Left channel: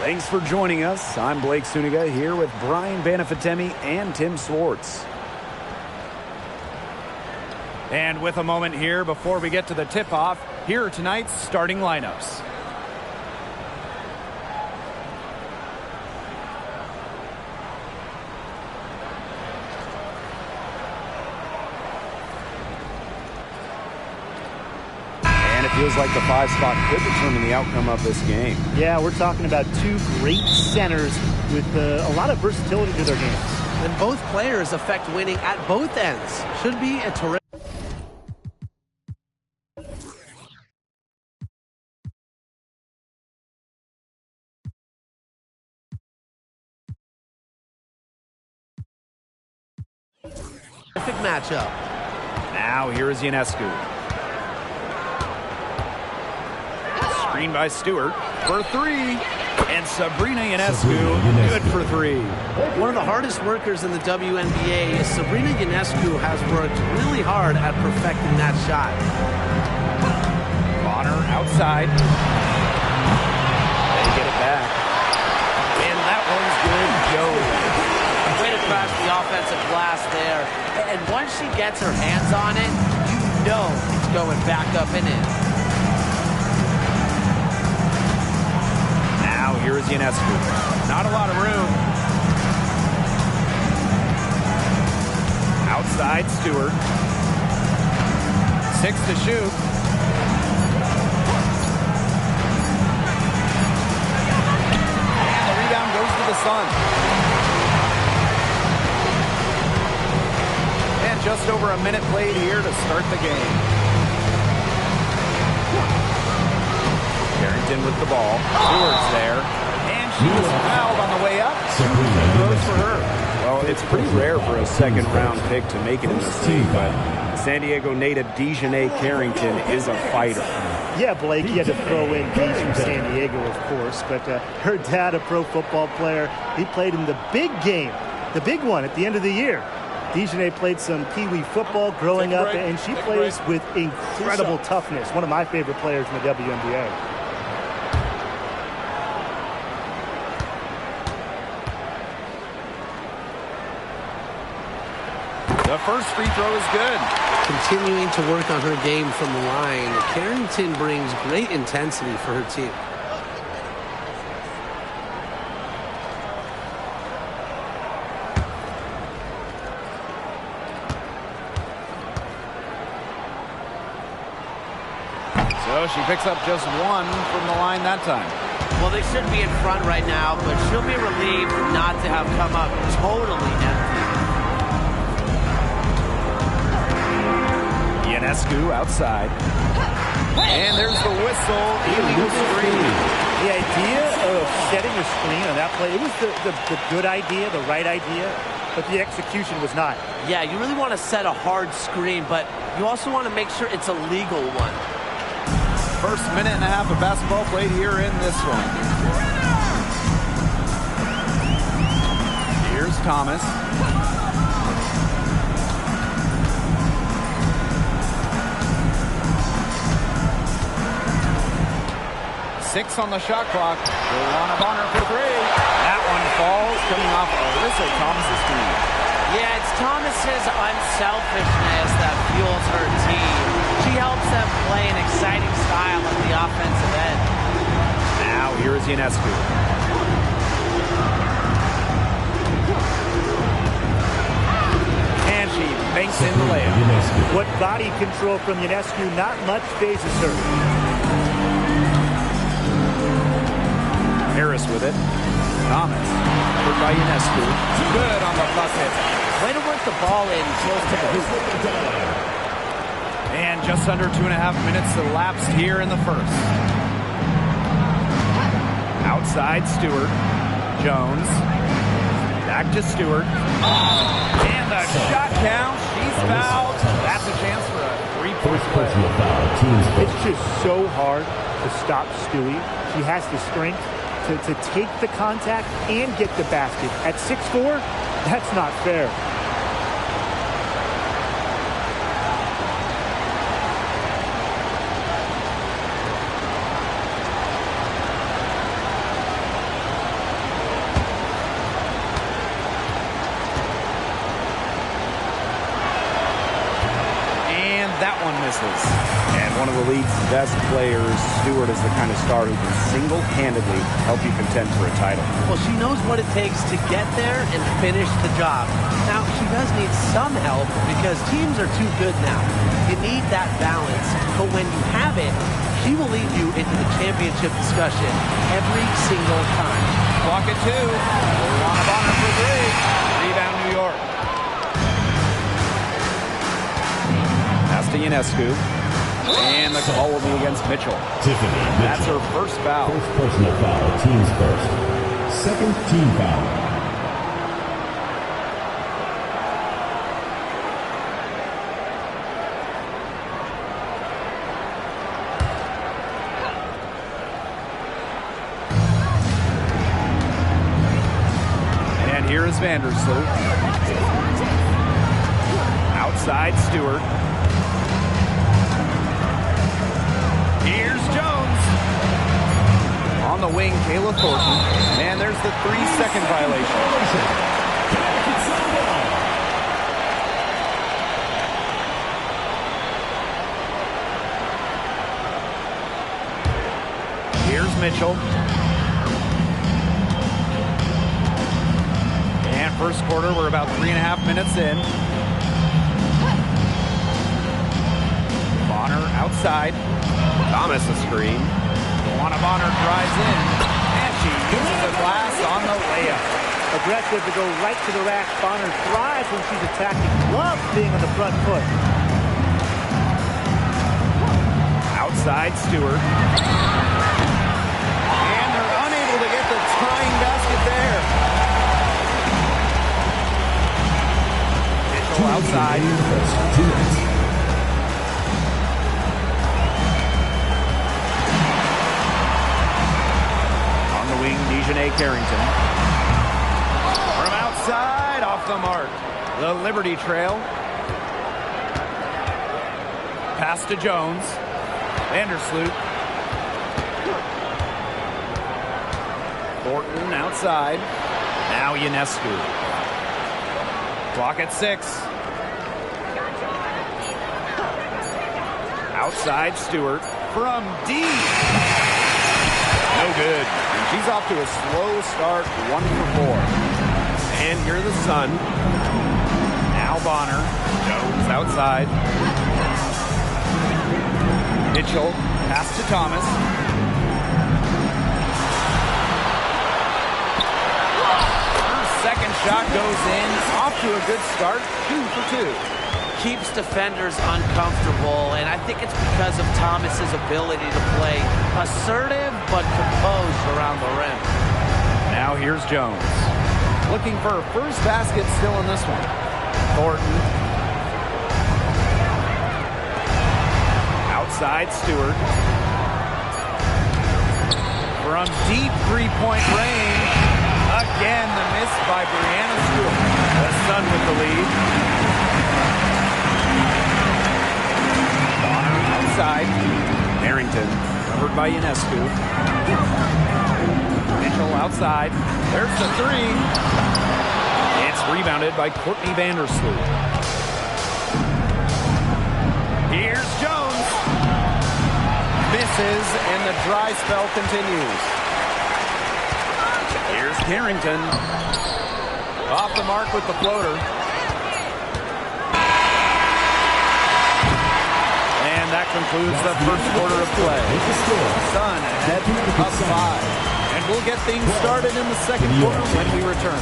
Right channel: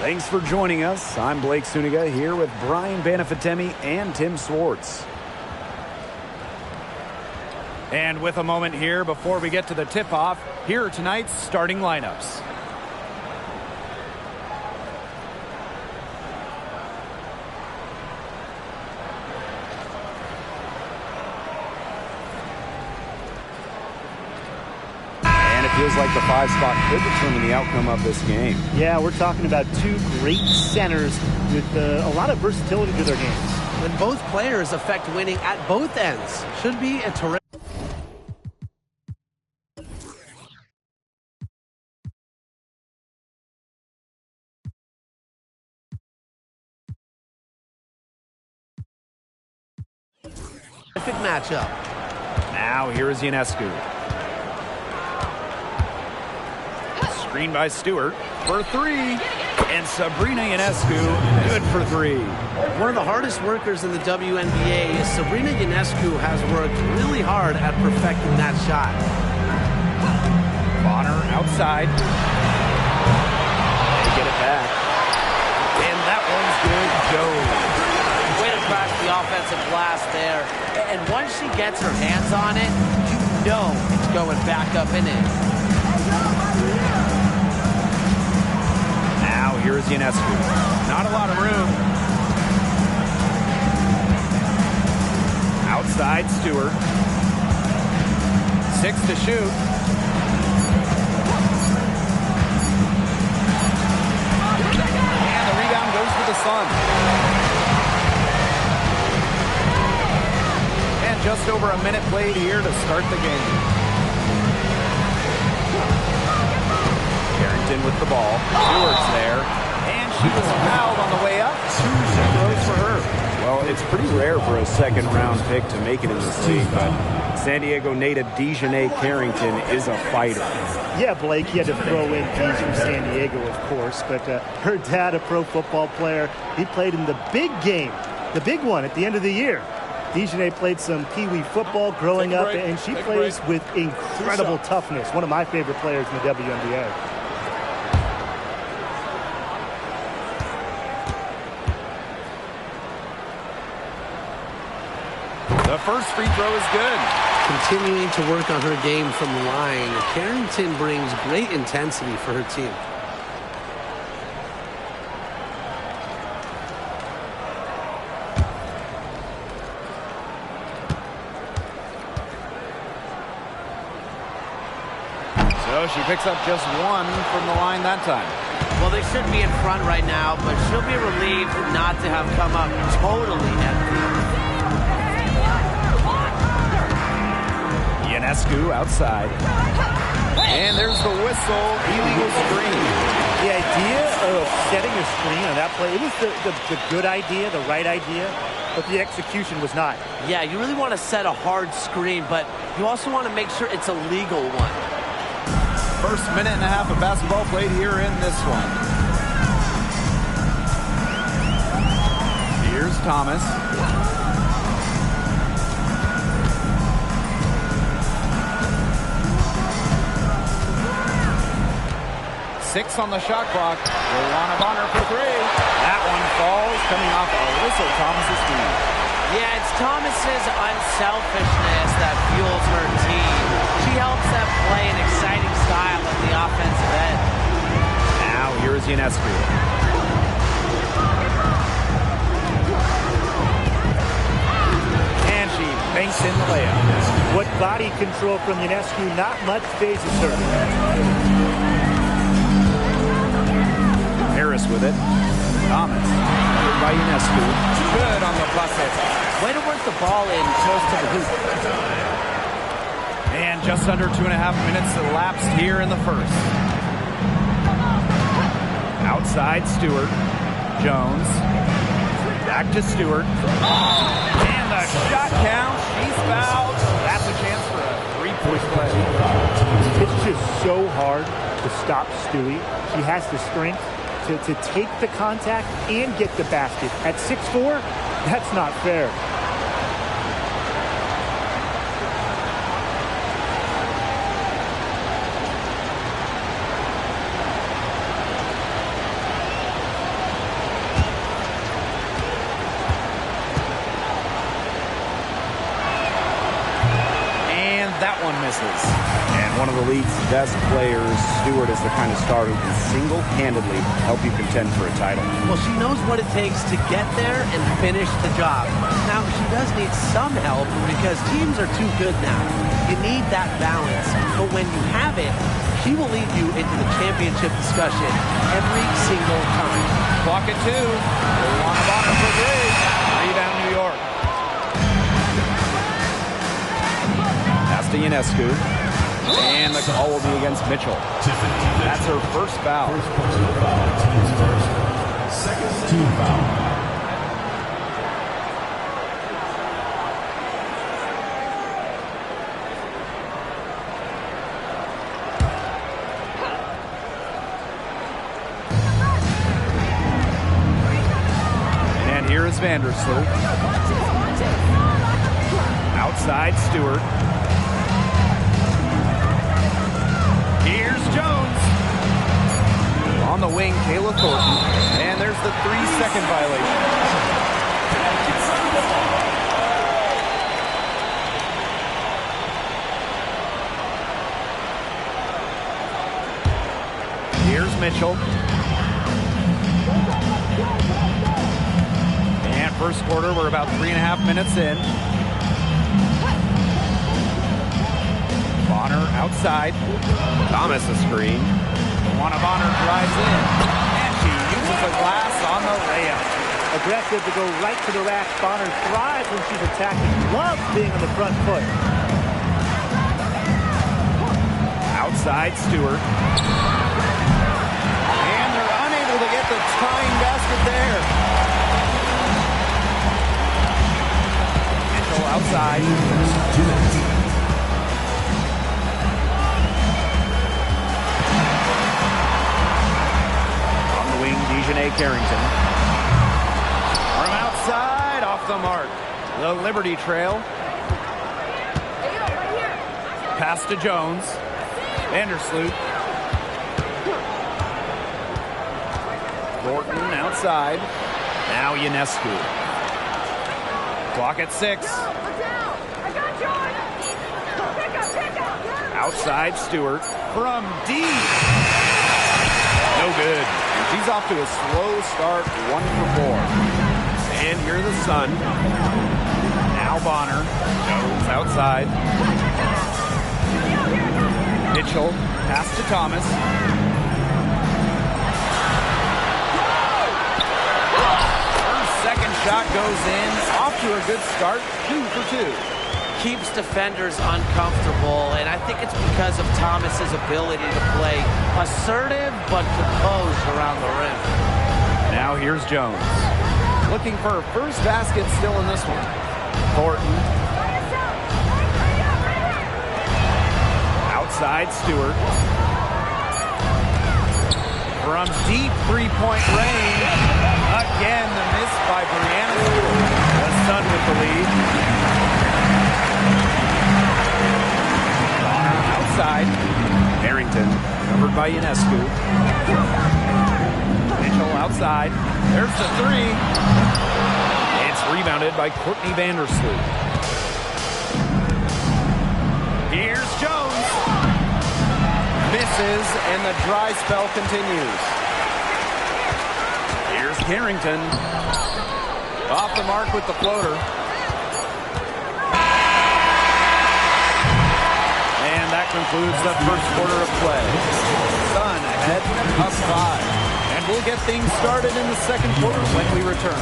Thanks for joining us. I'm Blake Suniga here with Brian Banafitemi and Tim Swartz. And with a moment here before we get to the tip-off, here are tonight's starting lineups. Feels like the 5 spot could determine the outcome of this game. Yeah, we're talking about two great centers with a lot of versatility to their games. And both players affect winning at both ends. Should be a terrific. Matchup. Now here is Ionescu. Screen by Stewart for 3. And Sabrina Ionescu, good for 3. One of the hardest workers in the WNBA, Sabrina Ionescu has worked really hard at perfecting that shot. Bonner outside. They get it back. And that one's good. Joe. Way to crash the offensive glass there. And once she gets her hands on it, you know it's going back up and in. Now here is Ionescu. Not a lot of room. Outside Stewart. 6 to shoot. And the rebound goes to the Sun. And just over a minute played here to start the game. Carrington with the ball. Stewart's there. And she was fouled on the way up. 2 free throws for her. Well, it's pretty rare for a second-round pick to make it in this league, but San Diego native Dejanay Carrington is a fighter. Yeah, Blake, you had to throw in Deej from San Diego, of course, but her dad, a pro football player, he played in the big game, the big one at the end of the year. Dejanay played some Pee-wee football growing up, and she plays with incredible toughness. One of my favorite players in the WNBA. The first free throw is good. Continuing to work on her game from the line, Carrington brings great intensity for her team. So she picks up just 1 from the line that time. Well, they should be in front right now, but she'll be relieved not to have come up totally empty. Ionescu outside. And there's the whistle. Illegal screen. The idea of setting a screen on that play, it was the good idea, the right idea, but the execution was not. Yeah, you really want to set a hard screen, but you also want to make sure it's a legal one. First minute and a half of basketball played here in this one. Here's Thomas. Six on the shot clock. Joanna Bonner for 3. That one falls, coming off Alyssa Thomas's feet. Yeah, it's Thomas's unselfishness that fuels her team. She helps them play an exciting style at the offensive end. Now here is Ionescu. And she banks in the layup. What body control from Ionescu, not much phases her. Harris with it. Thomas, covered by Ionescu. Good on the bucket. Way to work the ball in close to the hoop. And just under 2.5 minutes elapsed here in the first. Outside Stewart. Jones. Back to Stewart. And the shot counts. She's fouled. That's a chance for a three-point play. It's just so hard to stop Stewie. She has the strength to take the contact and get the basket. At 6'4", that's not fair. That one misses. And one of the league's best players, Stewart, is the kind of star who can single-handedly help you contend for a title. Well, she knows what it takes to get there and finish the job. Now, she does need some help because teams are too good now. You need that balance. But when you have it, she will lead you into the championship discussion every single time. Clock at 2. Luana Bonner for 3. Rebound, New York. Pass to Ionescu. And the call will be against Mitchell. Tiffany Mitchell. That's her first foul. First personal foul, team's first. Second team foul. And here is Vandersloot. Outside Stewart. Here's Jones. On the wing, Kayla Thornton. And there's the 3-second violation. Here's Mitchell. And first quarter, we're about 3.5 minutes in. Bonner outside. Thomas a screen. Luana Bonner drives in. And she uses the glass on the layup. Aggressive to go right to the rack. Bonner thrives when she's attacking. Loves being on the front foot. Outside Stewart. And they're unable to get the tying basket there. Mitchell outside. On the wing, Dejanay Carrington. From outside, off the mark. The Liberty Trail. Pass to Jones. Vandersloot. Thornton outside. Now Ionescu. Clock at 6. Outside Stewart. From deep. No good. And she's off to a slow start, 1 for 4. And here the Sun. Now Bonner. Jones outside. Mitchell. Pass to Thomas. Her second shot goes in. Off to a good start. 2 for 2. Keeps defenders uncomfortable, and I think it's because of Thomas's ability to play assertive but composed around the rim. Now here's Jones. Looking for her first basket still in this one. Thornton. Outside Stewart. From deep three-point range. Again, the miss by Brianna Stewart. The Sun with the lead. Outside. Harrington covered by Ionescu. Mitchell outside. There's the 3. It's rebounded by Courtney Vandersloot. Here's Jones. Misses, and the dry spell continues. Here's Carrington. Off the mark with the floater. And that concludes the first quarter of play. Sun ahead, up 5. And we'll get things started in the second quarter when we return.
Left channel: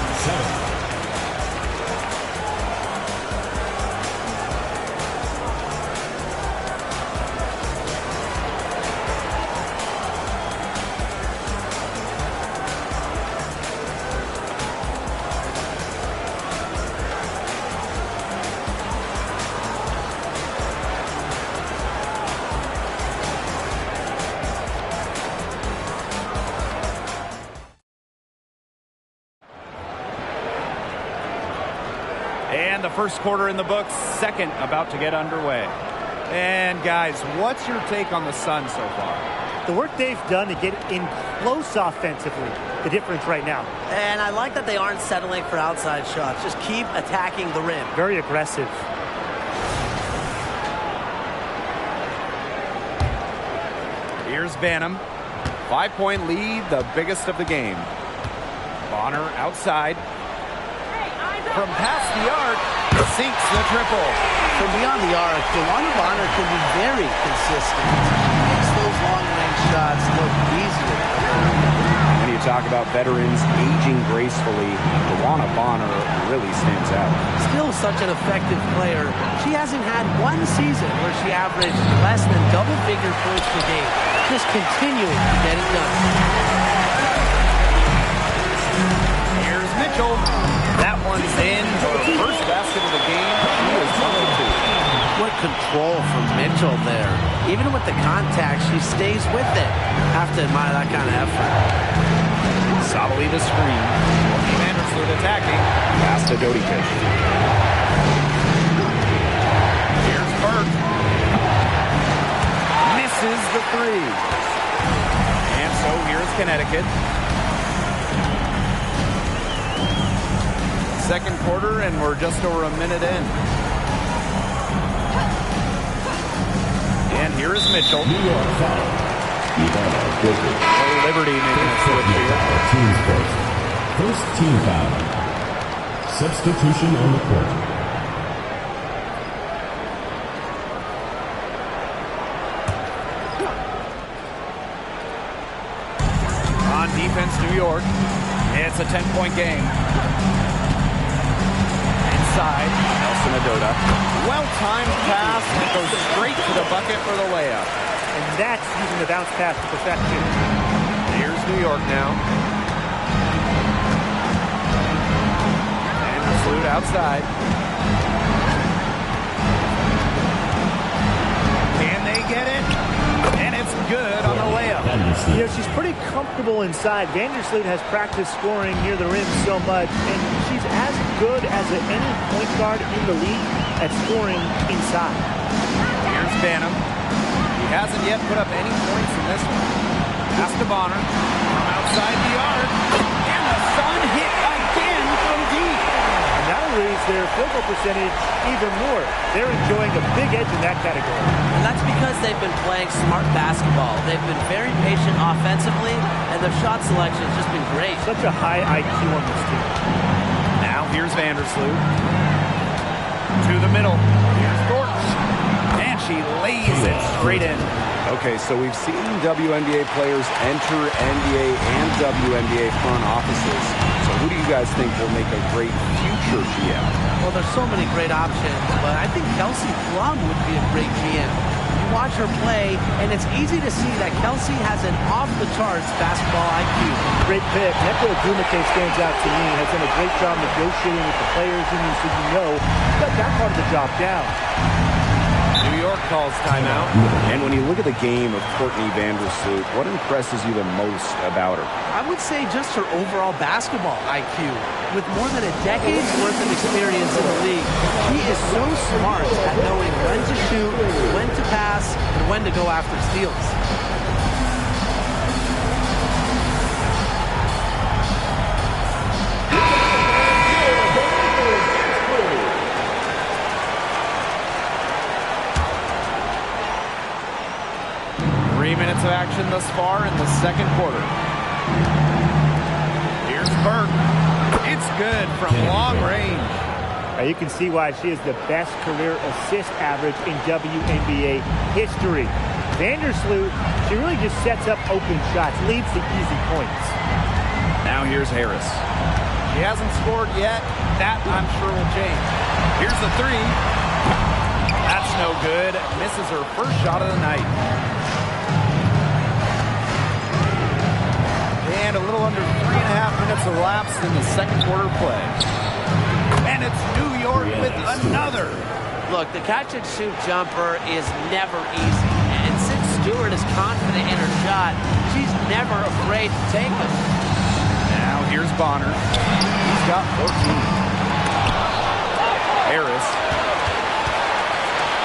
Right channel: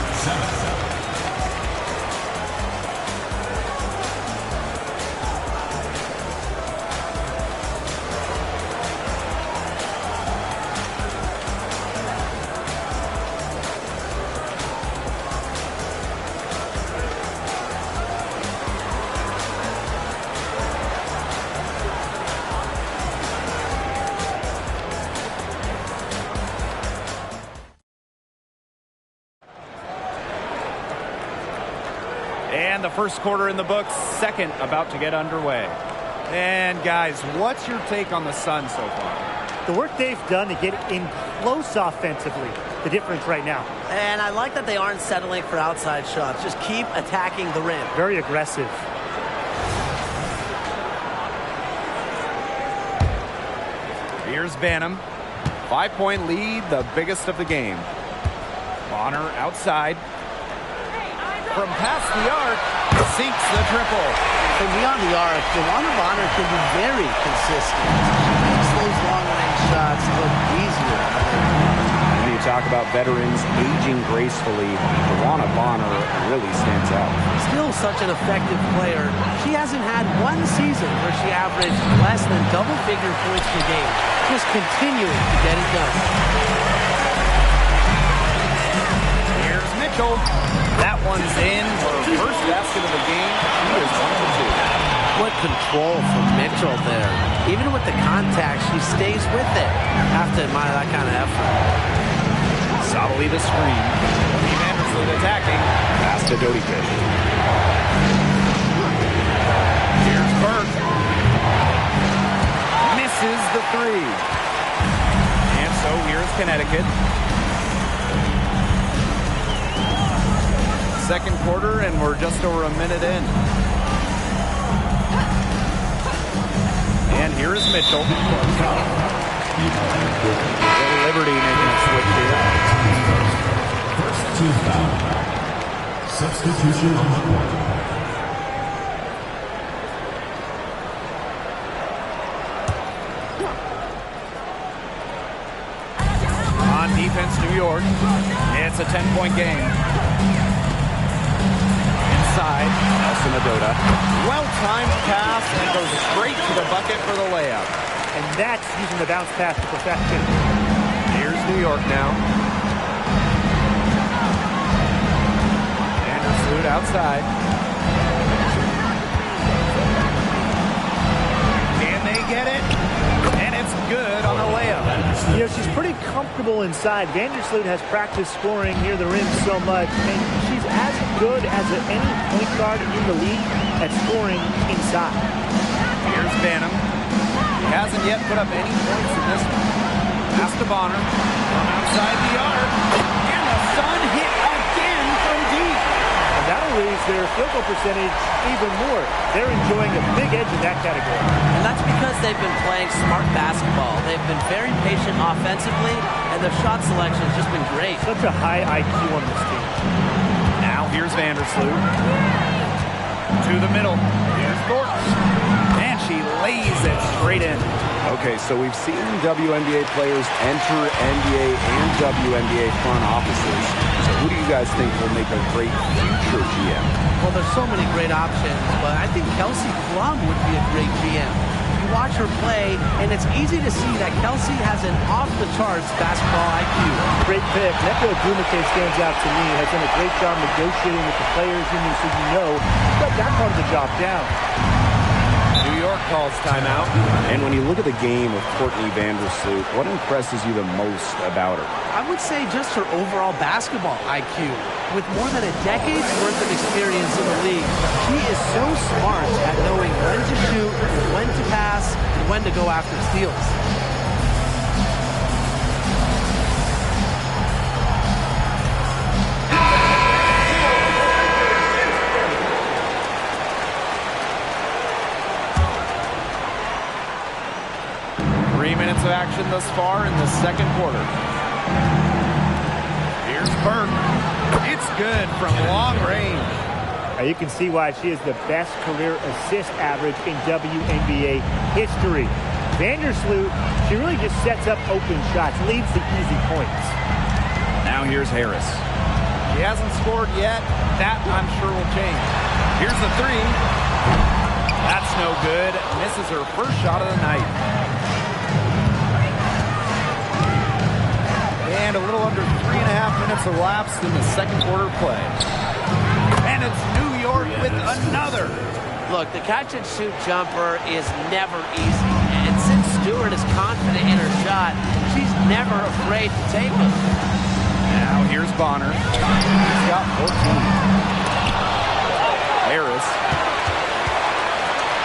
And the first quarter in the books, second about to get underway. And guys, what's your take on the Sun so far? The work they've done to get in close offensively, the difference right now. And I like that they aren't settling for outside shots. Just keep attacking the rim. Very aggressive. Here's Banham. 5-point lead, the biggest of the game. Bonner outside. From past the arc, sinks the triple. From beyond the arc, Bonner can be very consistent. She makes those long-range shots look easier. When you talk about veterans aging gracefully, Bonner really stands out. Still such an effective player. She hasn't had one season where she averaged less than double-figure points per game. Just continuing to get it done. Here's Mitchell. That one's in. Her first basket of the game. She is 1 of 2. What control from Mitchell there. Even with the contact, she stays with it. Have to admire that kind of effort. Solidly the screen. Courtney Vandersloot attacking. Pass to Dodikish. Here's Burke. Misses the 3. And so here's Connecticut. Second quarter, and we're just over a minute in. And here is Mitchell. Liberty making a switch here. First team foul. Substitution on the court. On defense, New York. It's a 10-point game. Inside, Nelson Adota. Well-timed pass, and it goes straight to the bucket for the layup. And that's using the bounce pass to perfection. Here's New York now. Vandersloot outside. Can they get it? And it's good on the layup. You know, she's pretty comfortable inside. Vandersloot has practiced scoring near the rim so much, and she's as good as any point guard in the league at scoring inside. Here's Banham. He hasn't yet put up any points in this one. Pass to Bonner from outside the arc. And the Sun hit again from deep. And that'll raise their field goal percentage even more. They're enjoying a big edge in that category. And that's because they've been playing smart basketball. They've been very patient offensively, and their shot selection has just been great. Such a high IQ on this team. Now here's Vandersloot. To the middle. Here's Thornton. And she lays it straight in. Okay, so we've seen WNBA players enter NBA and WNBA front offices. So who do you guys think will make a great future GM? Well, there's so many great options, but I think Kelsey Plum would be a great GM. You watch her play, and it's easy to see that Kelsey has an off-the-charts basketball IQ. Great pick. Nneka Ogwumike stands out to me. Has done a great job negotiating with the players union, so you know he's got that part of the job down. New York calls timeout. And when you look at the game of Courtney Vandersloot, what impresses you the most about her? I would say just her overall basketball IQ. With more than a decade's worth of experience in the league, she is so smart at knowing when to shoot, when to pass, and when to go after steals. 3 minutes of action thus far in the second quarter. Here's Burke. It's good from long range. Now you can see why she is the best career assist average in WNBA history. Vandersloot, she really just sets up open shots, leads the easy points. Now here's Harris. She hasn't scored yet. That, I'm sure, will change. Here's the three. That's no good. Misses her first shot of the night. And a little under 3.5 minutes elapsed in the second quarter play. And it's New York with another. Look, the catch-and-shoot jumper is never easy. And since Stewart is confident in her shot, she's never afraid to take them. Now here's Bonner. He's got 14. Harris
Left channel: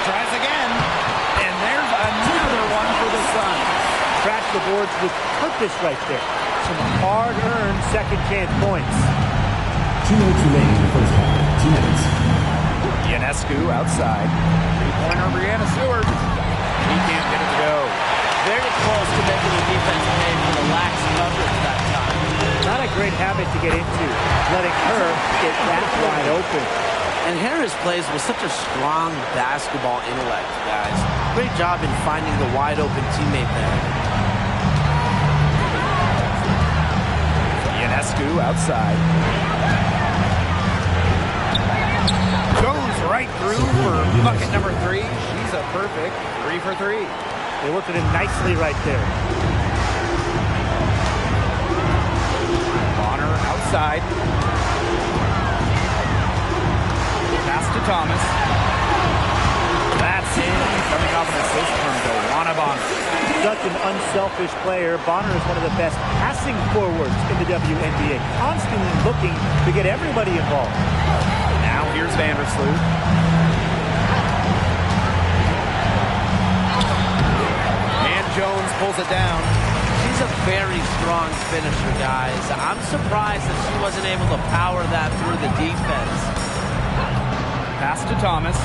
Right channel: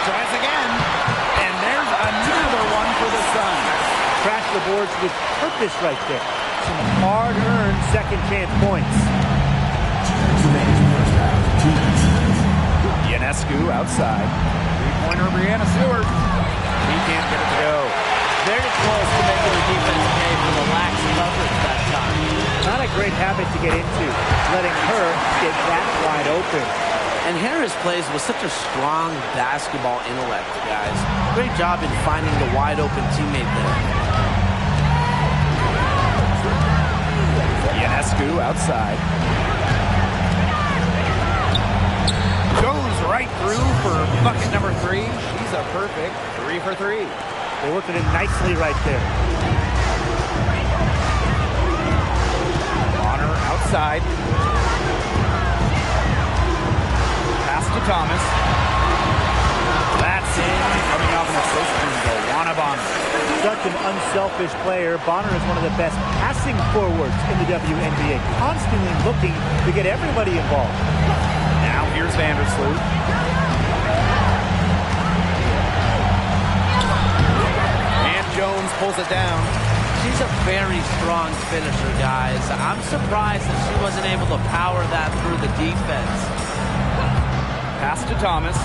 tries again. And there's another one for the Suns. Crash the boards with purpose right there. Some hard-earned second-chance points. 2 minutes remaining in the first half. 2 minutes. Ionescu outside. Three-pointer, Brianna Stewart. He can't get it to go. Very close to making the defense pay for the lax coverage that time. Not a great habit to get into, letting her get that wide open. And Harris plays with such a strong basketball intellect, guys. Great job in finding the wide open teammate there. Ionescu outside. Goes right through for bucket number 3. She's a perfect 3 for 3. They worked it in nicely right there. Bonner outside. Pass to Thomas. That's in. Coming off an assist from Joanna Bonner. Such an unselfish player. Bonner is one of the best passing forwards in the WNBA, constantly looking to get everybody involved. Now here's Vandersloot. And Jones pulls it down. She's a very strong finisher, guys. I'm surprised that she wasn't able to power that through the defense. Pass to Thomas.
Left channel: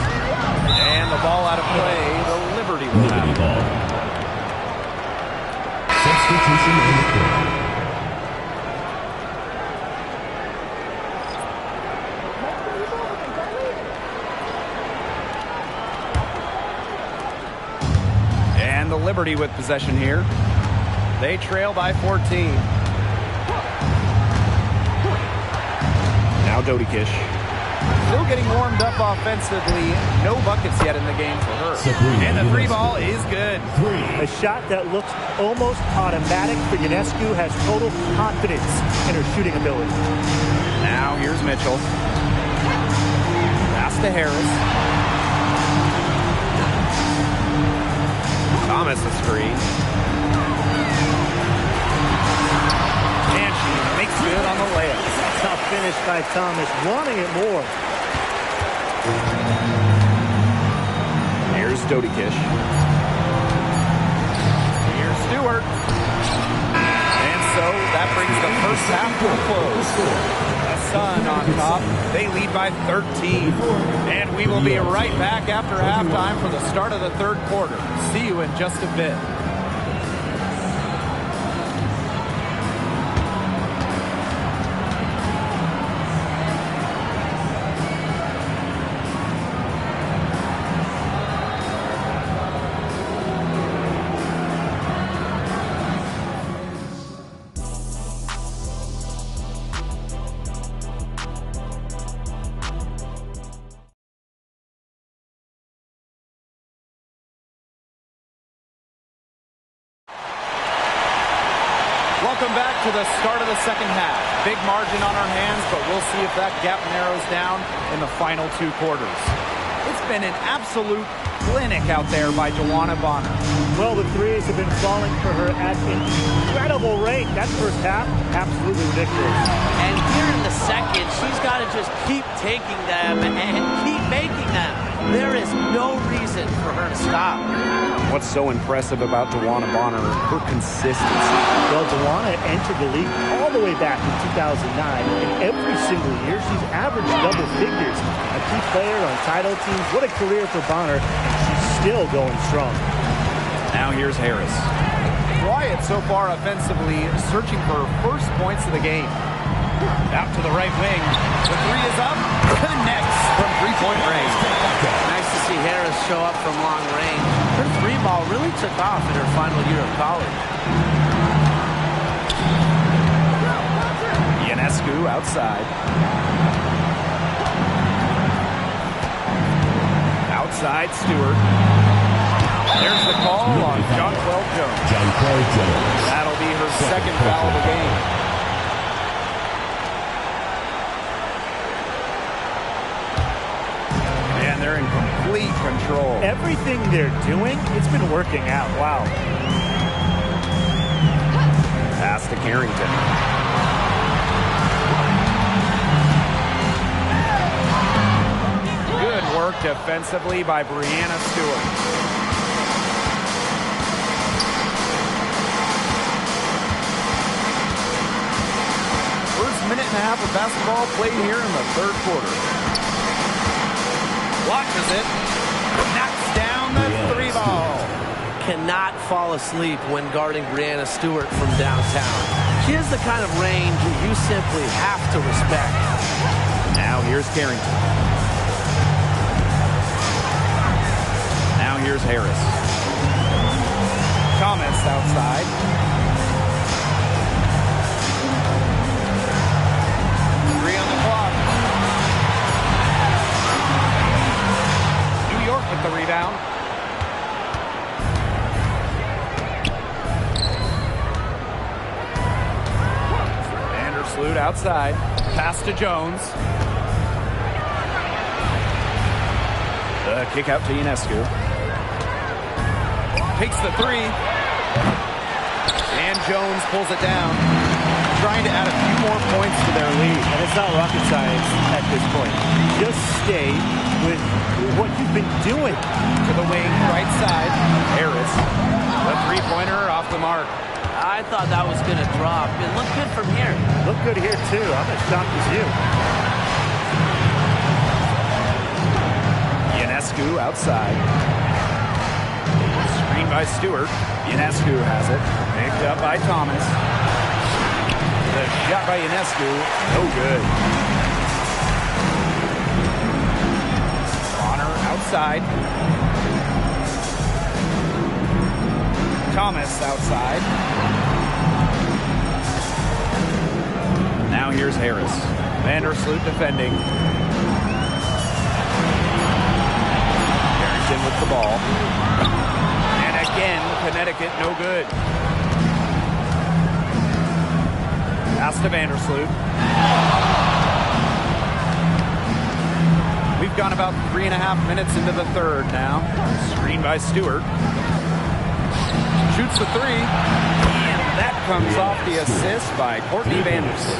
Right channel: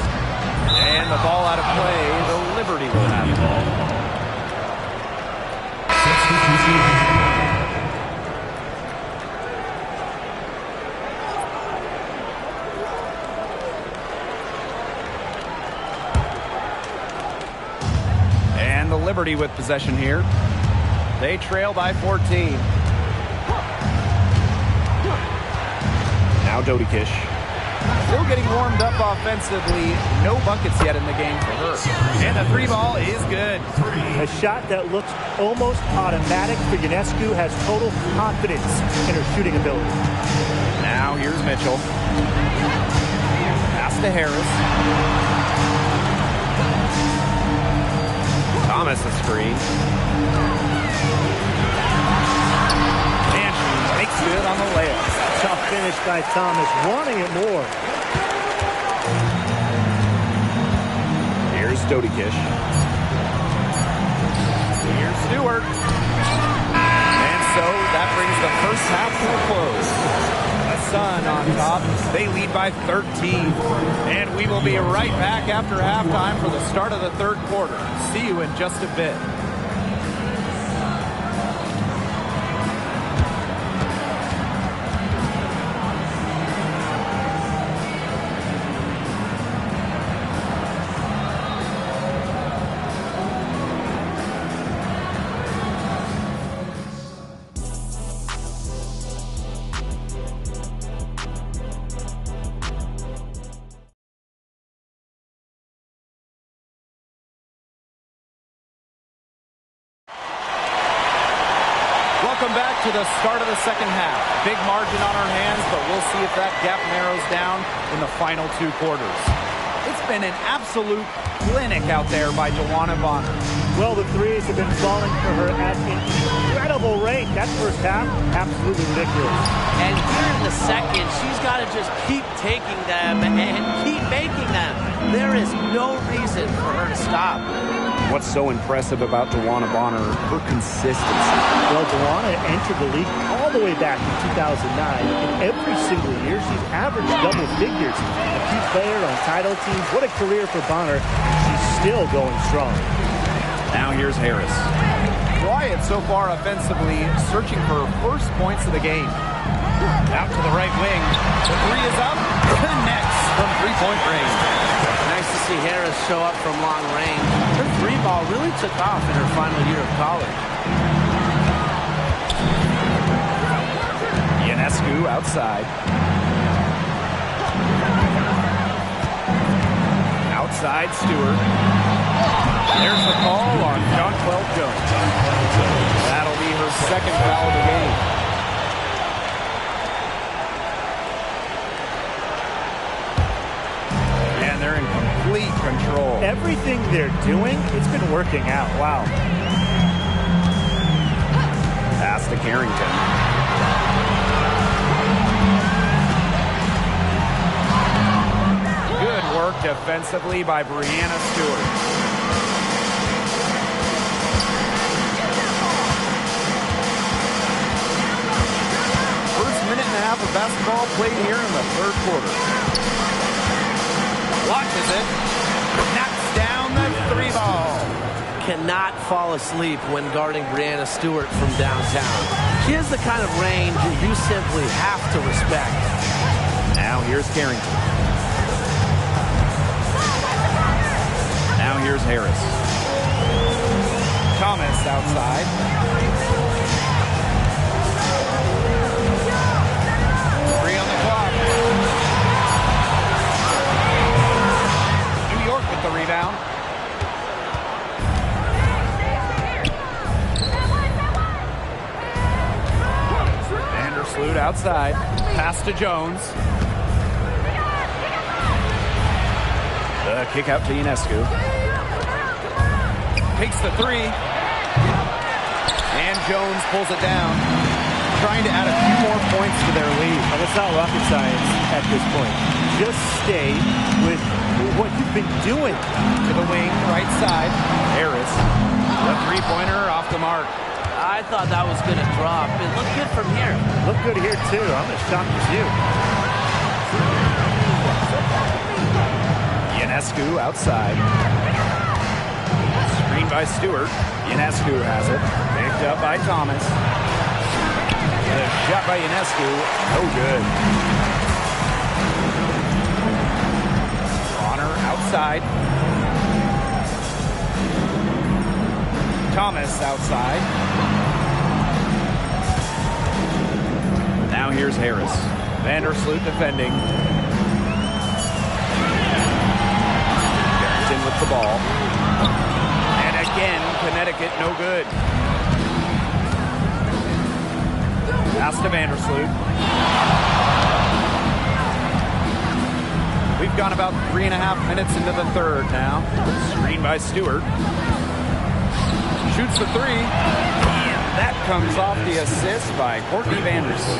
And the ball out of play. The Liberty will have it. Substitution on the court. And the Liberty with possession here. They trail by 14. Now Dodikish. Still getting warmed up offensively. No buckets yet in the game for her. And the 3 ball is good. A shot that looks almost automatic for Ionescu, has total confidence in her shooting ability. Now here's Mitchell. Pass to Harris. Thomas a screen. And she makes good on the layup. Tough finish by Thomas, wanting it more. Here's Dodikish. Here's Stewart. And so that brings the first half to a close. The Sun on top. They lead by 13. And we will be right back after halftime for the start of the third quarter. See you in just a bit. Welcome back to the start of the second half. Big margin on our hands, but we'll see if that gap narrows down in the final 2 quarters. It's been an absolute clinic out there by Joanna Bonner. Well, the threes have been falling for her at an incredible rate. That first half, absolutely ridiculous. And here in the second, she's got to just keep taking them and keep making them. There is no reason for her to stop. What's so impressive about Joanna Bonner, her consistency. Well, Joanna entered the league all the way back in 2009, and every single year she's averaged double figures. A key player on title teams. What a career for Bonner, and she's still going strong. Now here's Harris. Wyatt so far offensively searching for her first points of the game. Out to the right wing. The three is up. Connects from three-point range. Nice to see Harris show up from long range. Her three ball really took off in her final year of college. Ionescu outside. Outside Stewart. There's the call on Jonquel Jones. That'll be her second foul of the game. And they're in complete control. Everything they're doing, it's been working out. Wow. Pass to Carrington. Good work defensively by Breanna Stewart. First minute and a half of basketball played here in the third quarter. Launches it. Knocks down the three ball. Cannot fall asleep when guarding Breanna Stewart from downtown. She has the kind of range you simply have to respect. Now here's Carrington. Now here's Harris. Thomas outside. On the clock. New York with the rebound. Vandersloot outside. Pass to Jones. The kick out to Ionescu. Takes the three. And Jones pulls it down. Trying to add a few more points to their lead. And it's not rocket science at this point. Just stay with what you've been doing. To the wing, right side. Harris. The three-pointer off the mark. I thought that was going to drop. It looked good from here. Looked good here, too. I'm as shocked as you. Ionescu outside. Screen by Stewart. Ionescu has it. Picked up by Thomas. The shot by Ionescu, no good. Bonner outside. Thomas outside. Now here's Harris. Vandersloot defending. Carrington with the ball. And again, Connecticut no good. Pass to Vandersloot. We've gone about 3.5 minutes into the third now. Screen by Stewart. Shoots the three. And that comes off the assist by Courtney Vandersloot.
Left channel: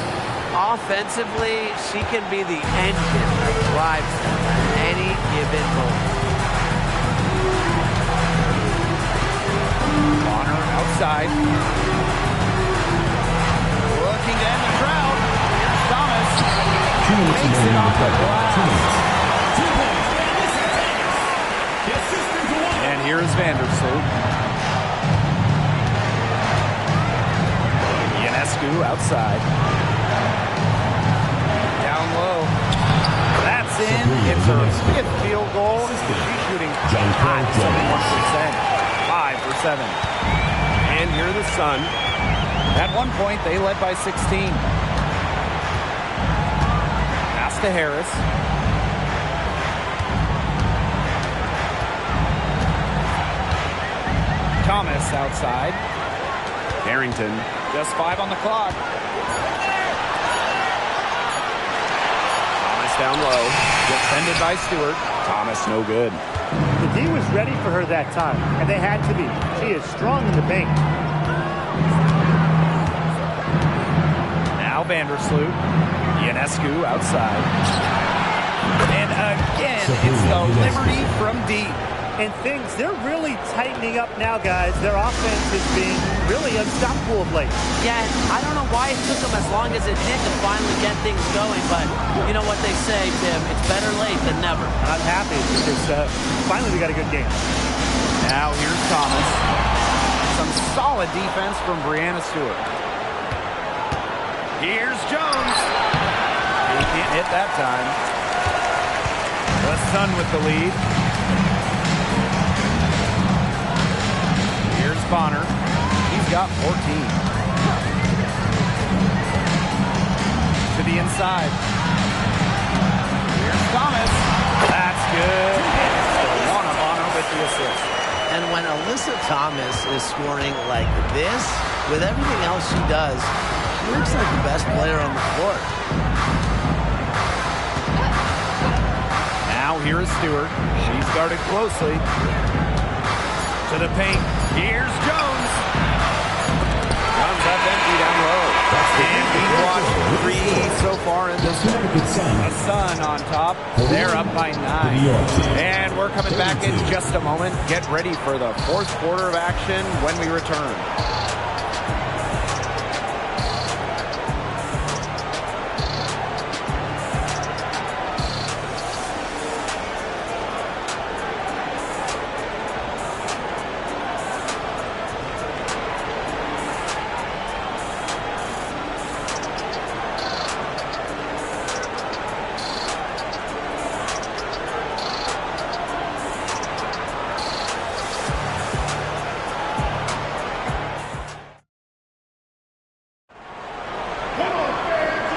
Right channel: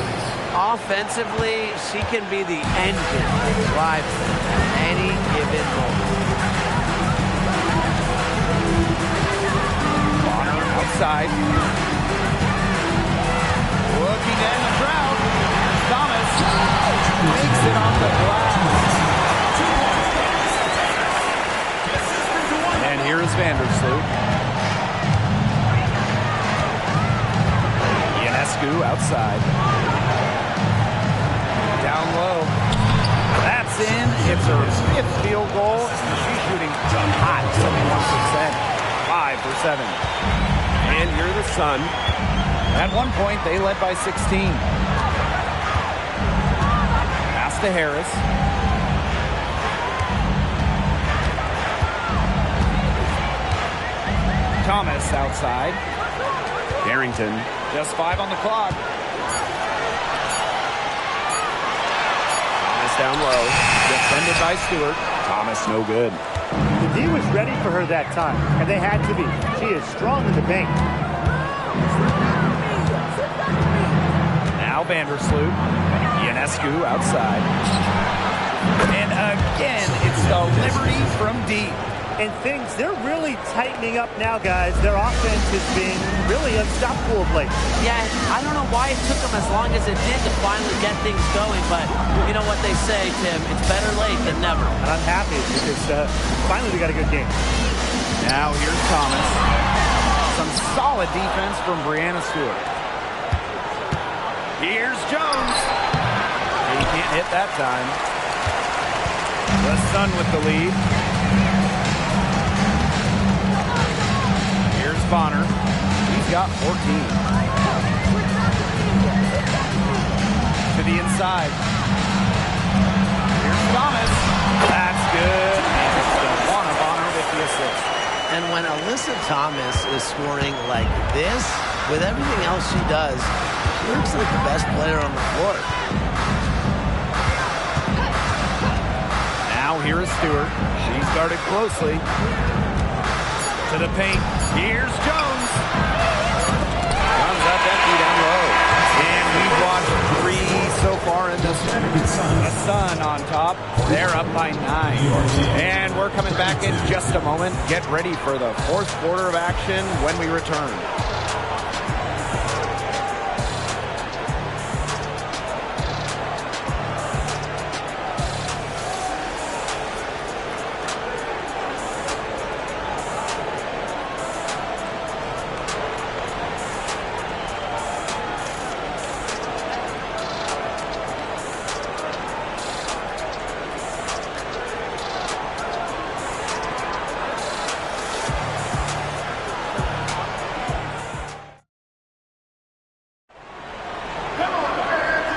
Offensively, she can be the engine that drives them at any given moment. Bonner outside. Looking to end the drought. Here's Thomas. Makes it off the glass. And here is Vandersloot. Ionescu outside. Down low. That's in. It's her 5th field goal. And she's shooting hot, 71%. 5 for 7. And here the Sun. At one point, they led by 16. Pass to Harris. Thomas outside. Carrington, just 5 on the clock. Thomas down low. Defended by Stewart. Thomas no good. The D was ready for her that time, and they had to be. She is strong in the paint. Now Vandersloot. Ionescu outside. And again, it's the Liberty from deep. And things, they're really tightening up now, guys. Their offense has been really unstoppable of late. Yeah, I don't know why it took them as long as it did to finally get things going, but you know what they say, Tim, it's better late than never. And I'm happy because finally we got a good game. Now here's Thomas. Some solid defense from Breanna Stewart. Here's Jones. He can't hit that time. The Sun with the lead. Here's Bonner. He's got 14. To the inside. Here's Thomas. That's good. And it's DeWanna Bonner with the assist. And when Alyssa Thomas is scoring like this, with everything else she does, she looks like the best player on the floor. Now here is Stewart. She's guarded closely. To the paint. Here's Jones. Comes up empty down low. And we've watched 3 so far in this one. The Sun on top. They're up by 9. And we're coming back in just a moment. Get ready for the 4th quarter of action when we return.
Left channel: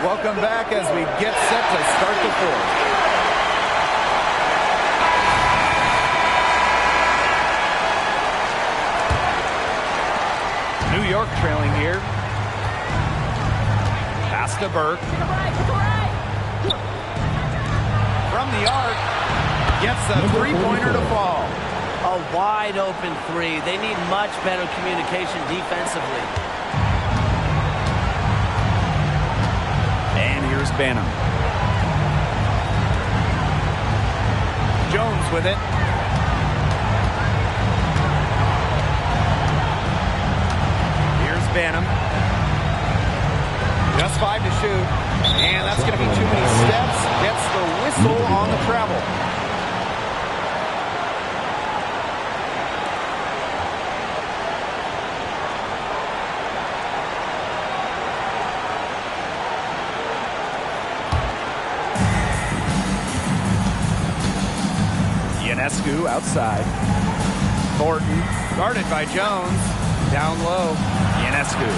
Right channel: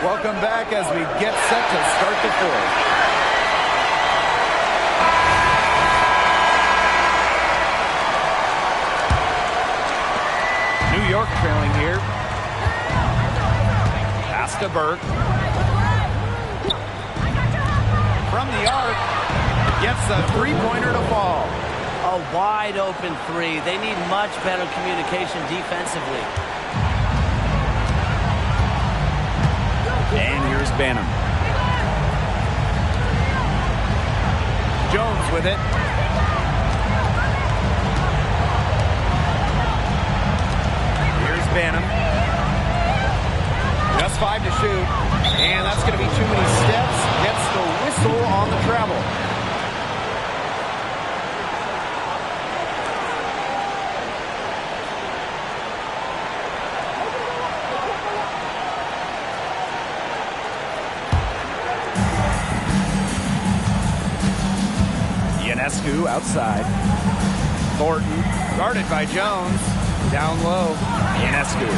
Welcome back as we get set to start the 4th. New York trailing here. Pass to Burke. From the arc. Gets a 3-pointer to fall. A wide open 3. They need much better communication defensively. And here's Banham. Jones with it. Here's Banham. Just 5 to shoot. And that's going to be too many steps. Gets the whistle on the travel. Ionescu outside. Thornton guarded by Jones. Down low. Ionescu.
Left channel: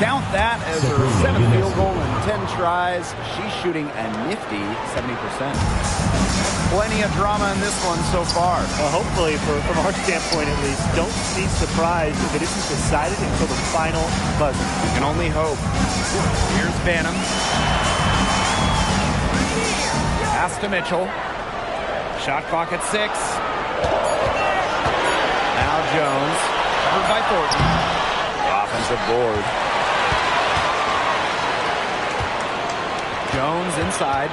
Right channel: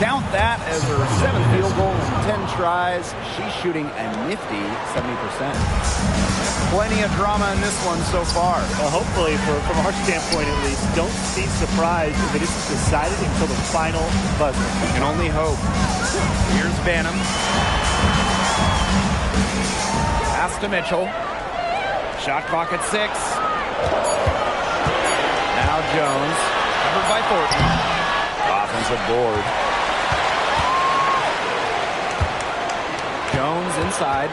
Count that as her 7th field goal in 10 tries. She's shooting a nifty 70%. Plenty of drama in this one so far. Well, hopefully, from our standpoint at least, don't be surprised if it isn't decided until the final buzzer. We can only hope. Here's Banham. Pass to Mitchell. Shot clock at 6. Now Jones. Covered by Thornton. Offensive board. Jones inside.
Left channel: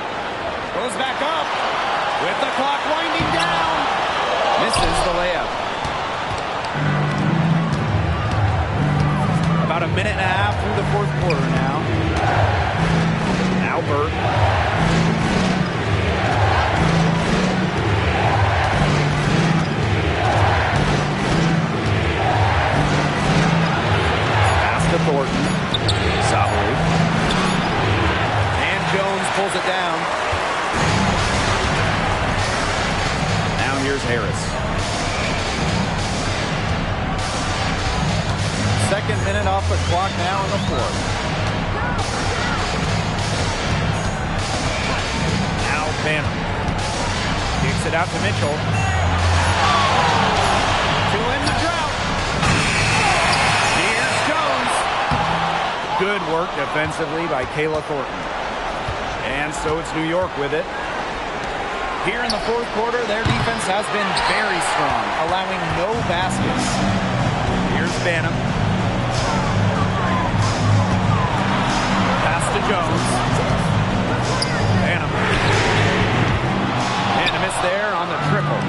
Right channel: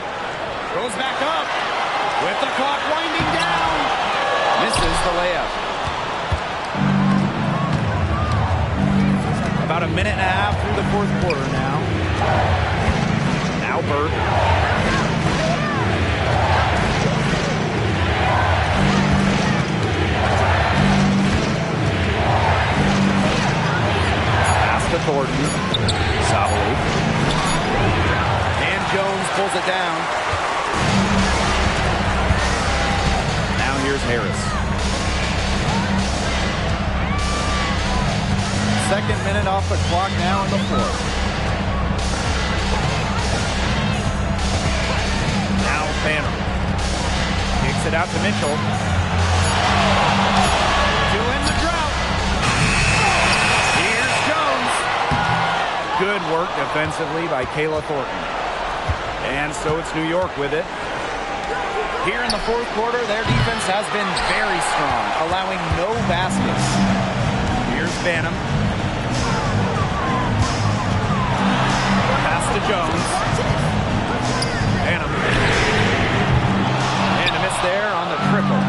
Goes back up. With the clock winding down. Misses the layup. About a minute and a half through the 4th quarter now. Now Burke. To Thornton. Savali. And Jones pulls it down. Now here's Harris. 2nd minute off the clock now in the 4th. Now Banner. Kicks it out to Mitchell. To end the drought. Good work defensively by Kayla Thornton. And so it's New York with it. Here in the 4th quarter, their defense has been very strong, allowing no baskets. Here's Banham. Pass to Jones. Banham. And a miss there on the triple.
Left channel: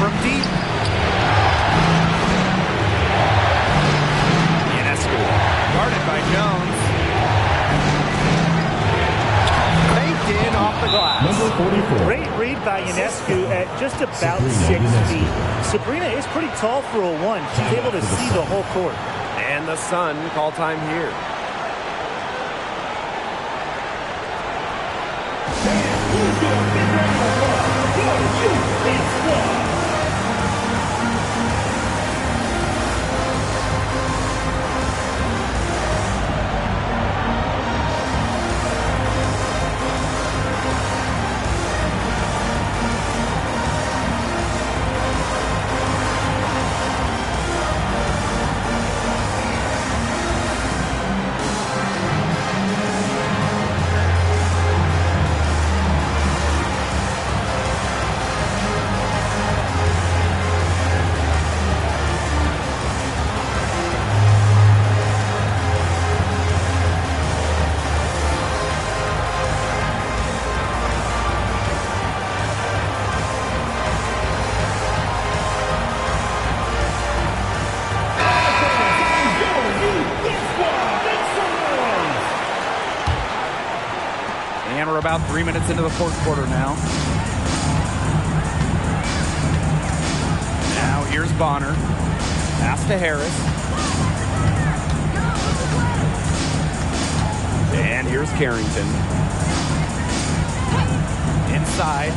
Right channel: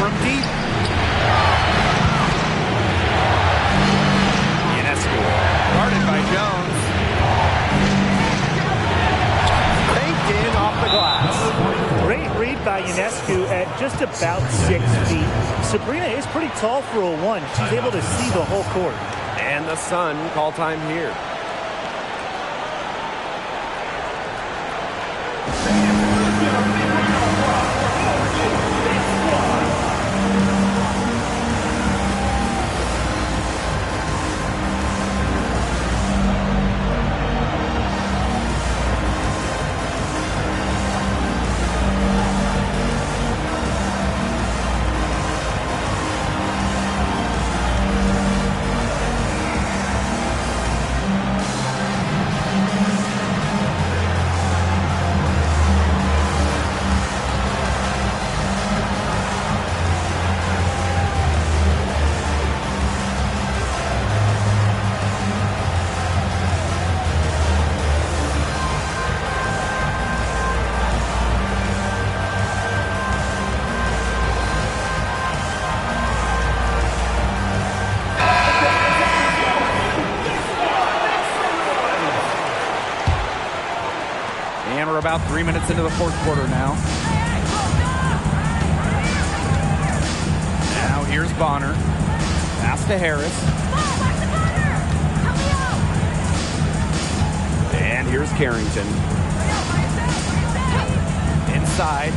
From deep. Ionescu. Guarded by Jones. Banked in off the glass. Great read defended by Ionescu at just about 6 feet. Sabrina is pretty tall for a 1. She's able to see the whole court. And the Sun call time here. And we're about 3 minutes into the fourth quarter now. Now here's Bonner. Pass to Harris. And here's Carrington. Inside.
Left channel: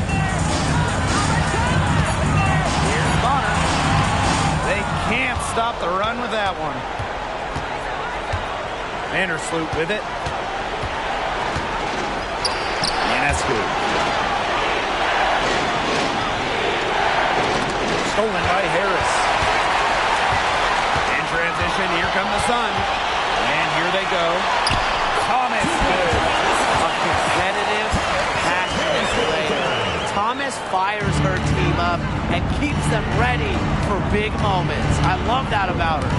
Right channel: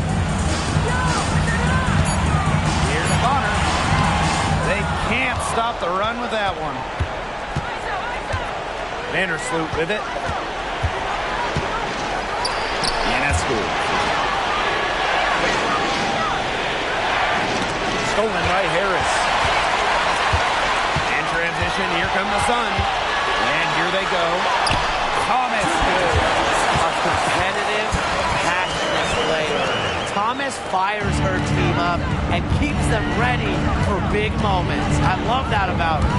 Here's Bonner. They can't stop the run with that one. Vandersloot with it. Ionescu. Stolen by Harris. In transition, here come the Sun. And here they go. Thomas, good. A competitive, passionate player. Thomas fires her team up and keeps them ready for big moments. I love that about her.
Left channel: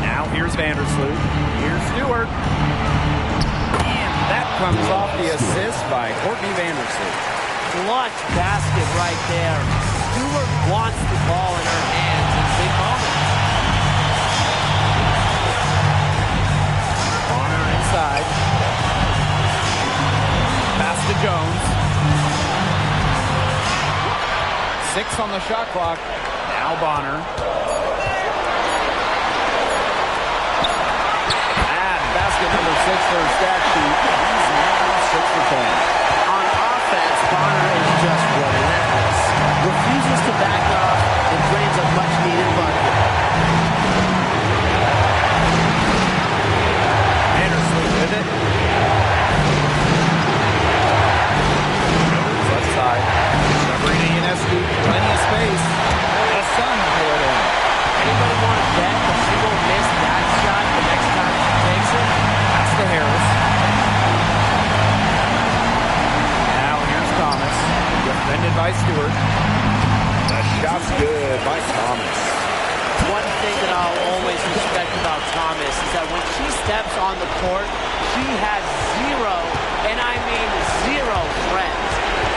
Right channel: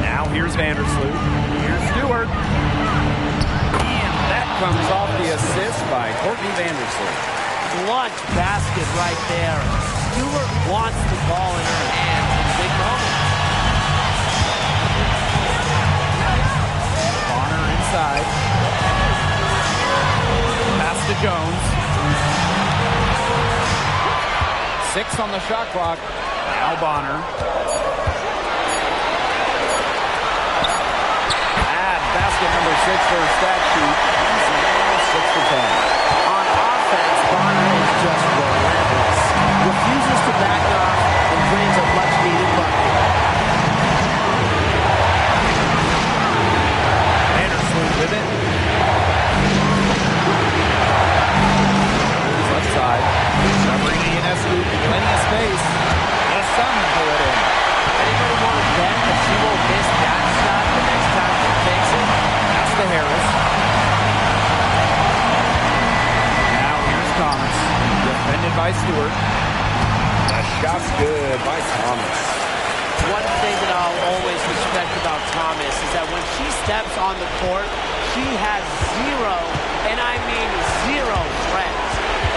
Now here's Vandersloot. Here's Stewart. That comes off the assist by Courtney Vandersloot. Clutch basket right there. Stewart wants the ball in her hands in big moments. Bonner inside. Pass to Jones. 6 on the shot clock. Now Bonner. Basket number 6 for her stat sheet. He's now 6 for 10. On offense, Bonner is just relentless. Refuses to back off and drains a much-needed bucket. Vandersloot with it. Goes left side. Sabrina Ionescu, plenty of space. The Sun pull it in. Anybody want to bet that she won't miss that shot the next time she takes it? Pass to Harris. Now here's Thomas. Defended by Stewart. The shot's good by Thomas. One thing that I'll always respect about Thomas is that when she steps on the court, she has zero, and I mean zero friends.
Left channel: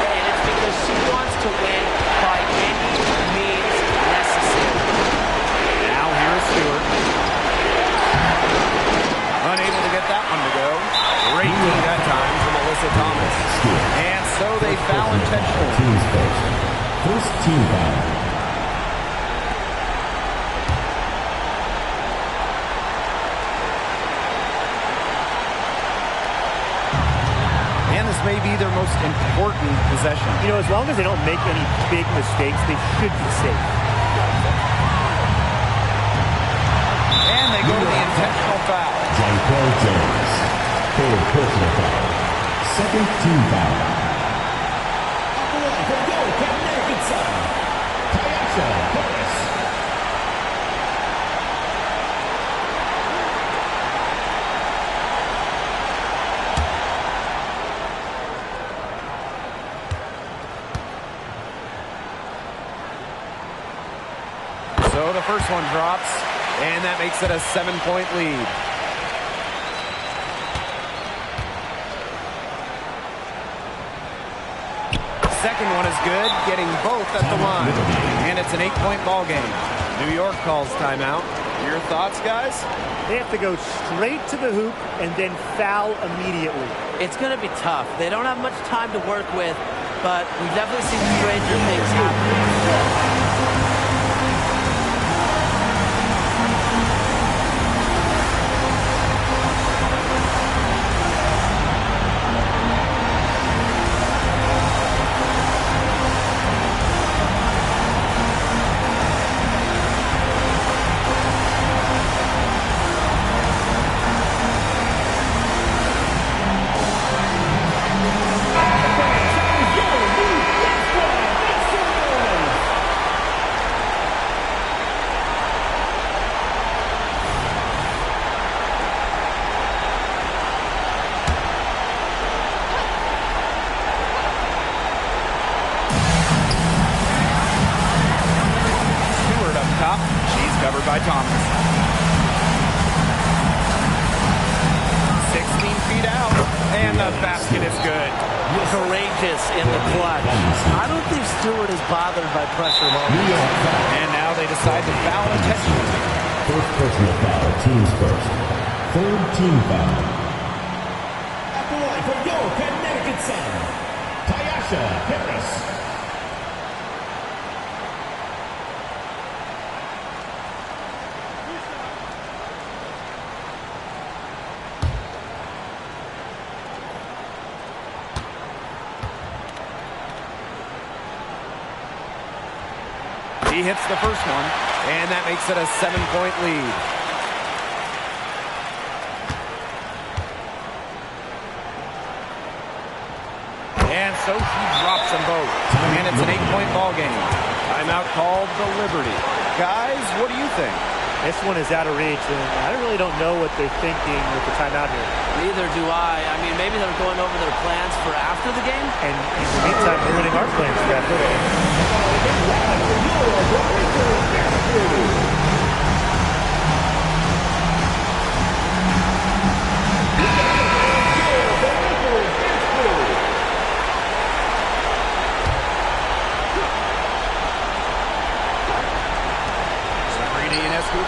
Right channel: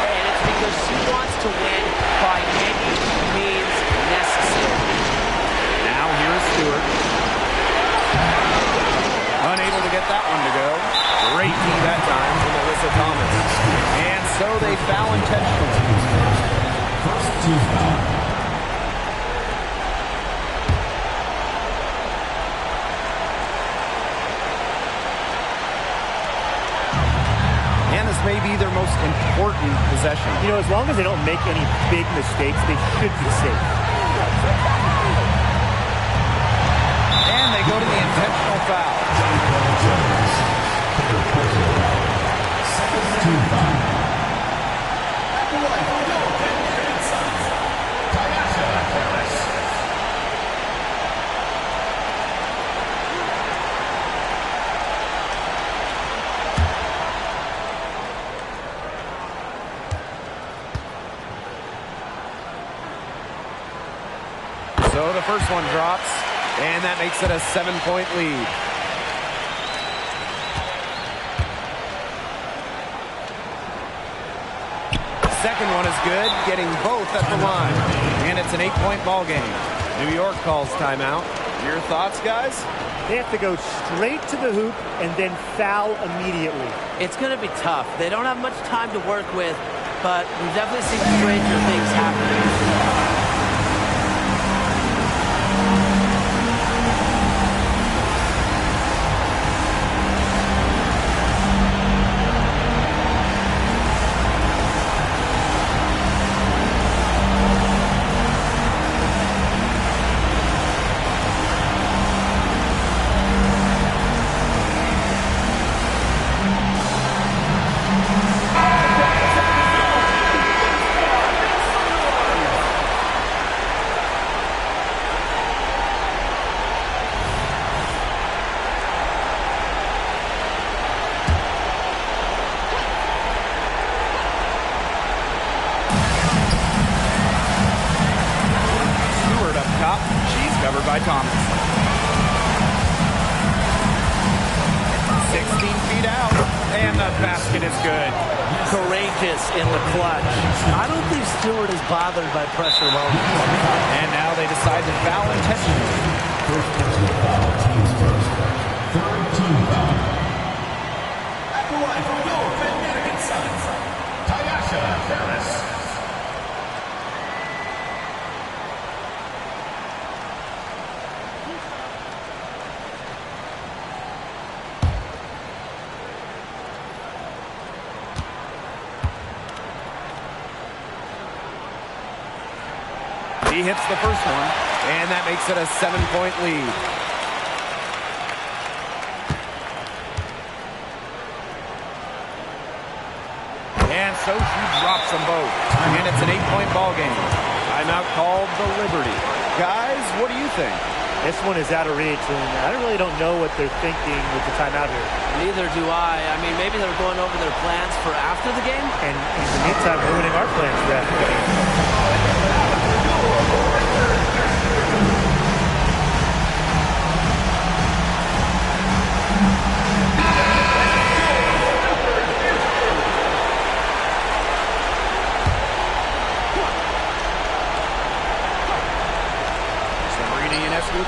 And it's because she wants to win by any means necessary. Now here's Stewart. Unable to get that one to go. Great D that time from Alyssa Thomas. And so they foul intentionally. First team foul. And this may be their most important possession. You know, as long as they don't make any big mistakes, they should be safe. And they go to the intentional foul. Jonquel Jones. Third personal foul. Second team foul. At the line from goal, Connecticut Sun. Tyasha Harris. So the first one drops, and that makes it a 7-point lead. Second one is good, getting both at the line. And it's an 8-point ball game. New York calls timeout. Your thoughts, guys? They have to go straight to the hoop and then foul immediately. It's going to be tough. They don't have much time to work with. but we've definitely seen stranger things happen. Top. She's covered by Thomas. 16 feet out, and the basket is good. Courageous in the clutch. I don't think Stewart is bothered by pressure moments. And now they decide to foul intentionally. First personal foul, teams first. Third team foul. At the line from your Connecticut Sun, Tyasha Harris. He hits the first one, and that makes it a 7-point lead. And so she drops them both, and it's an 8-point ball game. Timeout called the Liberty. Guys, what do you think? This one is out of reach, and I really don't know what they're thinking with the timeout here. Neither do I. I mean, maybe they're going over their plans for after the game. And in the meantime, ruining our plans for after the game.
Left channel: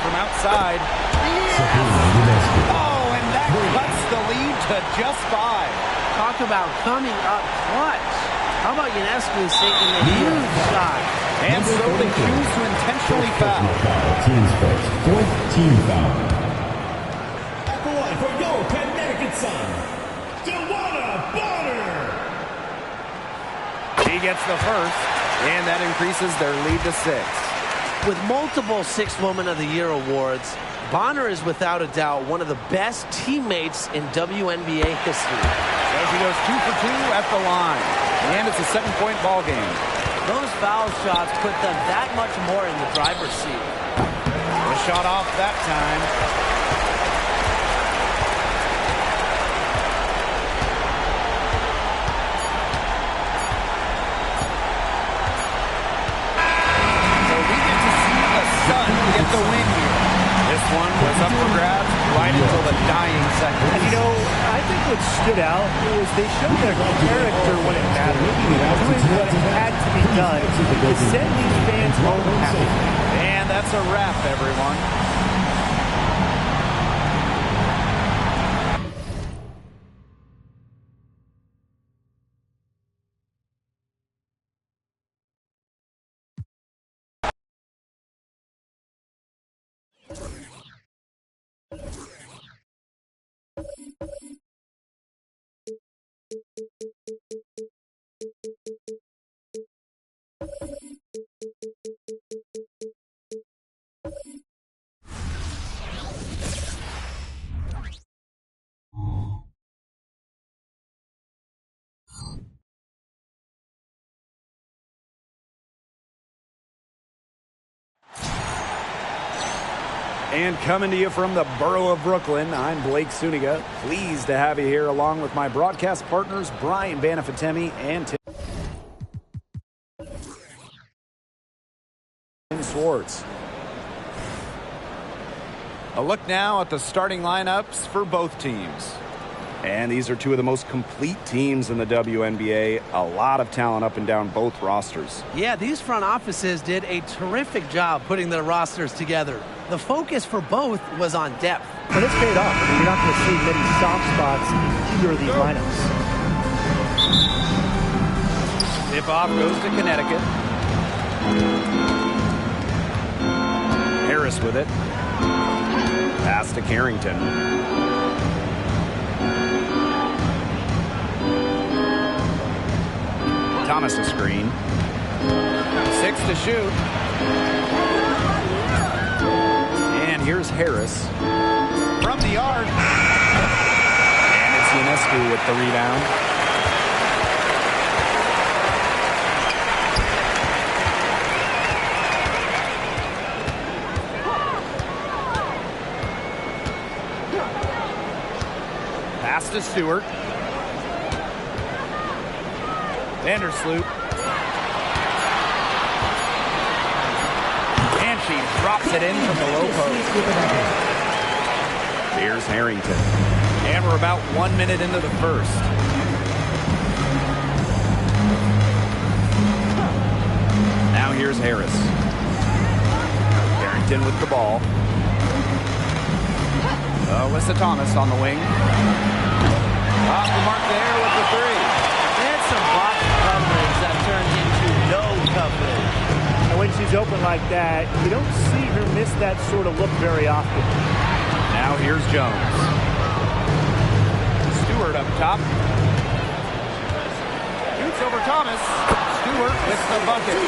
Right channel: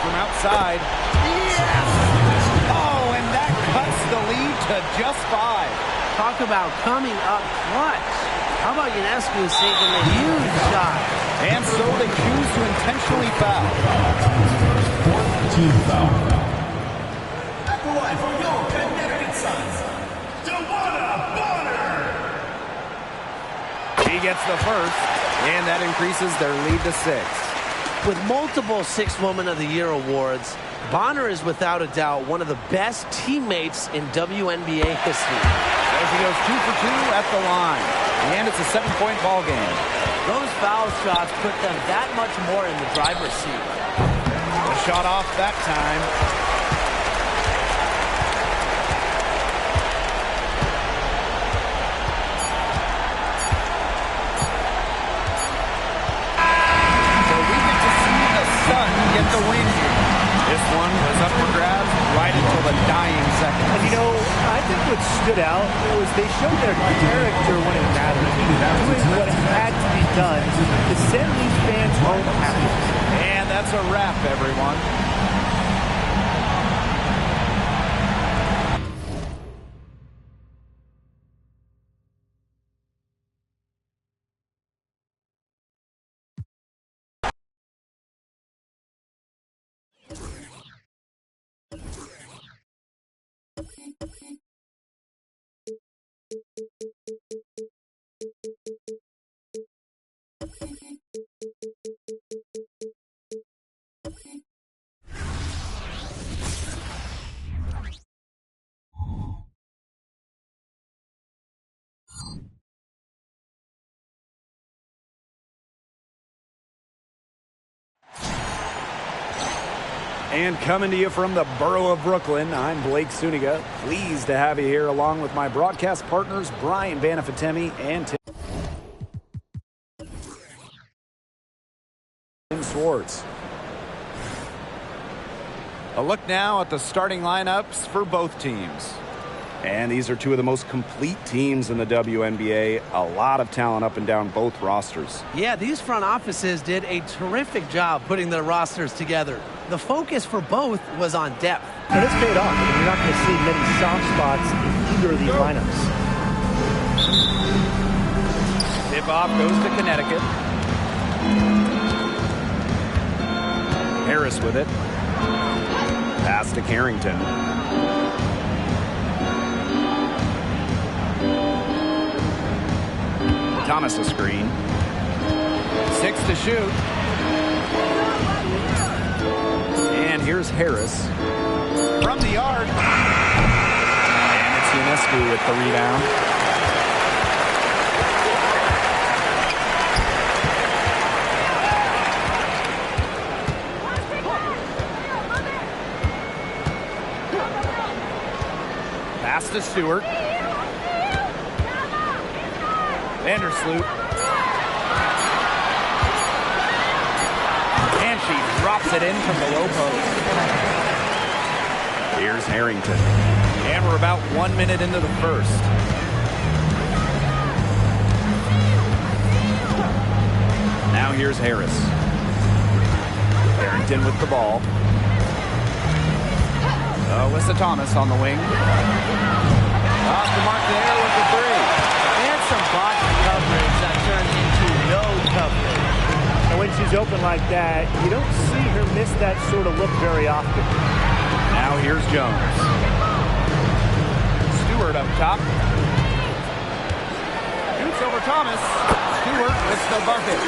From outside. Yes! Oh, and that cuts the lead to just 5. Talk about coming up clutch. How about Ionescu sinking the huge shot? And so they choose to intentionally foul. Teams first. Fourth team foul. At the line from your Connecticut Sun, Dewana Bonner. She gets the first, and that increases their lead to 6. With multiple Sixth Woman of the Year awards, Bonner is without a doubt one of the best teammates in WNBA history. So she goes 2 for 2 at the line, and it's a 7-point ball game. Those foul shots put them that much more in the driver's seat. The shot off that time. Sun get the win here. This one was up for grabs right until the dying seconds. And you know, I think what stood out was they showed their character when it mattered, doing what had to be done to send these fans home happy. And that's a wrap, everyone. And coming to you from the borough of Brooklyn, I'm Blake Suniga. Pleased to have you here along with my broadcast partners, Brian Banafatemi and Tim Swartz. A look now at the starting lineups for both teams. And these are two of the most complete teams in the WNBA. A lot of talent up and down both rosters. Yeah, these front offices did a terrific job putting their rosters together. The focus for both was on depth. But it's paid off. I mean, you're not going to see many soft spots in either of these lineups. Tip-off goes to Connecticut. Harris with it. Pass to Carrington. Thomas a screen. 6 to shoot. And here's Harris. From the arc. And it's Ionescu with the rebound. Pass to Stewart. Vandersloot. And she drops it in from the low post. Here's Harrington. And we're about 1 minute into the first. Now here's Harris. Harrington with the ball. Alyssa Thomas on the wing. Off the mark there with the three. And some box coverage that turned into no coverage. And when she's open like that, you don't see her miss that sort of look very often. Now here's Jones. Stewart up top. Shoots over Thomas. Stewart with the bucket.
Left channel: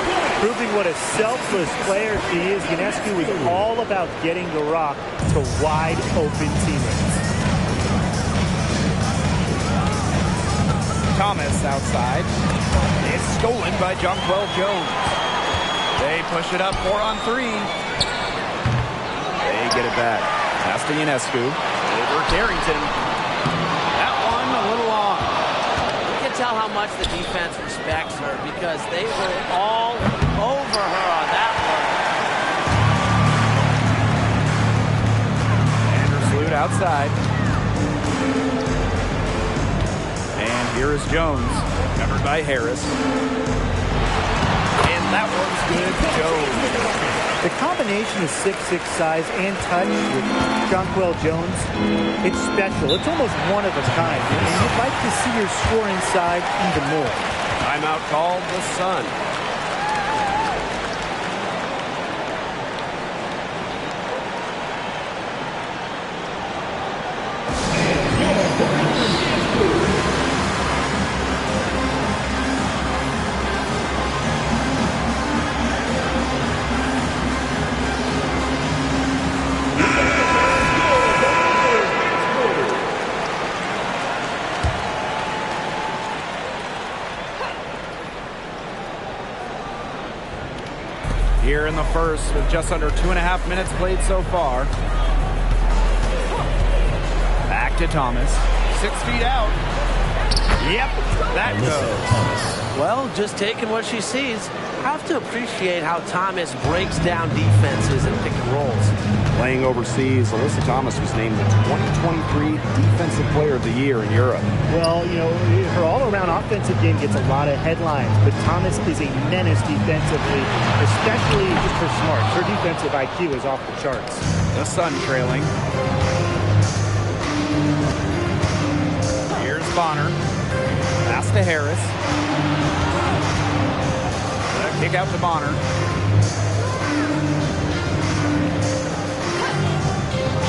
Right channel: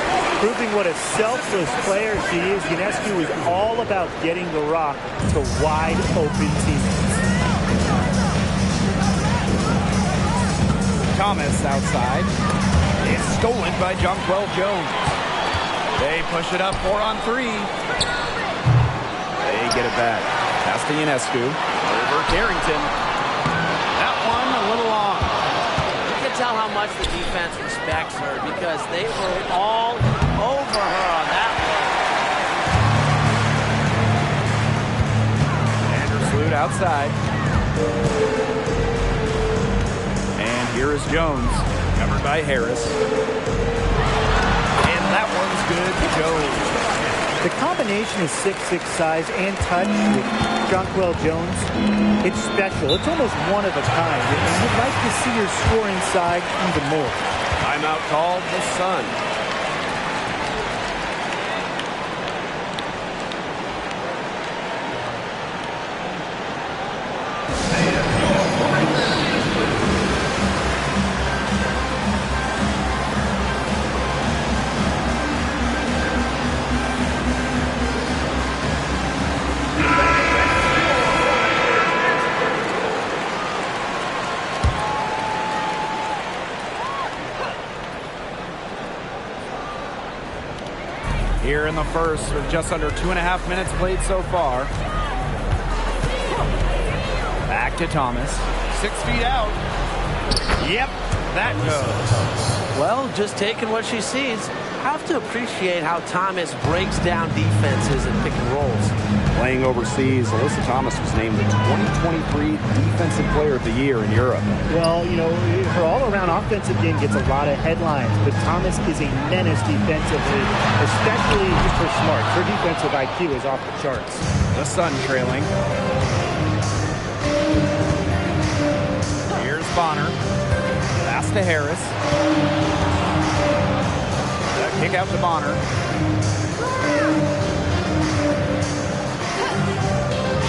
Proving what a selfless player she is, Ionescu is all about getting the rock to wide open teammates. Thomas outside. It's stolen by Jonquel Jones. They push it up 4-on-3. They get it back. Pass to Ionescu. Over Carrington. That one a little long. You can tell how much the defense respects her because they were all over her on that one. Vandersloot outside. And here is Jones, covered by Harris. And that one's good to Jones. The combination of 6'6" size and touch with Jonquel Jones, it's special. It's almost one of a kind. And you'd like to see her score inside even more. Timeout called the Sun. Here in the first with just under 2.5 minutes played so far. Back to Thomas. 6 feet out. Yep, that goes. Well, just taking what she sees. Have to appreciate how Thomas breaks down defenses and pick and rolls. Playing overseas, Alyssa Thomas was named the 2023 Defensive Player of the Year in Europe. Well, you know, her all-around offensive game gets a lot of headlines, but Thomas is a menace defensively, especially just her smarts. Her defensive IQ is off the charts. The Sun trailing. Here's Bonner. Pass to Harris. The kick out to Bonner.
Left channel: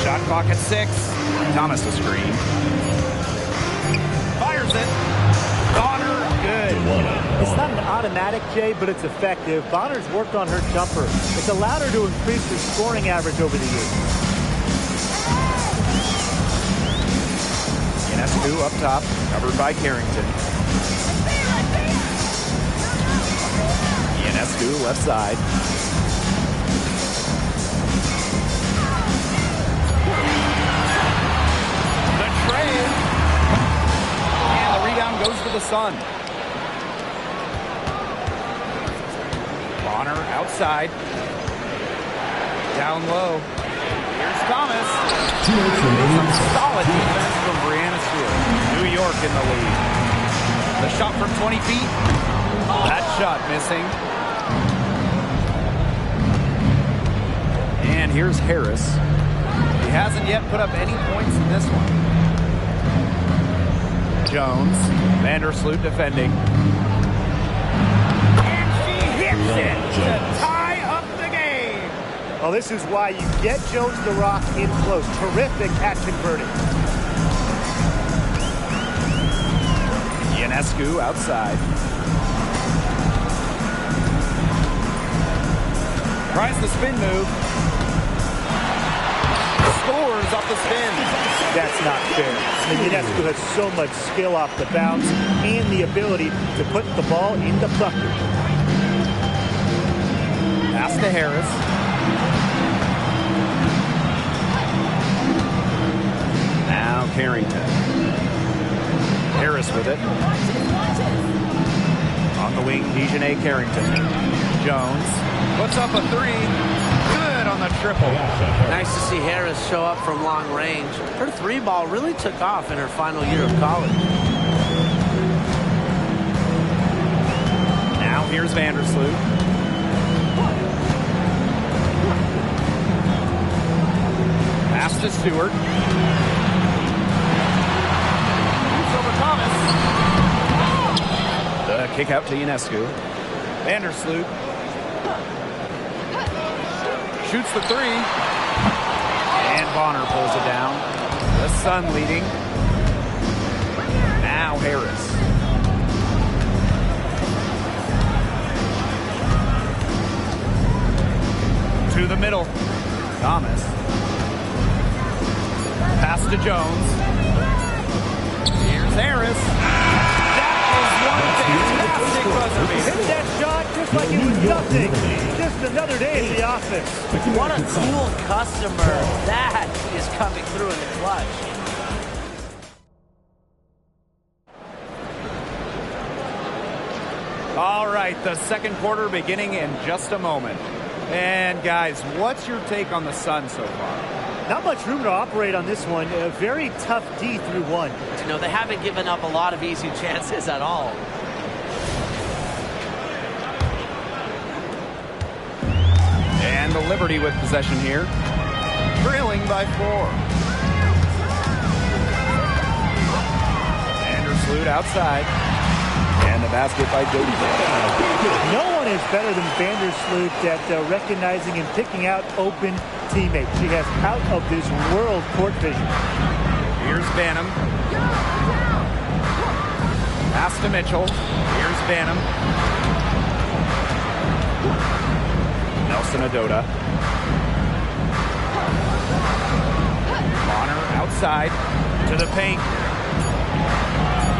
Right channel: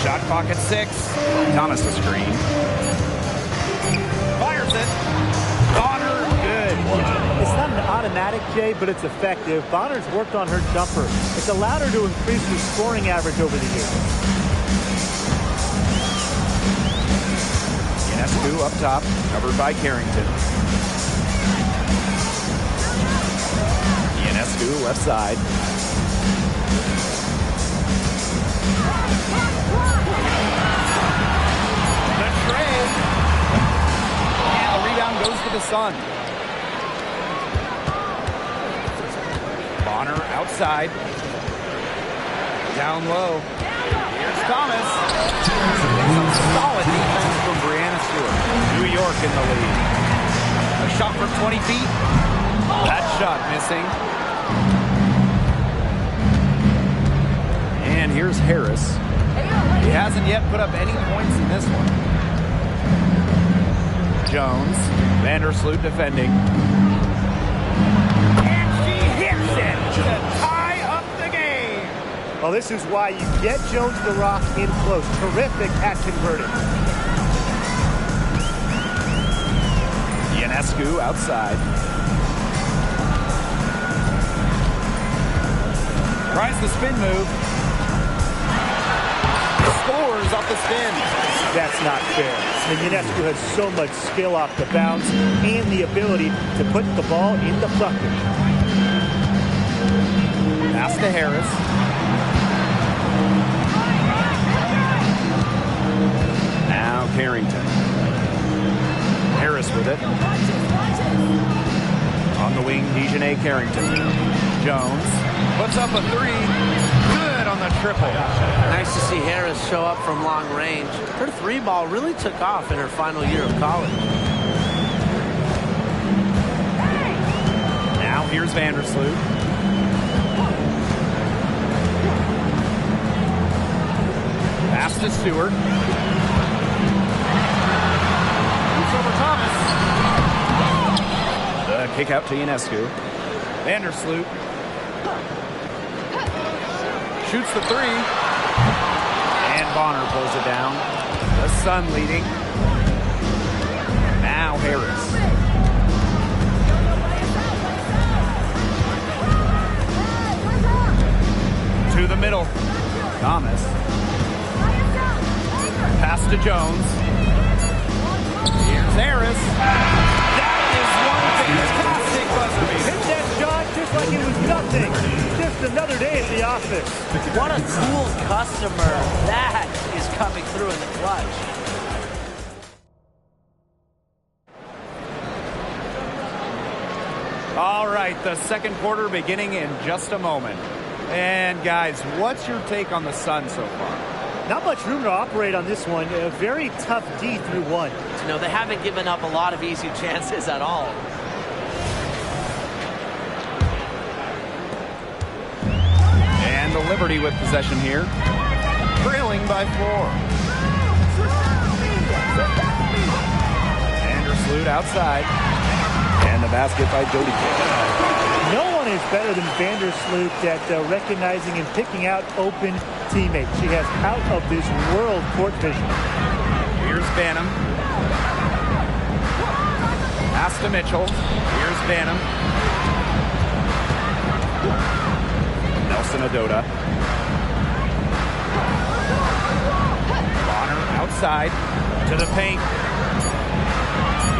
Shot clock at 6. Thomas the screen. Fires it. Bonner, good. It's not an automatic, Jay, but it's effective. Bonner's worked on her jumper. It's allowed her to increase her scoring average over the years. Ionescu up top, covered by Carrington. Ionescu left side. The trade. And the rebound goes to the Sun. Bonner outside. Down low. Here's Thomas. Some solid defense from Brianna Stewart. New York in the lead. The shot from 20 feet. That shot missing. And here's Harris. He hasn't yet put up any points in this one. Jones. Vandersloot defending. gets it to tie up the game. Well, this is why you get Jones the Rock in close. Terrific at converting. Ionescu outside. Tries the spin move. Scores off the spin. That's not fair. I mean, Ionescu has so much skill off the bounce and the ability to put the ball in the bucket. Pass to Harris. Now Carrington. Harris with it. On the wing, Dejanay Carrington. Jones puts up a three. Good on the triple. Nice to see Harris show up from long range. Her three ball really took off in her final year of college. Now here's Vandersloot. Pass to Stewart. Shoots over Thomas. The kick out to Ionescu. Vandersloot. Shoots the three. And Bonner pulls it down. The Sun leading. Now Harris. To the middle. Thomas. Pass to Jones. Here's Harris. That is one fantastic buzzer beater. Hit that shot just like it was nothing. Just another day at the office. What a cool customer. That is coming through in the clutch. All right, the second quarter beginning in just a moment. And guys, what's your take on the Sun so far? Not much room to operate on this one. A very tough D through one. You know, they haven't given up a lot of easy chances at all. And the Liberty with possession here. Trailing by 4. Vandersloot outside. And the basket by Dodikin. No one is better than Vandersloot at recognizing and picking out open teammates. She has out of this world court vision. Here's Banham. Pass to Mitchell. Here's Banham. Nelson Adota. Bonner outside to the paint.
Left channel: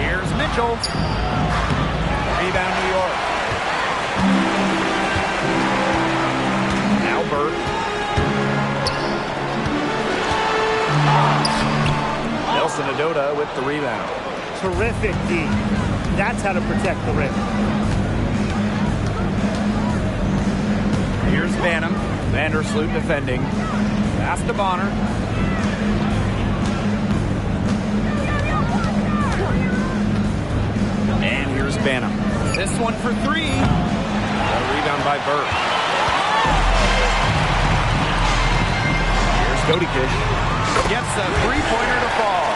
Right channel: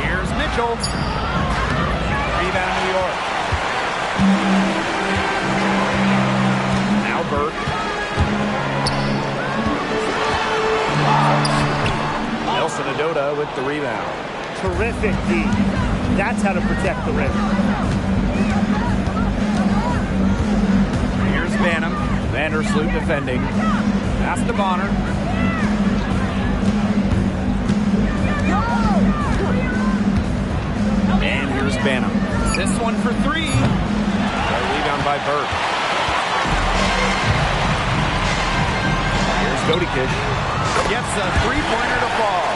Here's Mitchell. Rebound New York. Now Burke. Nelson Adota with the rebound. Terrific D. That's how to protect the rim. Here's Banham. Vandersloot defending. Pass to Bonner. And here's Banham. This one for 3. A rebound by Burke. Here's Dodikish. Gets a three-pointer to fall.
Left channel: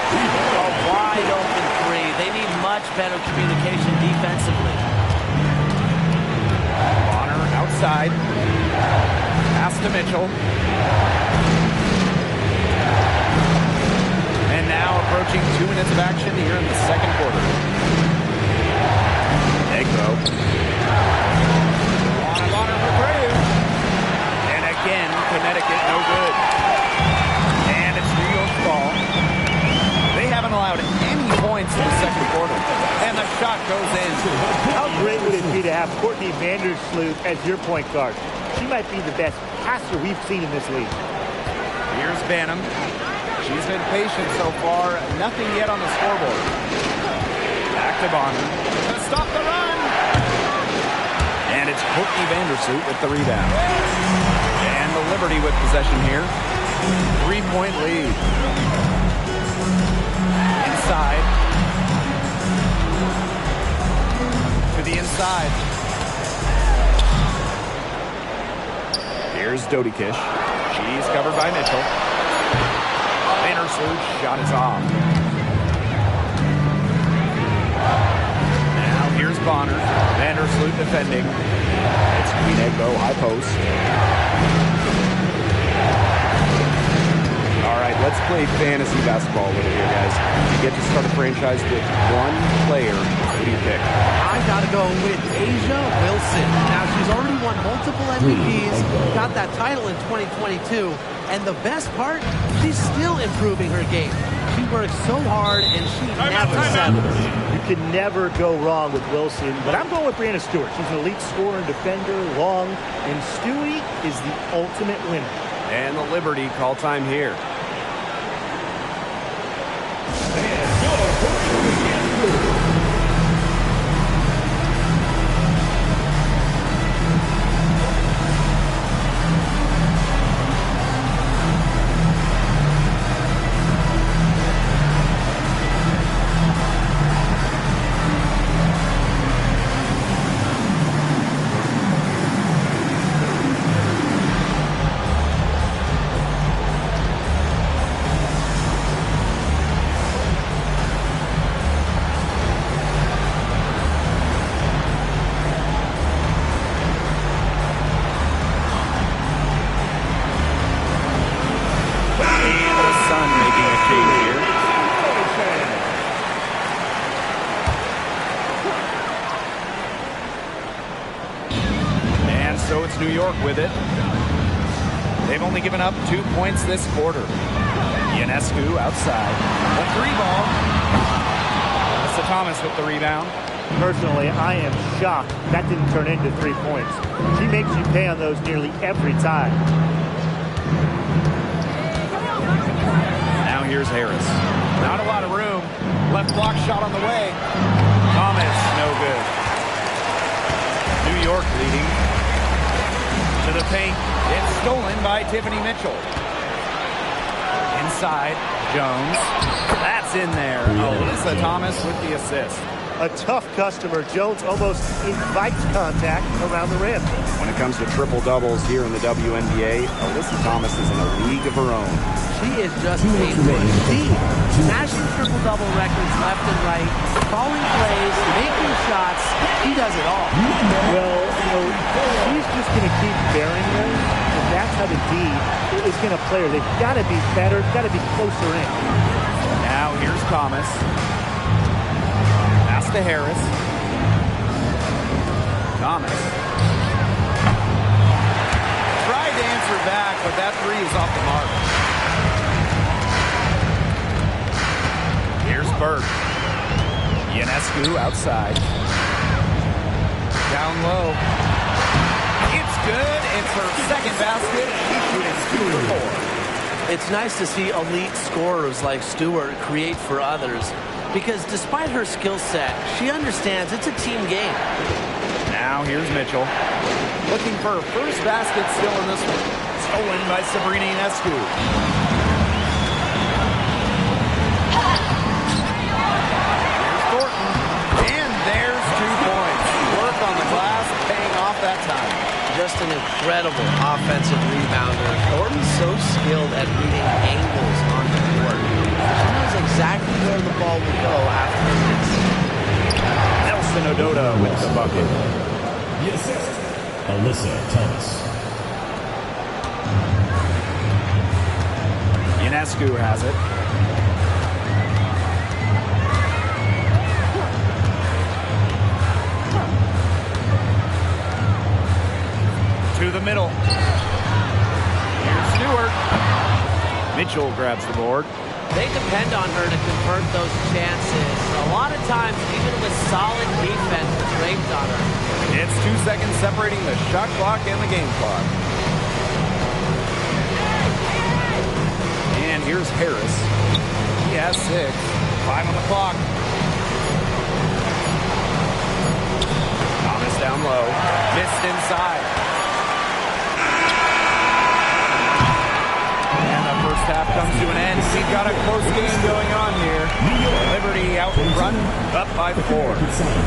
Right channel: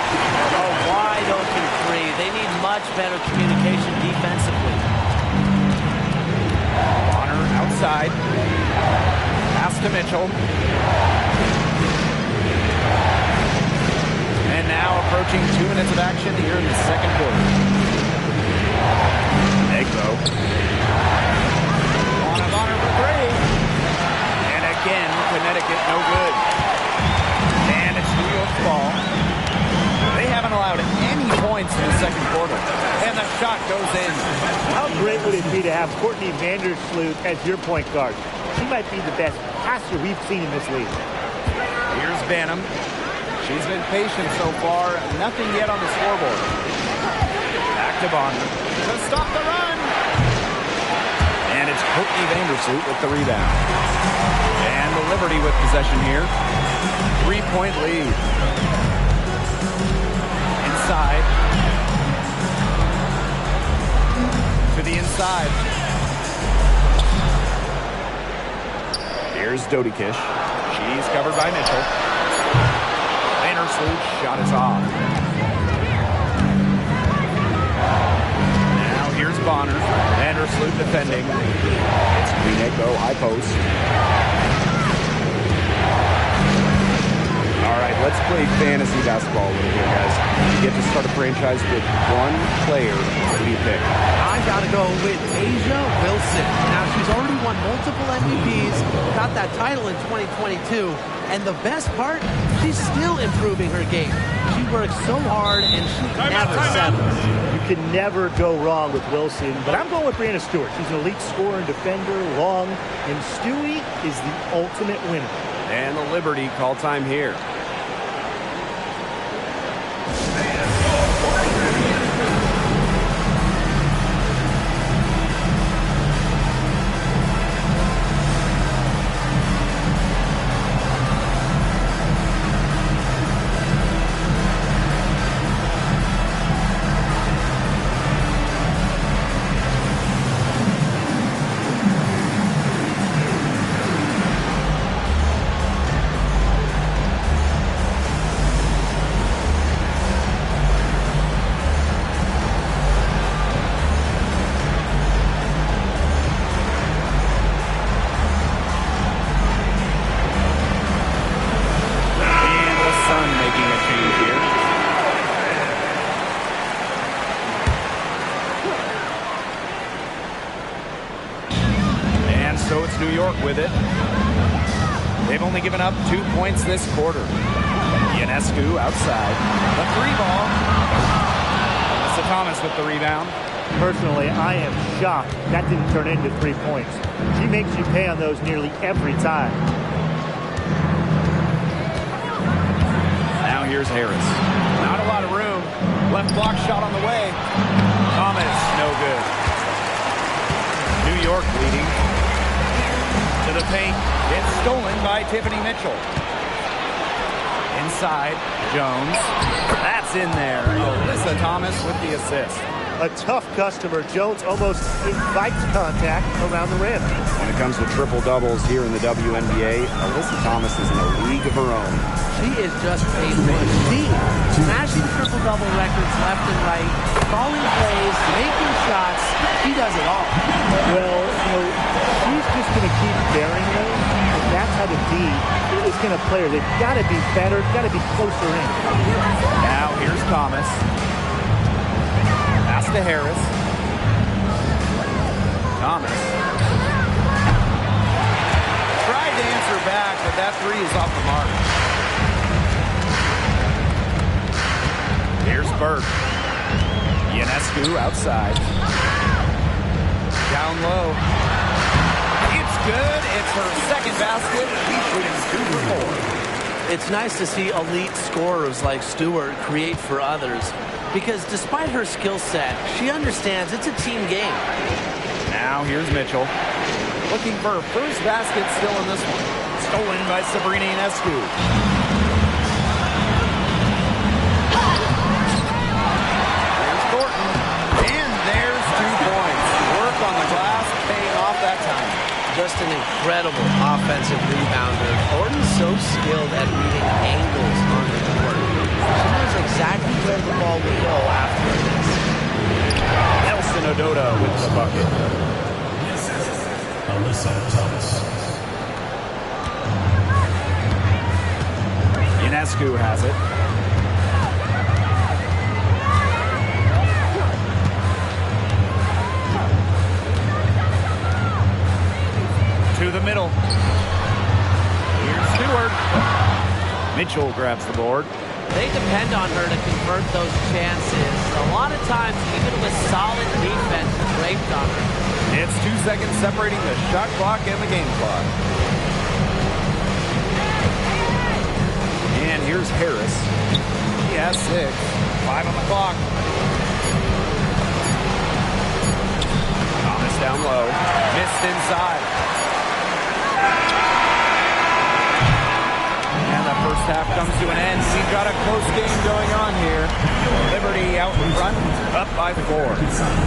A wide open three. They need much better communication defensively. Bonner outside. Pass to Mitchell. And now approaching 2 minutes of action here in the second quarter. Egbo. On a Bonner for 3. And again, Connecticut no good. And it's New York's ball. They haven't allowed any points in the second quarter. And the shot goes in. How great would it be to have Courtney Vandersloot as your point guard? She might be the best passer we've seen in this league. Here's Banham. She's been patient so far. Nothing yet on the scoreboard. Back to Bonner to stop the run. And it's Courtney Vandersloot with the rebound. And the Liberty with possession here. 3-point lead. Inside. To the inside. Here's Dodikish. She's covered by Mitchell. Vandersloot shot is off. Now here's Bonner. Vandersloot defending. It's Queen egg bow, high post. All right, let's play fantasy basketball a little here, guys. You get to start a franchise with one player. Who do you pick? I got to go with Asia Wilson. Now, she's already won multiple MVPs, got that title in 2022, and the best part, she's still improving her game. She works so hard, and she never settles. You can never go wrong with Wilson, but I'm going with Brianna Stewart. She's an elite scorer and defender, long, and Stewie is the ultimate winner. And the Liberty call time here. Making a change here. And so it's New York with it. They've only given up 2 points this quarter. Ionescu outside. The three ball. Alyssa Thomas with the rebound. Personally, I am shocked that didn't turn into 3 points. She makes you pay on those nearly every time. Now here's Harris. Not a lot of room. Left block shot on the way. Thomas, no good. New York leading. To the paint. It's stolen by Tiffany Mitchell. Inside, Jones. That's in there. Alyssa Thomas with the assist. A tough customer. Jones almost invites contact around the rim. When it comes to triple-doubles here in the WNBA, Alyssa Thomas is in a league of her own. She is just a machine. Smashing triple-double records left and right, calling plays, making shots. She does it all. Well, she's just going to keep bearing those. And that's how the D is going to play her. They've got to be better, got to be closer in. Now here's Thomas. Pass to Harris. Thomas. Tried to answer back, but that three is off the mark. Here's Burke. Ionescu outside. Down low. It's good. It's her second basket. She's shooting 2 for 4. It's nice to see elite scorers like Stewart create for others, because despite her skill set, she understands it's a team game. Now here's Mitchell. Looking for her first basket still in this one. Stolen by Sabrina Ionescu. Here's Thornton. And there's 2 points. Work on the glass, paying off that time. Just an incredible offensive rebounder. Thornton's so skilled at reading angles on the court. She knows exactly where the ball will go after a miss. Nelson Ododa with the bucket. Yes, Alyssa Thomas. Ionescu has it. To the middle. Here's Stewart. Mitchell grabs the board. They depend on her to convert those chances. A lot of times, even with solid defense draped on her. It's 2 seconds separating the shot clock and the game clock. And here's Harris. He has 6. 5 on the clock. Thomas down low. Missed inside. And the first half comes to an end. We've got a close game going on here. Liberty out in front, up by 4.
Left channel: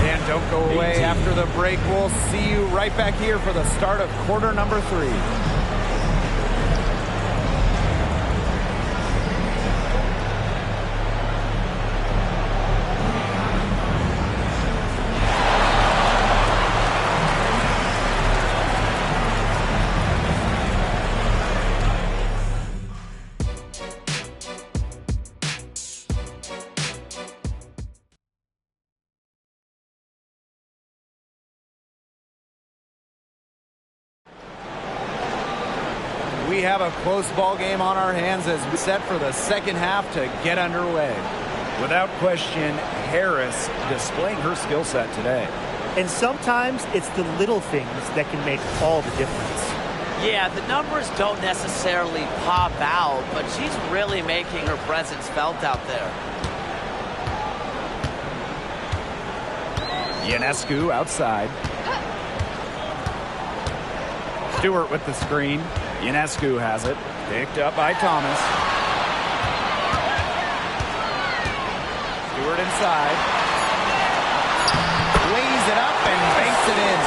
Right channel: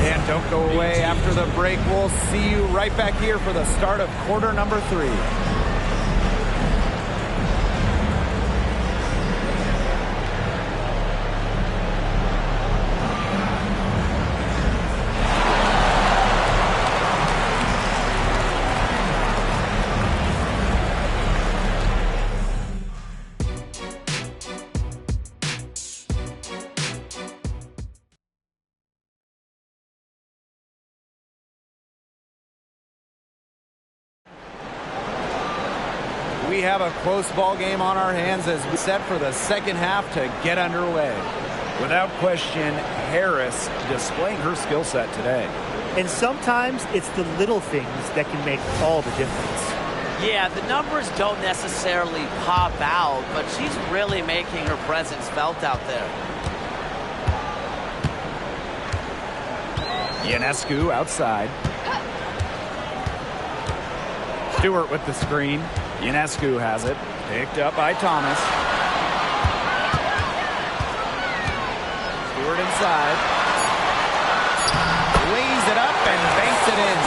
And don't go away after the break. We'll see you right back here for the start of quarter number 3. we have a close ball game on our hands as we set for the second half to get underway. Without question, Harris displaying her skill set today. And sometimes it's the little things that can make all the difference. Yeah, the numbers don't necessarily pop out, but she's really making her presence felt out there. Ionescu outside. Stewart with the screen. Ionescu has it. Picked up by Thomas. Stewart inside. Lays it up and banks it in.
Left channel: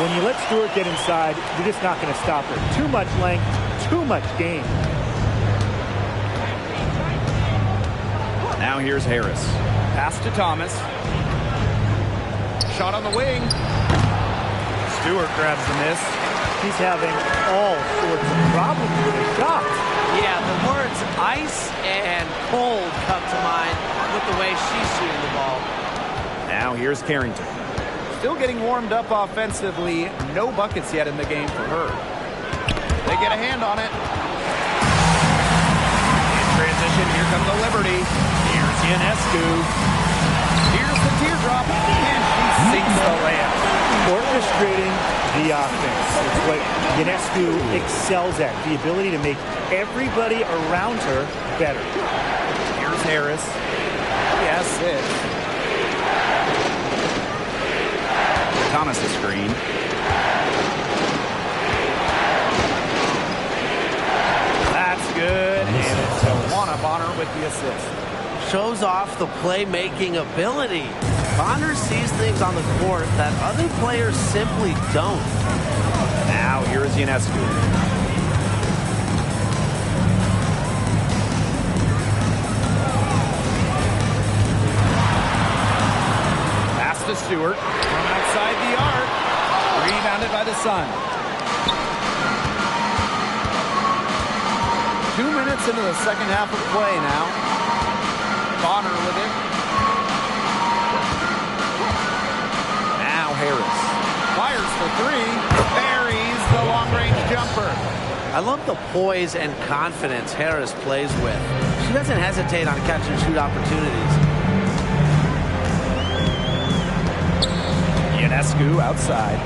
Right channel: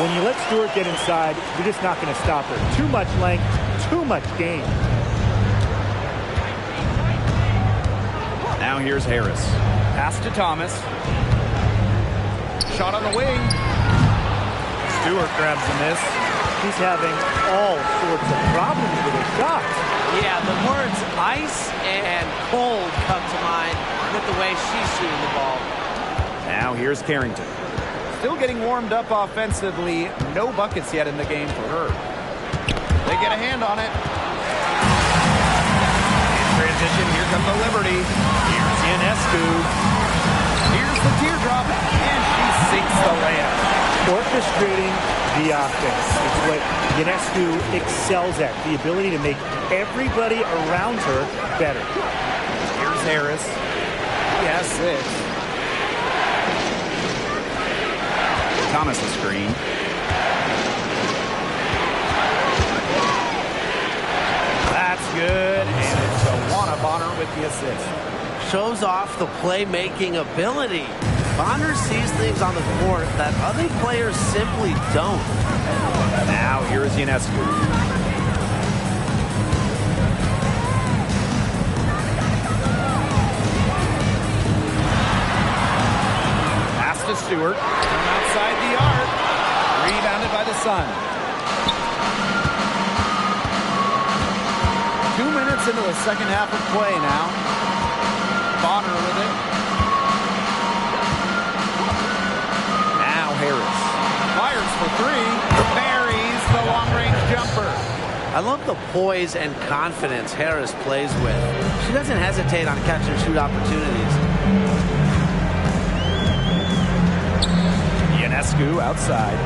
When you let Stewart get inside, you're just not going to stop her. Too much length, too much game. Now here's Harris. Pass to Thomas. Shot on the wing. Stewart grabs the miss. She's having all sorts of problems with her shot. Yeah, the words ice and cold come to mind with the way she's shooting the ball. Now here's Carrington. Still getting warmed up offensively. No buckets yet in the game for her. They get a hand on it. In transition, here comes the Liberty. Here's Ionescu. Here's the teardrop, and she sinks the layup. Orchestrating the offense. It's what Ionescu excels at. The ability to make everybody around her better. Here's Harris. He has 6. Thomas the screen. That's good, and it's Tawana Bonner with the assist. Shows off the playmaking ability. Bonner sees things on the court that other players simply don't. Now here is Ionescu. Pass to Stewart from outside the arc. Rebounded by the Sun. 2 minutes into the second half of play now. Bonner with it. Now Harris. Fires for 3. Buries the long-range jumper. I love the poise and confidence Harris plays with. She doesn't hesitate on catch-and-shoot opportunities. Ionescu outside.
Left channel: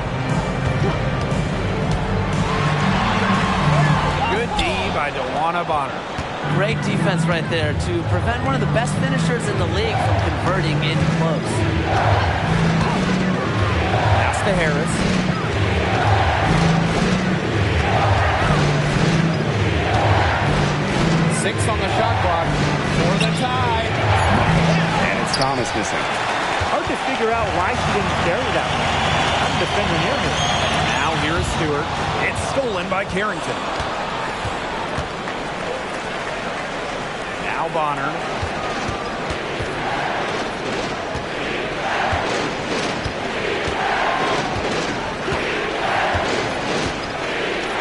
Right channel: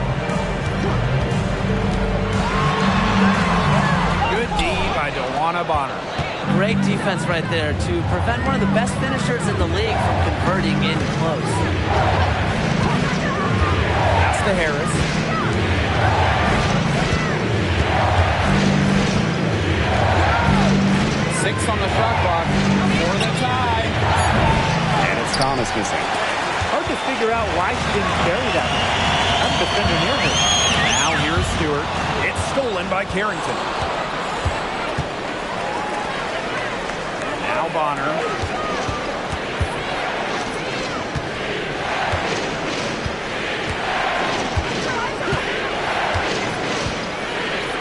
Good D by Tawana Bonner. Great defense right there to prevent one of the best finishers in the league from converting in close. Pass to Harris. Six on the shot clock for the tie. And it's Thomas missing. Hard to figure out why she didn't bury that one. I'm a defender near her. Now here's Stewart. It's stolen by Carrington. Now Bonner.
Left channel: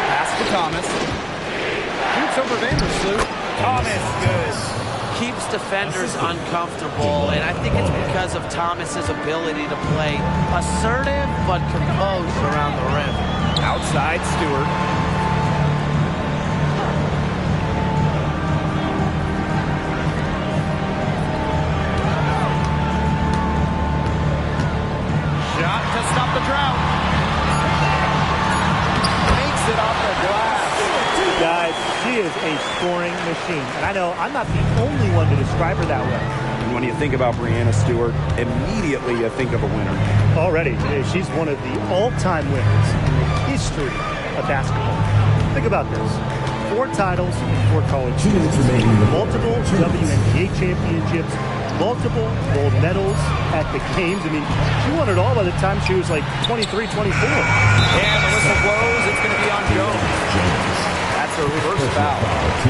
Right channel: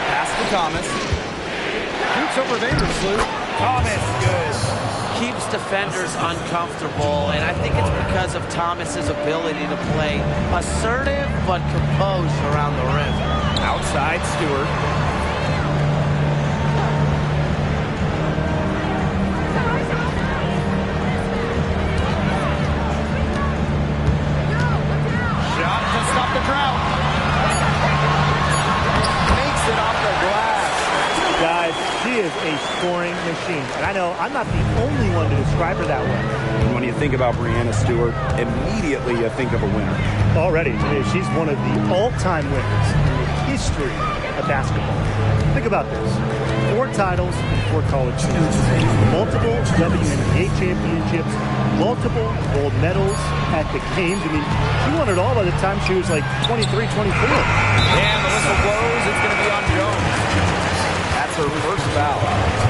Pass to Thomas. Shoots over Vandersloot. Thomas, good. Keeps defenders uncomfortable, and I think it's because of Thomas's ability to play assertive but composed around the rim. Outside Stewart. Shot to stop the drought. Makes it off the glass. Guys, she is a scoring machine. And I know I'm not the only one to describe her that way. And when you think about Breanna Stewart, immediately you think of a winner. Already, she's one of the all-time winners in the history of basketball. Think about this. 4 titles in 4 college seasons. Multiple WNBA championships. Multiple gold medals at the games. I mean, she won it all by the time she was like 23, 24. And the whistle blows. It's going to be on Jones. That's her first foul.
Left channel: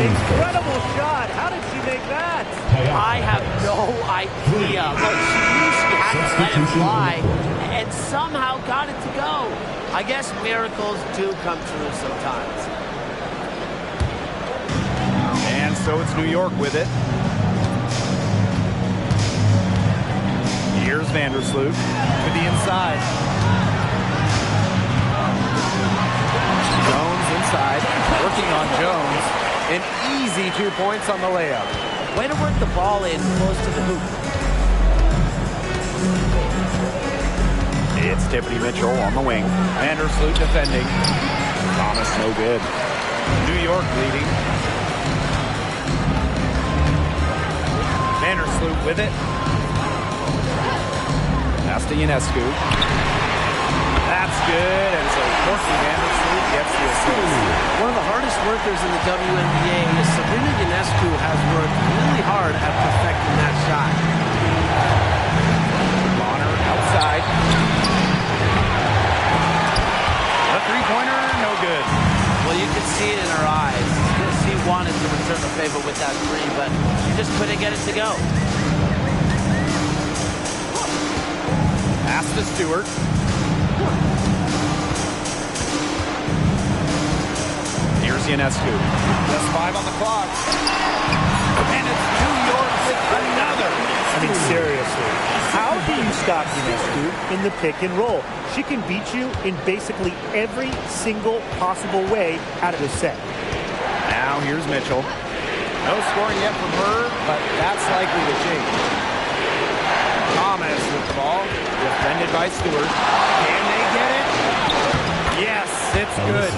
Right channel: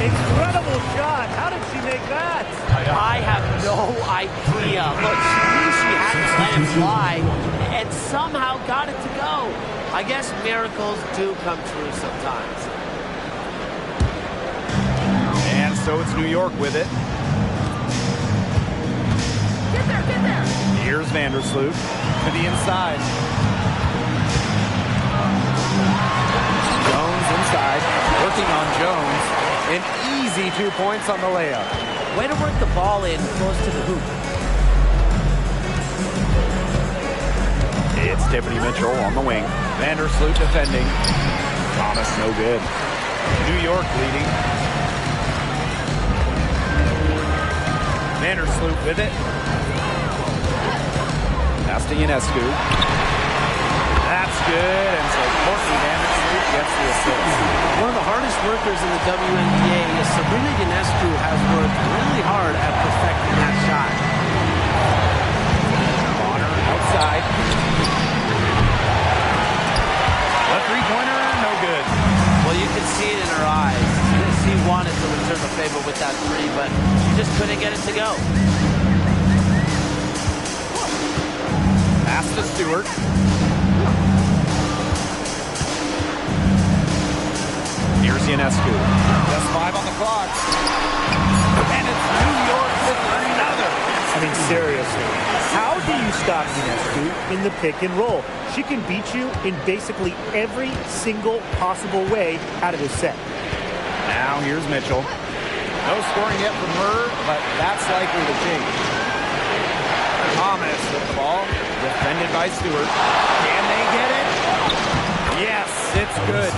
Incredible shot. How did she make that? I have no idea. Look, she knew she had to let it fly and somehow got it to go. I guess miracles do come true sometimes. And so it's New York with it. Here's Vandersloot to the inside. Jones inside, working on Jones. An easy 2 points on the layup. Way to work the ball in close to the hoop. It's Tiffany Mitchell on the wing. Vandersloot defending. Thomas no good. New York leading. Vandersloot with it. Pass to Ionescu. That's good, and so Courtney Vandersloot gets the assist. One of the hardest workers in the WNBA is Sabrina Ionescu has worked really hard at perfecting that shot. Bonner outside. A three-pointer, no good. Well, you could see it in her eyes. She wanted to return the favor with that three, but she just couldn't get it to go. Pass to Stewart. Here's Ionescu. Just 5 on the clock. And it's New York with another. I mean, seriously, how do you stop Ionescu in the pick and roll? She can beat you in basically every single possible way out of the set. Now here's Mitchell. No scoring yet from her, but that's likely to change. Thomas with the ball. Defended by Stewart. Can they get it? Yes, it's good.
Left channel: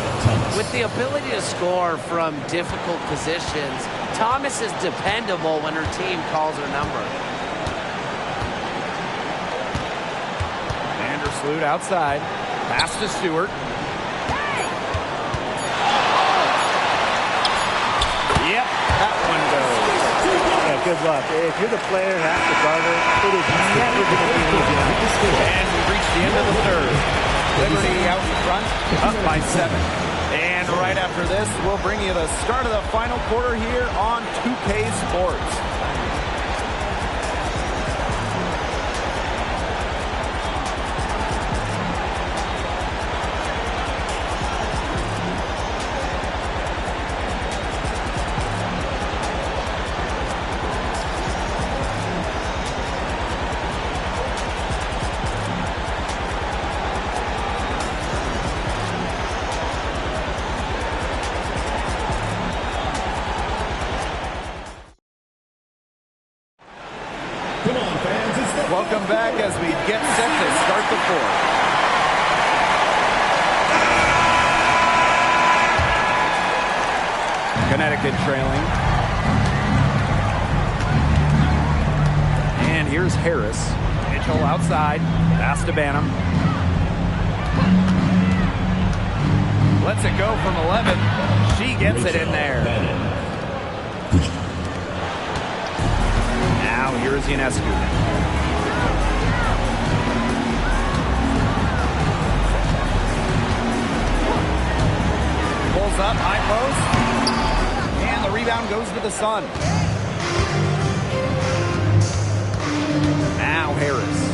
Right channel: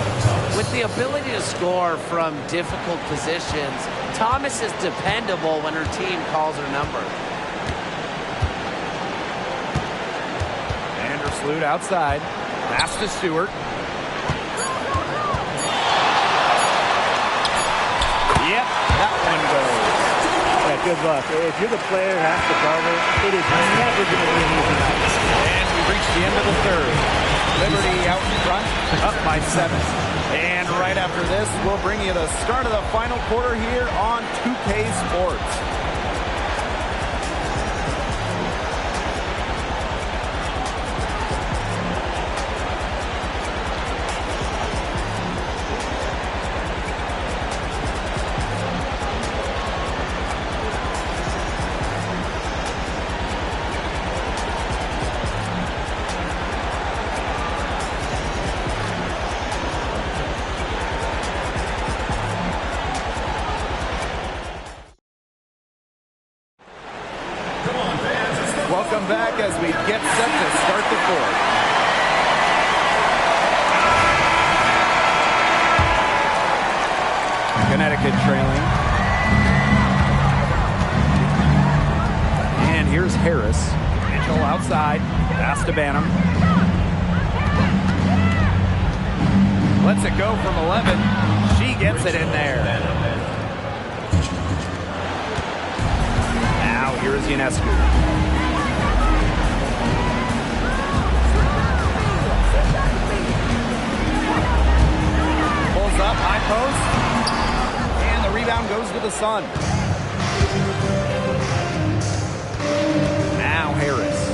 With the ability to score from difficult positions, Thomas is dependable when her team calls her number. Vandersloot outside. Pass to Stewart. Yep, that one goes. Yeah, good luck. If you're the player who has to guard her, it is never going to be an easy night. And we've reached the end of the third. Liberty out in front, up by 7. And right after this, we'll bring you the start of the final quarter here on 2K Sports. Welcome back as we get set to start the fourth. Connecticut trailing. And here's Harris. Mitchell outside. Pass to Banham. Lets it go from 11. She gets it in there. Now here's Ionescu. Pulls up, high post, and the rebound goes to the Sun. Now Harris.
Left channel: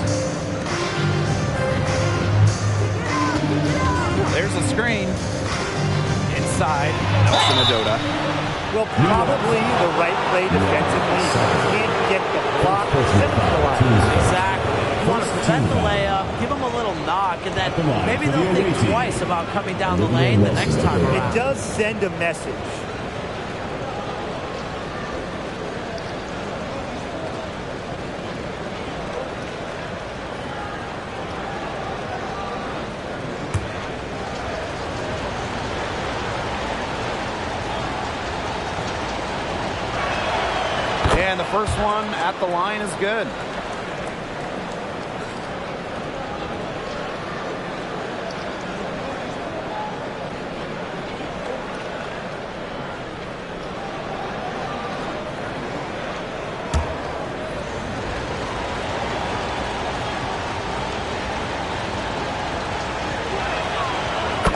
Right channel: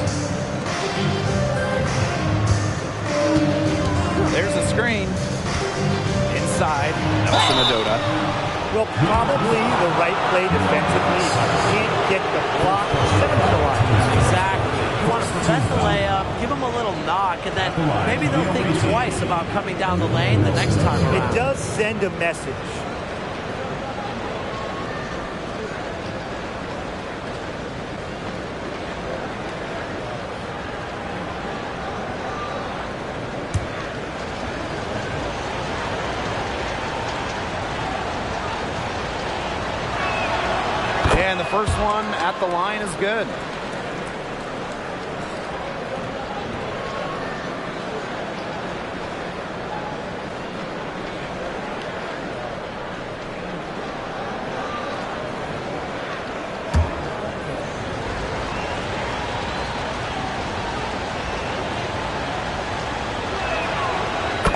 There's a screen. Inside, Nelson Adota. Well, probably the right play defensively. You can't get the block, send him to the line. Exactly. You want to prevent the layup, give them a little knock, and then maybe they'll think twice about coming down the lane the next time around. It does send a message. And the first one at the line is good.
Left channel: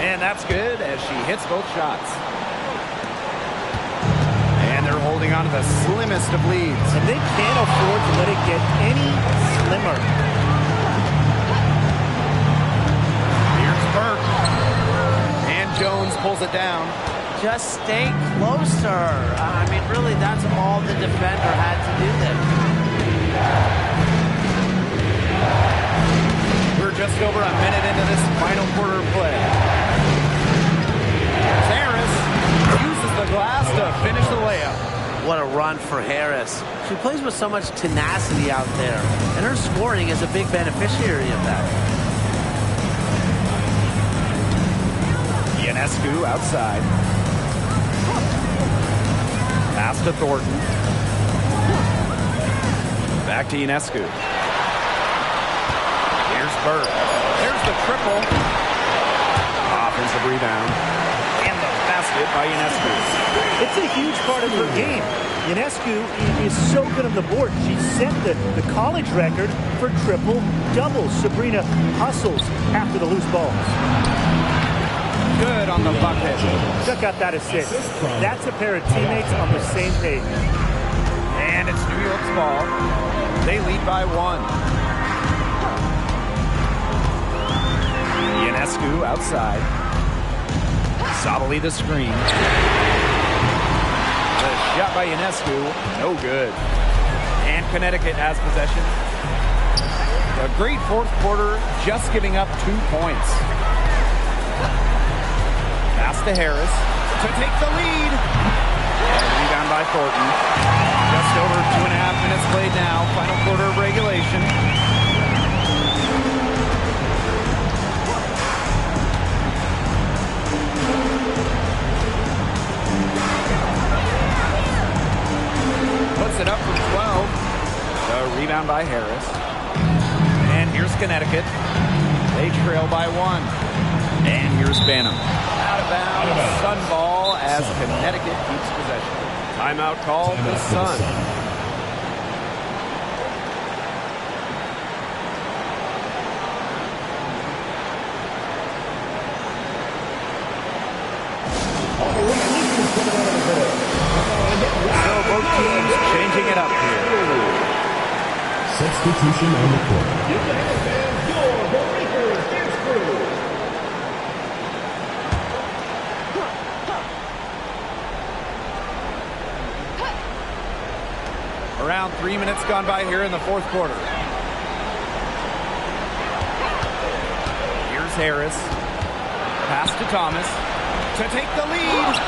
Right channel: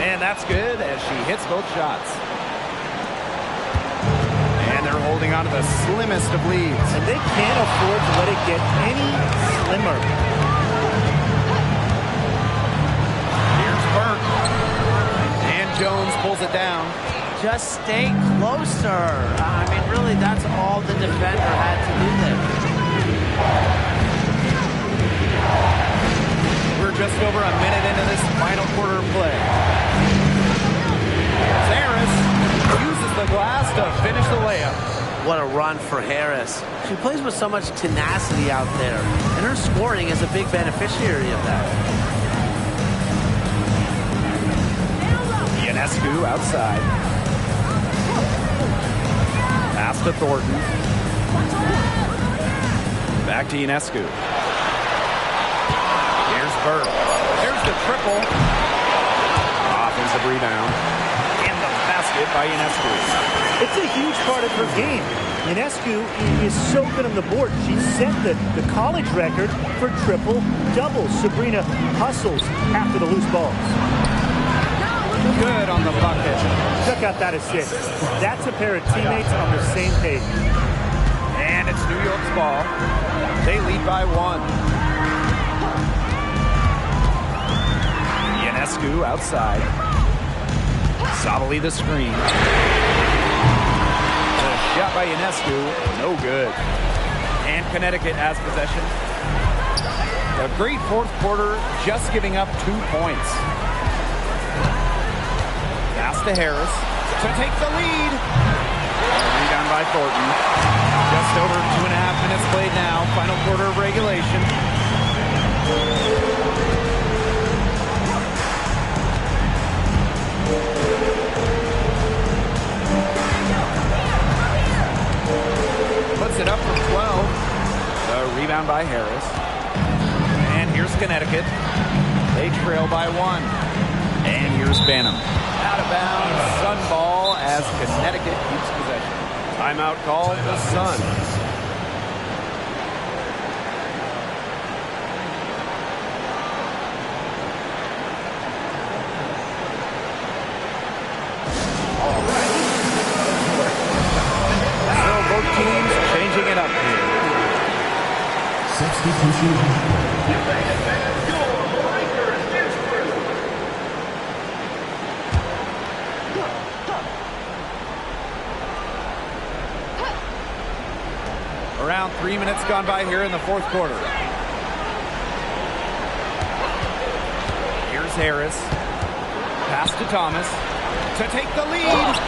And that's good as she hits both shots. And they're holding on to the slimmest of leads. And they can't afford to let it get any slimmer. Here's Burke. And Jones pulls it down. Just stay closer. I mean, really, that's all the defender had to do there. We're just over a minute into this final quarter of play. Here's Harris. Uses the glass to finish the layup. What a run for Harris. She plays with so much tenacity out there, and her scoring is a big beneficiary of that. Ionescu outside. Pass to Thornton. Back to Ionescu. Here's Burke. There's the triple. Offensive rebound. And the basket by Ionescu. It's a huge part of her game. Ionescu is so good on the board. She set the college record for triple-doubles. Sabrina hustles after the loose balls. Good on the bucket. Check out that assist. That's a pair of teammates on the same page. And it's New York's ball. They lead by 1. Ionescu outside. Sabali the screen. The shot by Ionescu, no good. And Connecticut has possession. A great fourth quarter, just giving up 2 points. Pass to Harris to take the lead. And a rebound by Thornton. Just over 2.5 minutes played now. Final quarter of regulation. Puts it up from 12. The rebound by Harris. And here's Connecticut. They trail by 1. And here's Banham. Out of bounds, Sun ball as Connecticut keeps possession. Timeout called the Sun. So both teams changing it up here. Substitution on the court. Around 3 minutes gone by here in the fourth quarter. Here's Harris. Pass to Thomas to take the lead.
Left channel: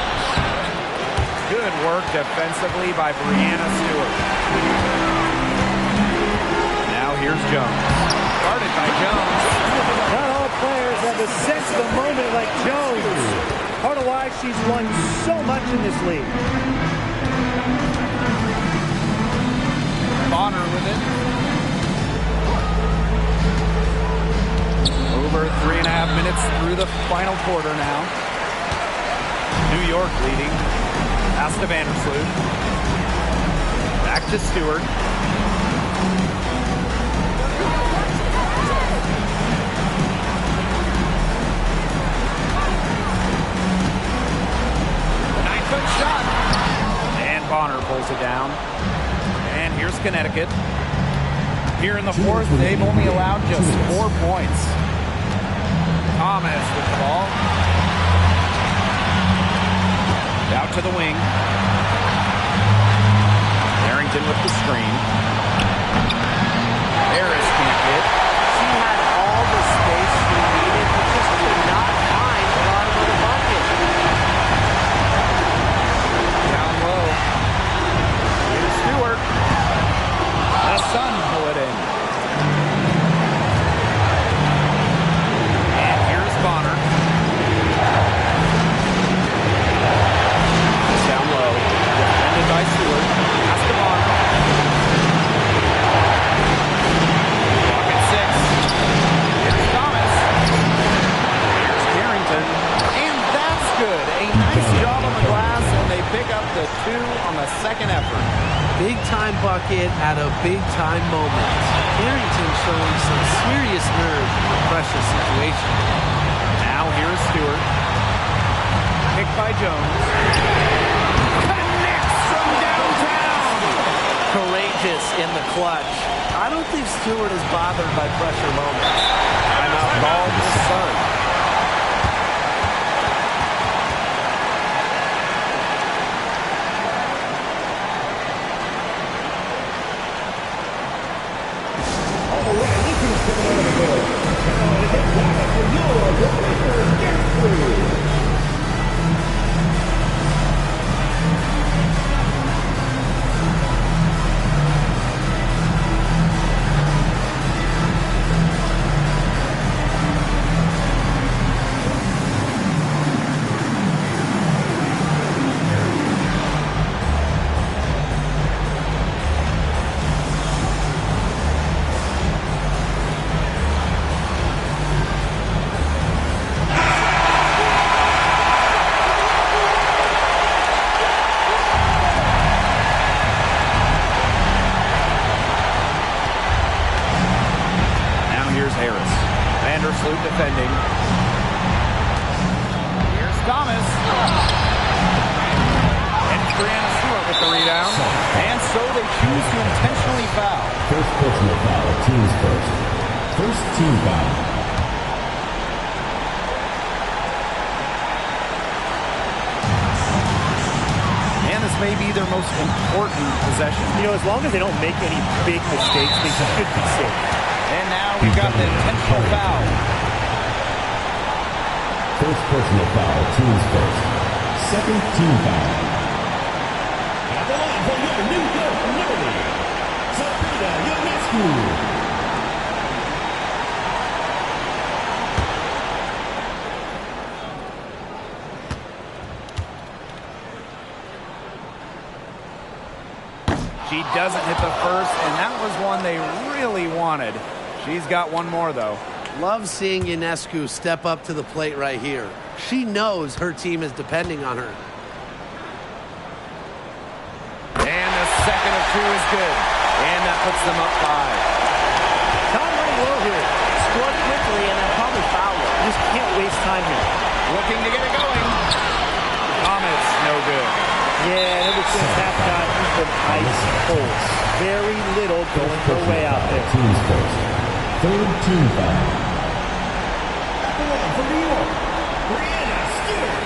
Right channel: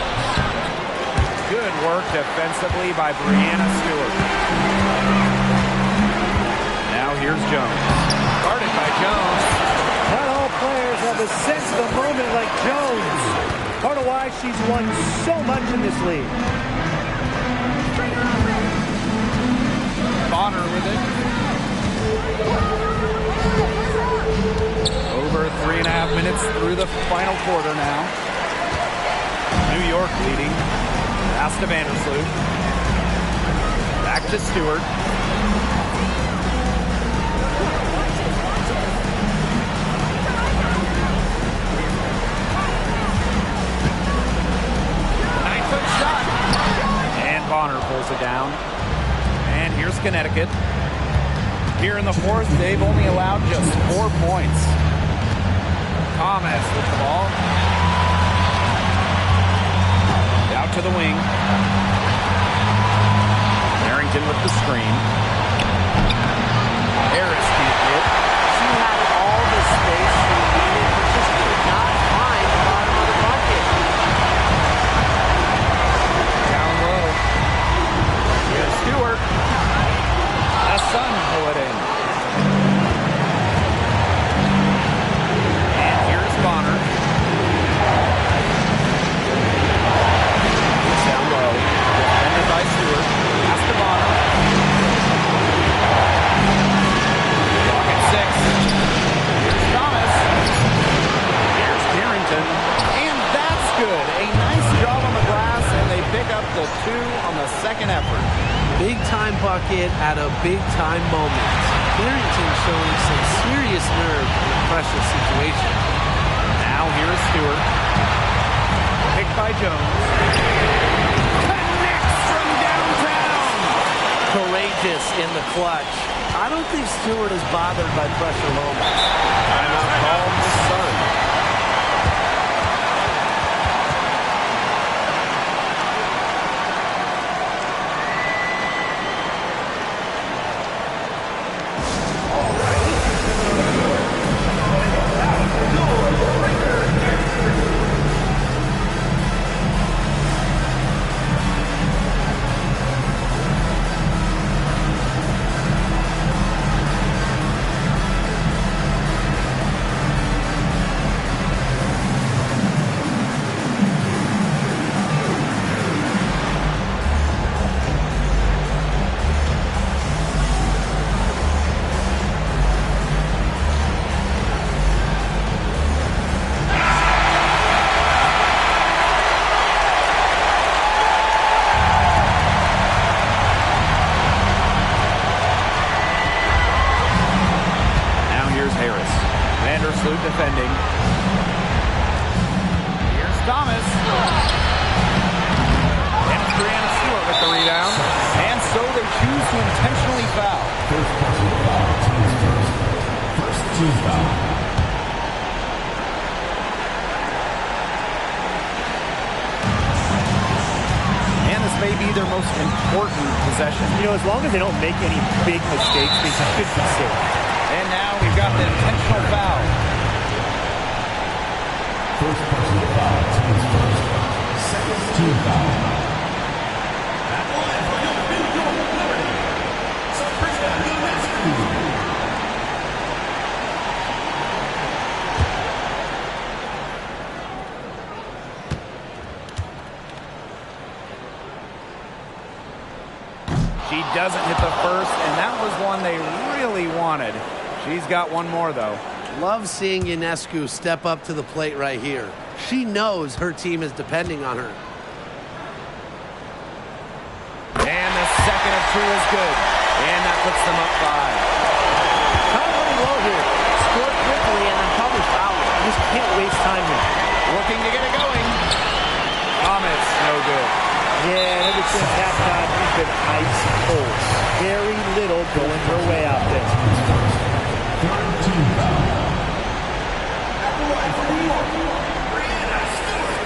Good work defensively by Brianna Stewart. Now here's Jones. Guarded by Jones. Not all players have a sense of the moment like Jones. Part of why she's won so much in this league. Bonner with it. Over 3.5 minutes through the final quarter now. New York leading. Pass to Vandersloot. Back to Stewart. The 9-foot shot. And Bonner pulls it down. And here's Connecticut. Here in the fourth, they've only allowed just 4 points. Thomas with the ball. Out to the wing. Harrington with the screen. Harris can't hit. She had all the space she needed, but just could not find the bottom of the bucket. Down low. Here's Stewart. The Sun pull it in. And here's Bonner. Thomas down low. Defended by Stewart. Pass to Bonner. Clock at 6. Here's Thomas. Here's Carrington. And that's good. A nice job on the glass, and they pick up the 2 on the second effort. Big-time bucket at a big-time moment. Carrington showing some serious nerve in a precious situation. Now here's Stewart. Picked by Jones. Connects from downtown. Courageous in the clutch. I don't think Stewart is bothered by pressure moments. Timeout called the Sun. Vandersloot defending. Here's Thomas. And it's Brianna Stewart with the rebound. And so they choose to intentionally foul. First personal foul, teams first. First team foul. And this may be their most important possession. You know, as long as they don't make any big mistakes, they should be safe. And now we've got the intentional foul. First personal foul, teams first. Second team foul. At the line for your New York Liberty, Sabrina Ionescu. She doesn't hit the first, and that was one they really wanted. She's got one more, though. Love seeing Ionescu step up to the plate right here. She knows her team is depending on her. And the second of two is good. And that puts them up 5. Time running low here. Score quickly and then probably foul it. You just can't waste time here. Looking to get it going. Thomas, no good. Yeah, and ever since halftime, he's been ice cold. Very little going her way out there. Teams first. Third team foul. At the line for New York, Brianna Stewart.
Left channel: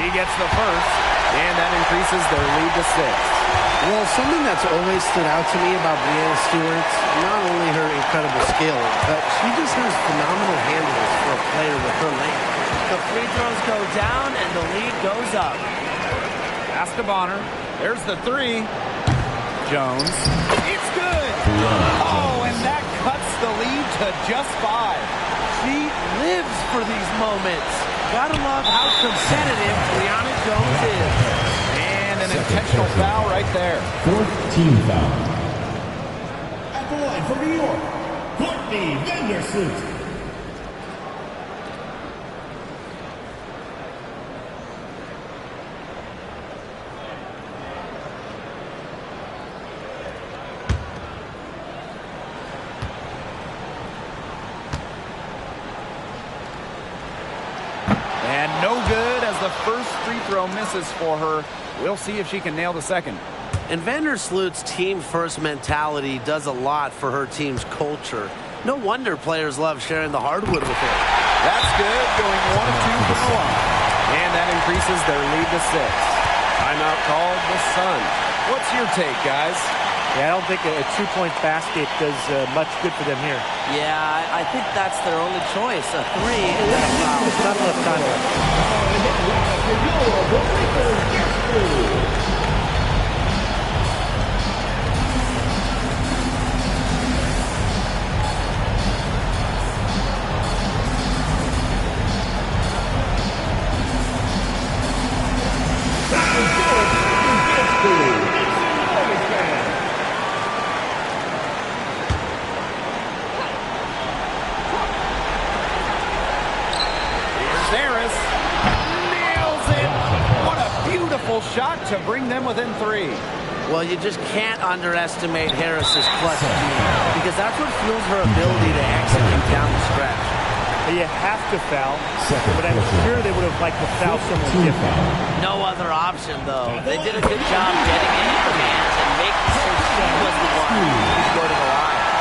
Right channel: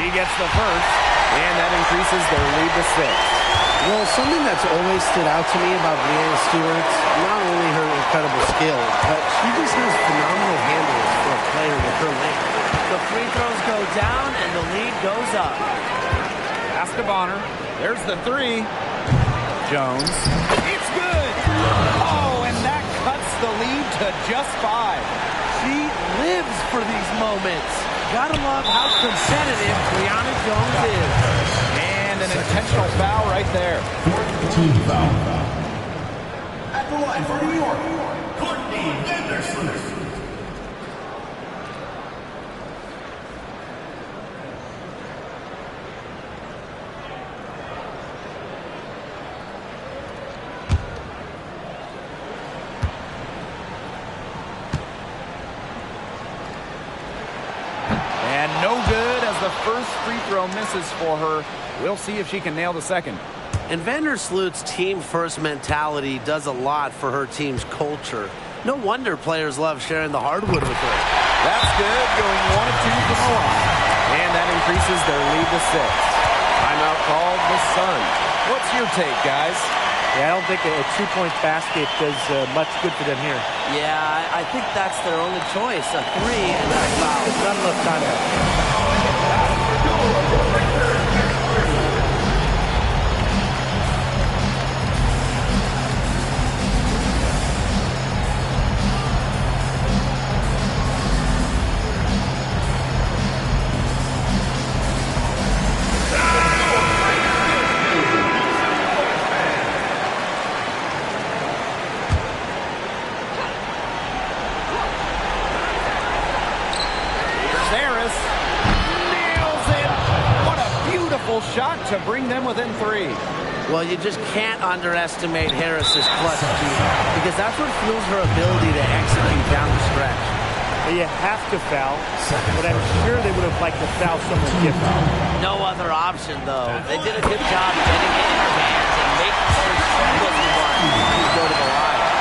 He gets the first, and that increases their lead to 6. Well, something that's always stood out to me about Brianna Stewart, not only her incredible skill, but she just has phenomenal handles for a player with her length. The free throws go down and the lead goes up. Pass to Bonner. There's the 3. Jones. It's good. Oh, and that cuts the lead to just 5. She lives for these moments. Gotta love how competitive Brianna Jones is. And an intentional foul right there. Fourth team foul. At the line for New York, Courtney Vandersloot. And no good as the first free throw misses for her. We'll see if she can nail the second. And Vandersloot's team-first mentality does a lot for her team's culture. No wonder players love sharing the hardwood with her. That's good, going 1 of 2 from the line. And that increases their lead to 6. Timeout called the Sun. What's your take, guys? Yeah, I don't think a two-point basket does much good for them here. Yeah, I think that's their only choice, a 3 and then a foul. There's not enough time left. Harris nails it. What a beautiful shot to bring them within 3. Well, you just can't underestimate Harris's clutch gene because that's what fuels her ability to execute down the stretch. But you have to foul, but I'm sure they would have liked to foul someone different. No other option, though. They did a good job getting it in her hands and making sure she was the one who'd go to the line.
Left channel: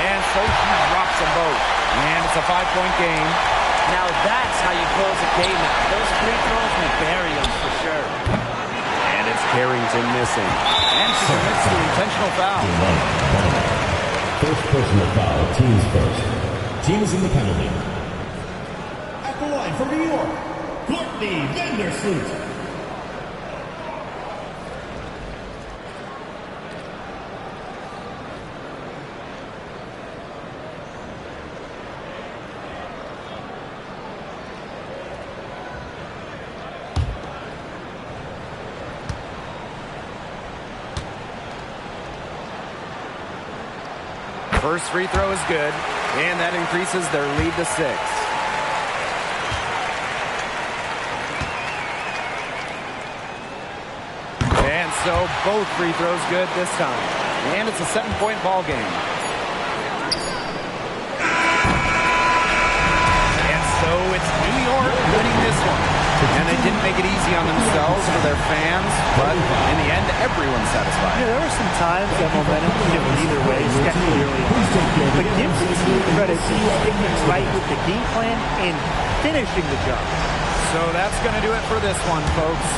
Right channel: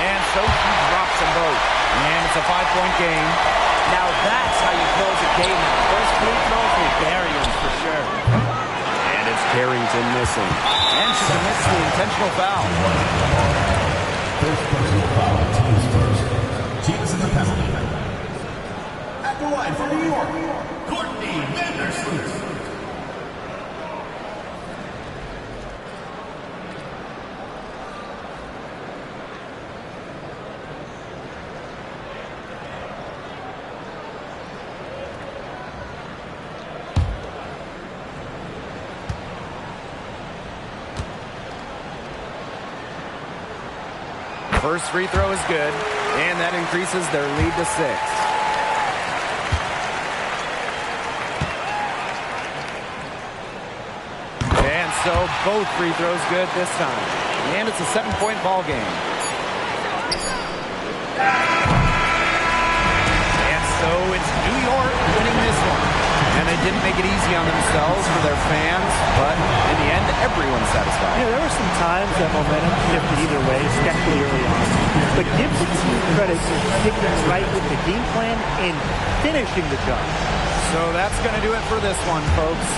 And so she drops them both. And it's a 5-point game. Now that's how you close a game out. Those free throws will bury them for sure. And it's Carrington missing. And she commits the intentional foul. First personal foul, teams first. Team is in the penalty. At the line for New York, Courtney Vandersloot. First free throw is good, and that increases their lead to 6. And so both free throws good this time. And it's a 7-point ball game. And so it's New York winning this one. And they didn't make it easy on themselves for their fans, but in the end, everyone's satisfied. Yeah, there were some times that momentum shifted either way, especially early on. But give the team credit for sticking right with the game plan and finishing the job. So that's going to do it for this one, folks.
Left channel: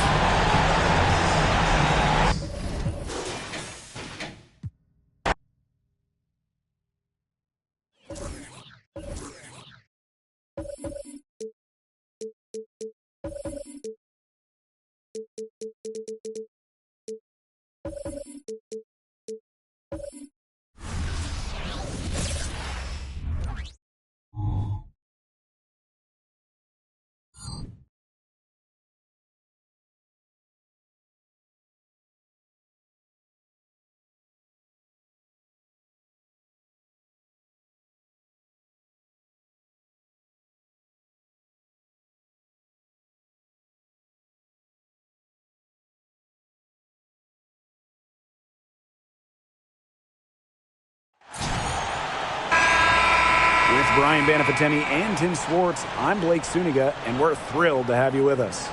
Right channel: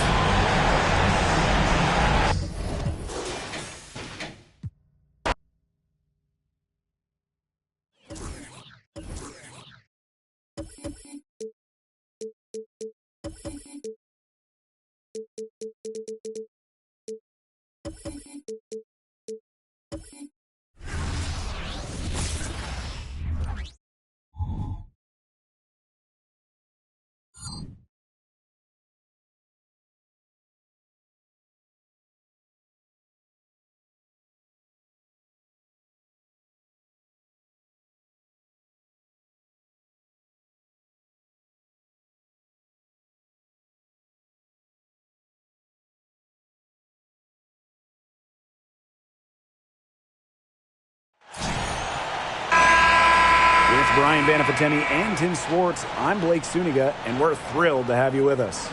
With Brian Banafitemi and Tim Swartz, I'm Blake Suniga, and we're thrilled to have you with us.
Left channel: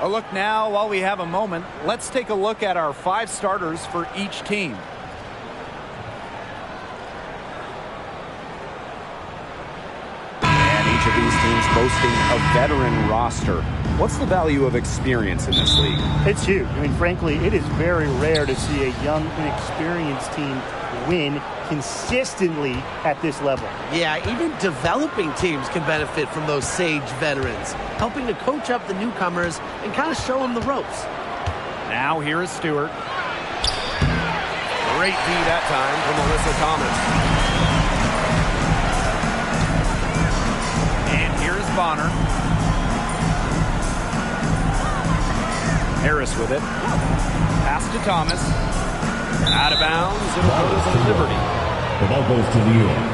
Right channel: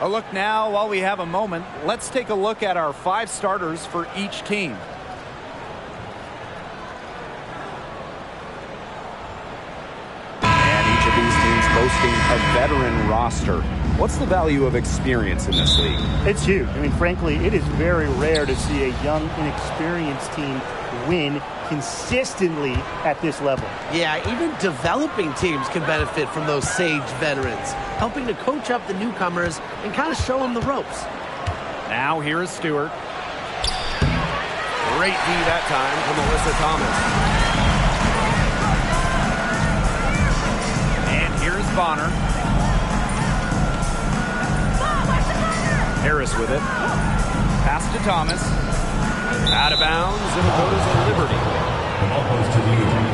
A look now, while we have a moment, let's take a look at our 5 starters for each team. And each of these teams boasting a veteran roster. What's the value of experience in this league? It's huge. I mean, frankly, it is very rare to see a young, inexperienced team win consistently at this level. Yeah, even developing teams can benefit from those sage veterans, helping to coach up the newcomers and kind of show them the ropes. Now here is Stewart. Great D that time from Alyssa Thomas. And here's Bonner. Harris with it. Pass to Thomas. Out of bounds. It'll go to the Liberty. The ball goes to New York.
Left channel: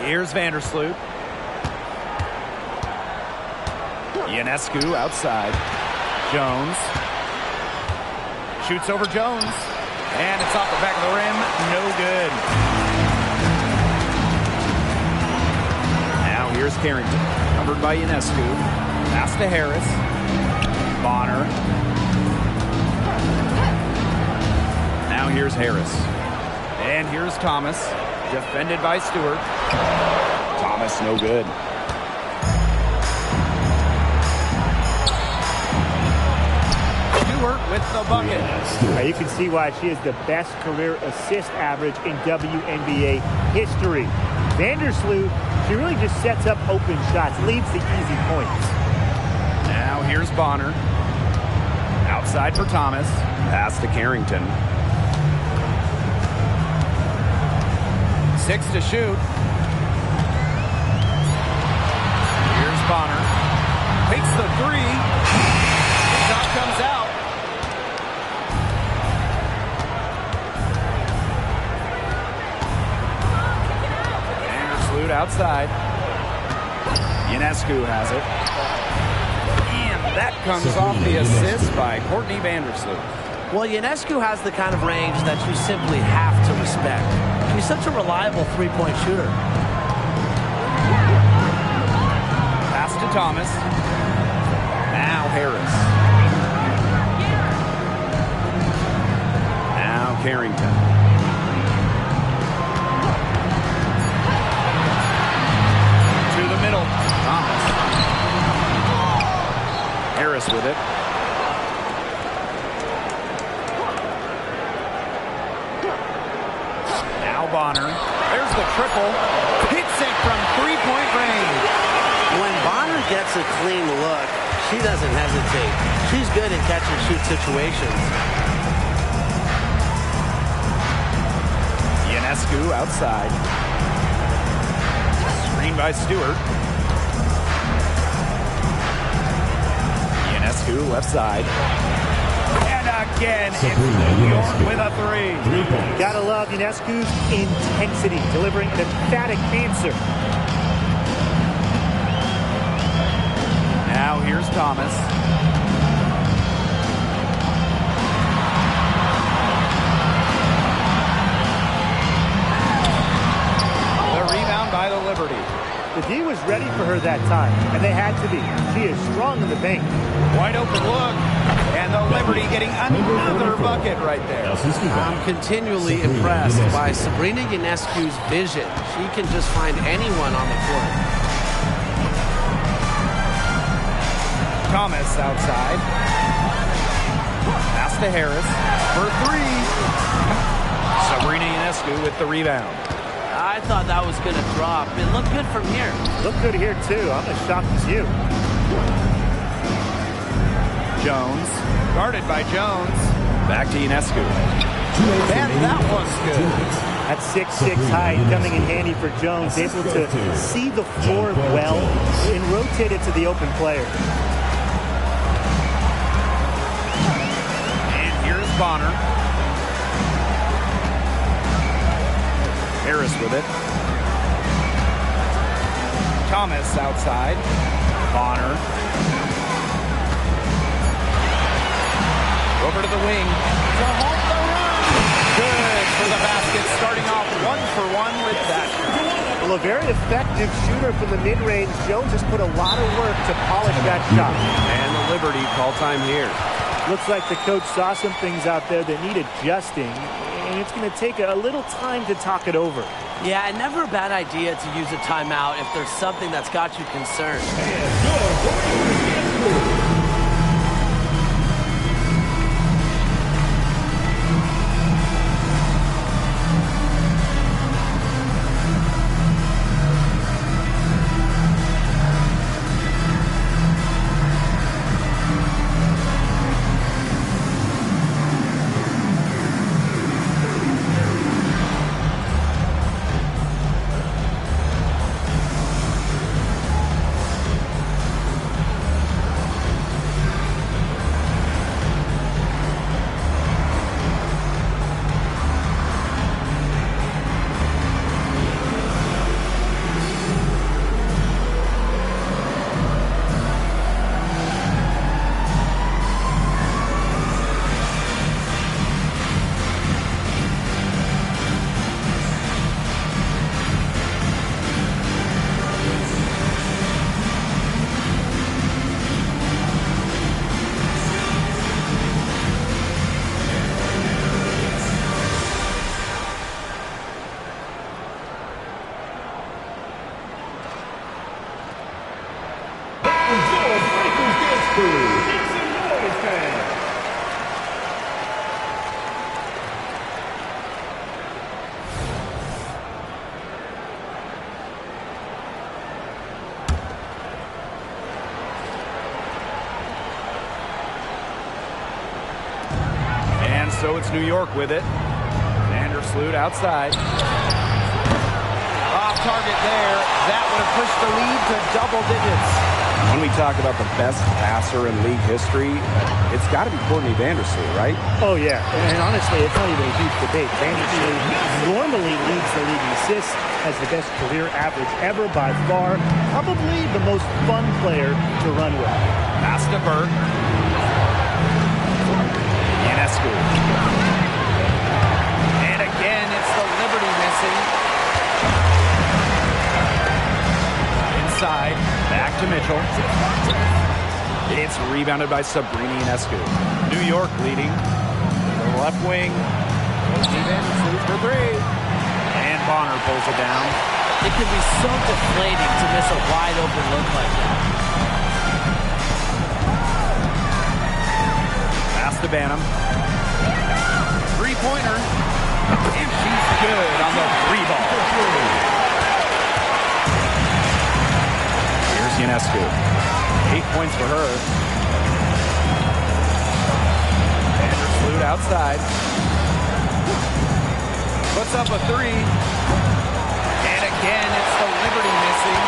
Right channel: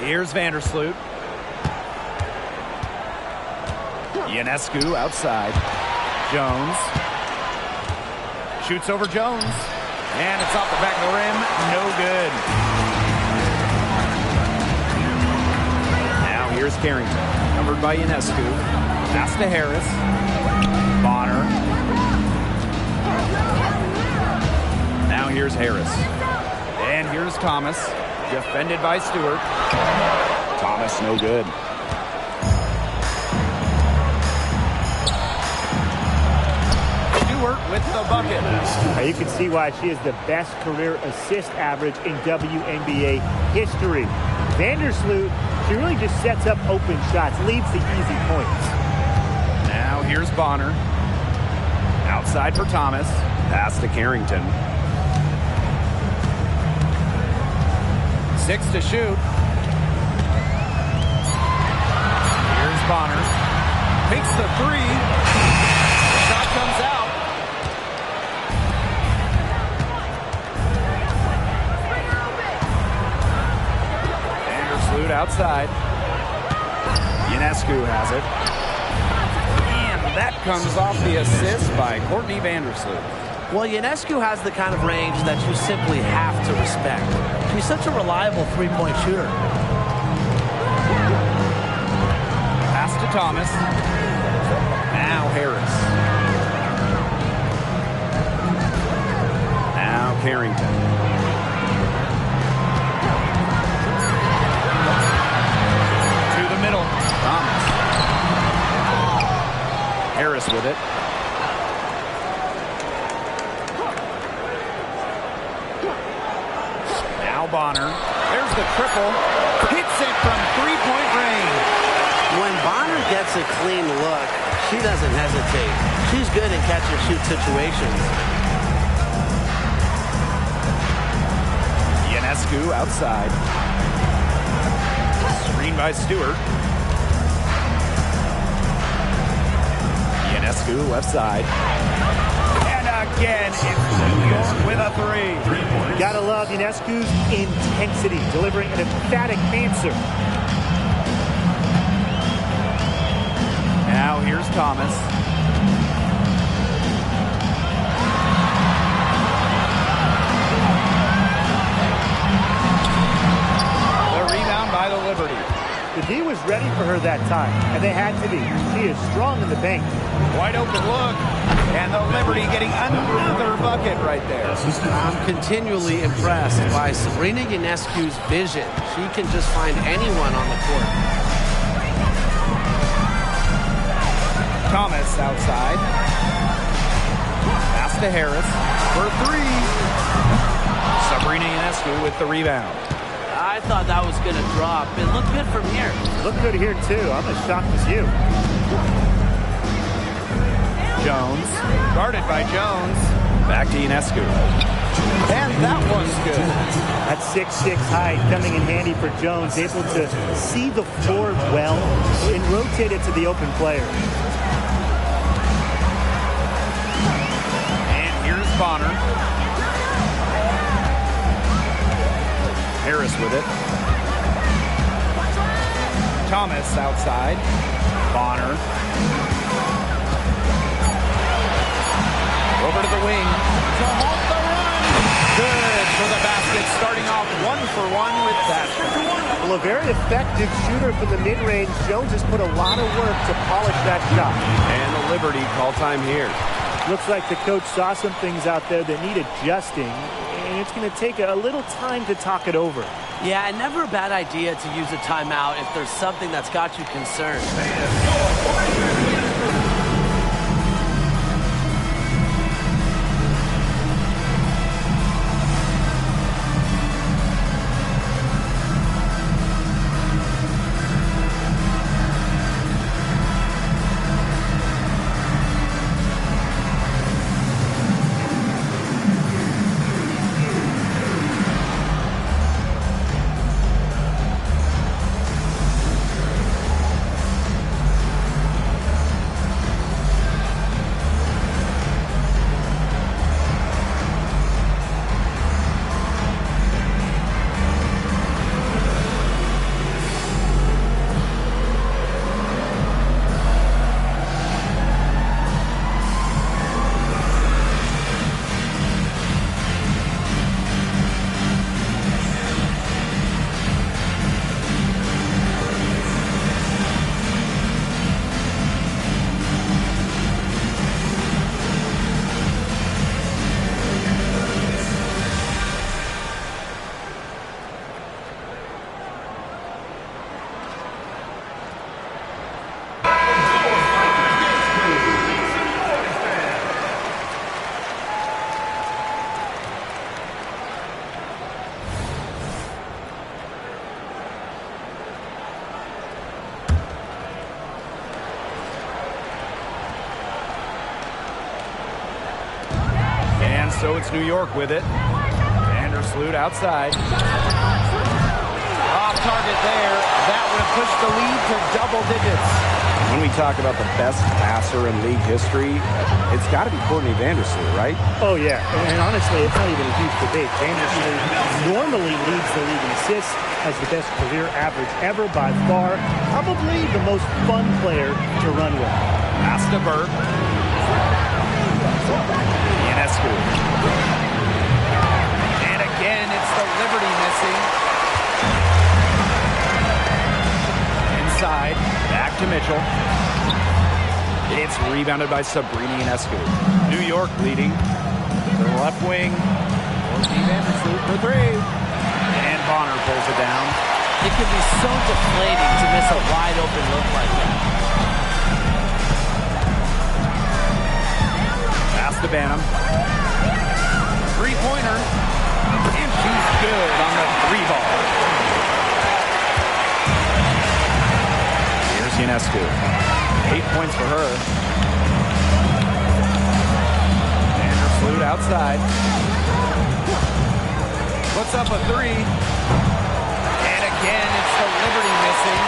Here's Vandersloot. Ionescu outside. Jones. Shoots over Jones. And it's off the back of the rim. No good. Now here's Carrington. Covered by Ionescu. Pass to Harris. Bonner. Now here's Harris. And here's Thomas. Defended by Stewart. Thomas, no good. Stewart with the bucket. Now you can see why she is the best career assist average in WNBA history. Vandersloot, she really just sets up open shots, leaves the easy points. Now here's Bonner. Outside for Thomas. Pass to Carrington. 6 to shoot. Here's Bonner. Takes the 3. The shot comes out. Vandersloot outside. Ionescu has it. And that comes off the assist by Courtney Vandersloot. Well, Ionescu has the kind of range that you simply have to respect. She's such a reliable three-point shooter. Pass to Thomas. Now Harris. Now Carrington. To the middle. Thomas. Harris with it. Now Bonner. There's the triple. Hits it from three-point range. When Bonner gets a clean look, she doesn't hesitate. She's good in catch-and-shoot situations. Ionescu outside. Screen by Stewart. Ionescu, left side. And again, it's New York with a 3. Gotta love Ionescu's intensity, delivering an emphatic answer. Now here's Thomas. The rebound by the Liberty. The D was ready for her that time, and they had to be. She is strong in the paint. Wide open look, and the Liberty getting another bucket right there. I'm continually impressed by Sabrina Ionescu's vision. She can just find anyone on the court. Thomas outside. Pass to Harris for 3. Sabrina Ionescu with the rebound. I thought that was going to drop. It looked good from here. Looked good here, too. I'm as shocked as you. Jones, guarded by Jones. Back to Ionescu. And that one's good. That 6'6" height coming in handy for Jones, able to see the floor well and rotate it to the open player. And here's Bonner. Harris with it. Thomas outside. Bonner. Over to the wing to halt the run. Good for the basket, starting off 1 for 1 with that shot. Well, a very effective shooter from the mid-range. Jones has put a lot of work to polish that shot. And the Liberty call time here. Looks like the coach saw some things out there that need adjusting, and it's going to take a little time to talk it over. Yeah, and never a bad idea to use a timeout if there's something that's got you concerned. So it's New York with it. Vandersloot outside. Off target there. That would have pushed the lead to double digits. When we talk about the best passer in league history, it's got to be Courtney Vandersloot, right? Oh, yeah. And honestly, it's not even a huge debate. Vandersloot normally leads the league in assists, has the best career average ever by far. Probably the most fun player to run with. Pass to Burke. Ionescu. And again, it's the Liberty missing. Inside, back to Mitchell. It's rebounded by Sabrina Ionescu. New York leading. To the left wing. Courtney Vandersloot for 3. And Bonner pulls it down. It can be so deflating to miss a wide open look like that. Pass to Banham. Three-pointer. And she's good on the 3-ball. Here's Ionescu. 8 points for her. Vandersloot outside. Puts up a 3. And again, it's the Liberty missing.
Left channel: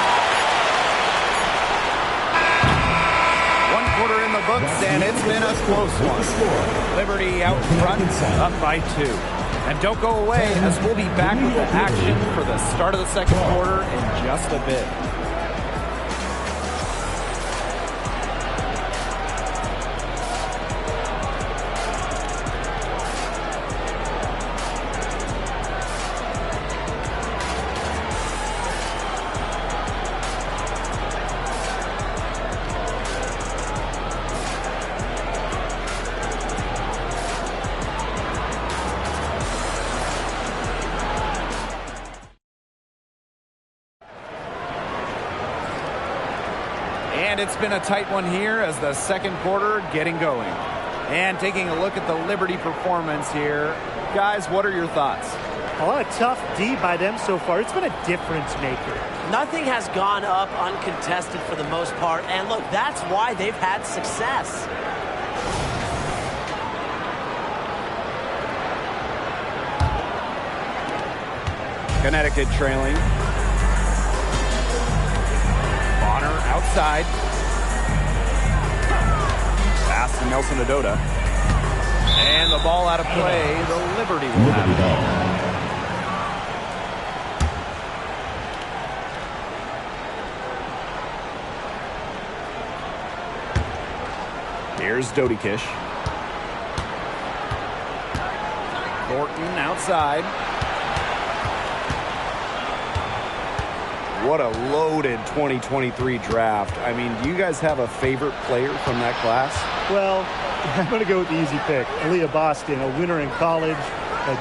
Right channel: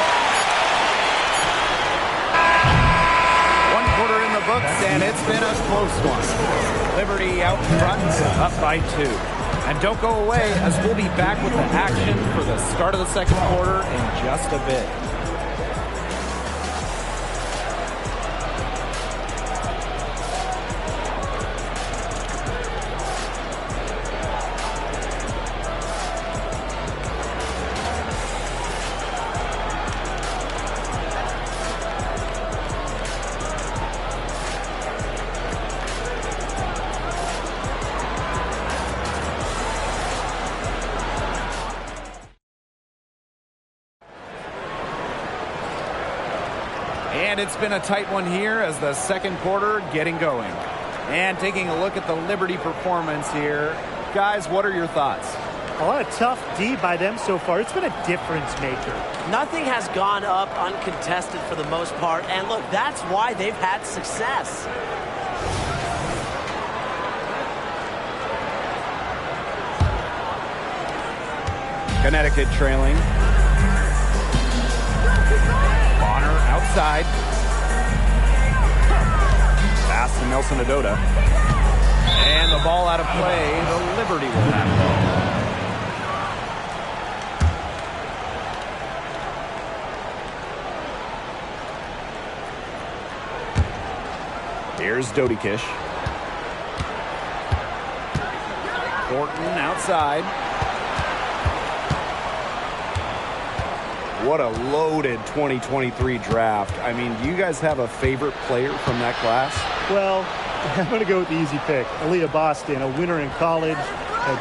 1 quarter in the books, and it's been a close one. Liberty out front, up by 2. And don't go away, as we'll be back with the action for the start of the second quarter in just a bit. And it's been a tight one here as the second quarter getting going. And taking a look at the Liberty performance here. Guys, what are your thoughts? A lot of tough D by them so far. It's been a difference maker. Nothing has gone up uncontested for the most part. And look, that's why they've had success. Connecticut trailing. Bonner outside. Pass to Nelson Adota. And the ball out of play. The Liberty will have it. Here's Dodikish. Thornton outside. What a loaded 2023 draft. I mean, do you guys have a favorite player from that class? Well, I'm going to go with the easy pick. Aaliyah Boston, a winner in college,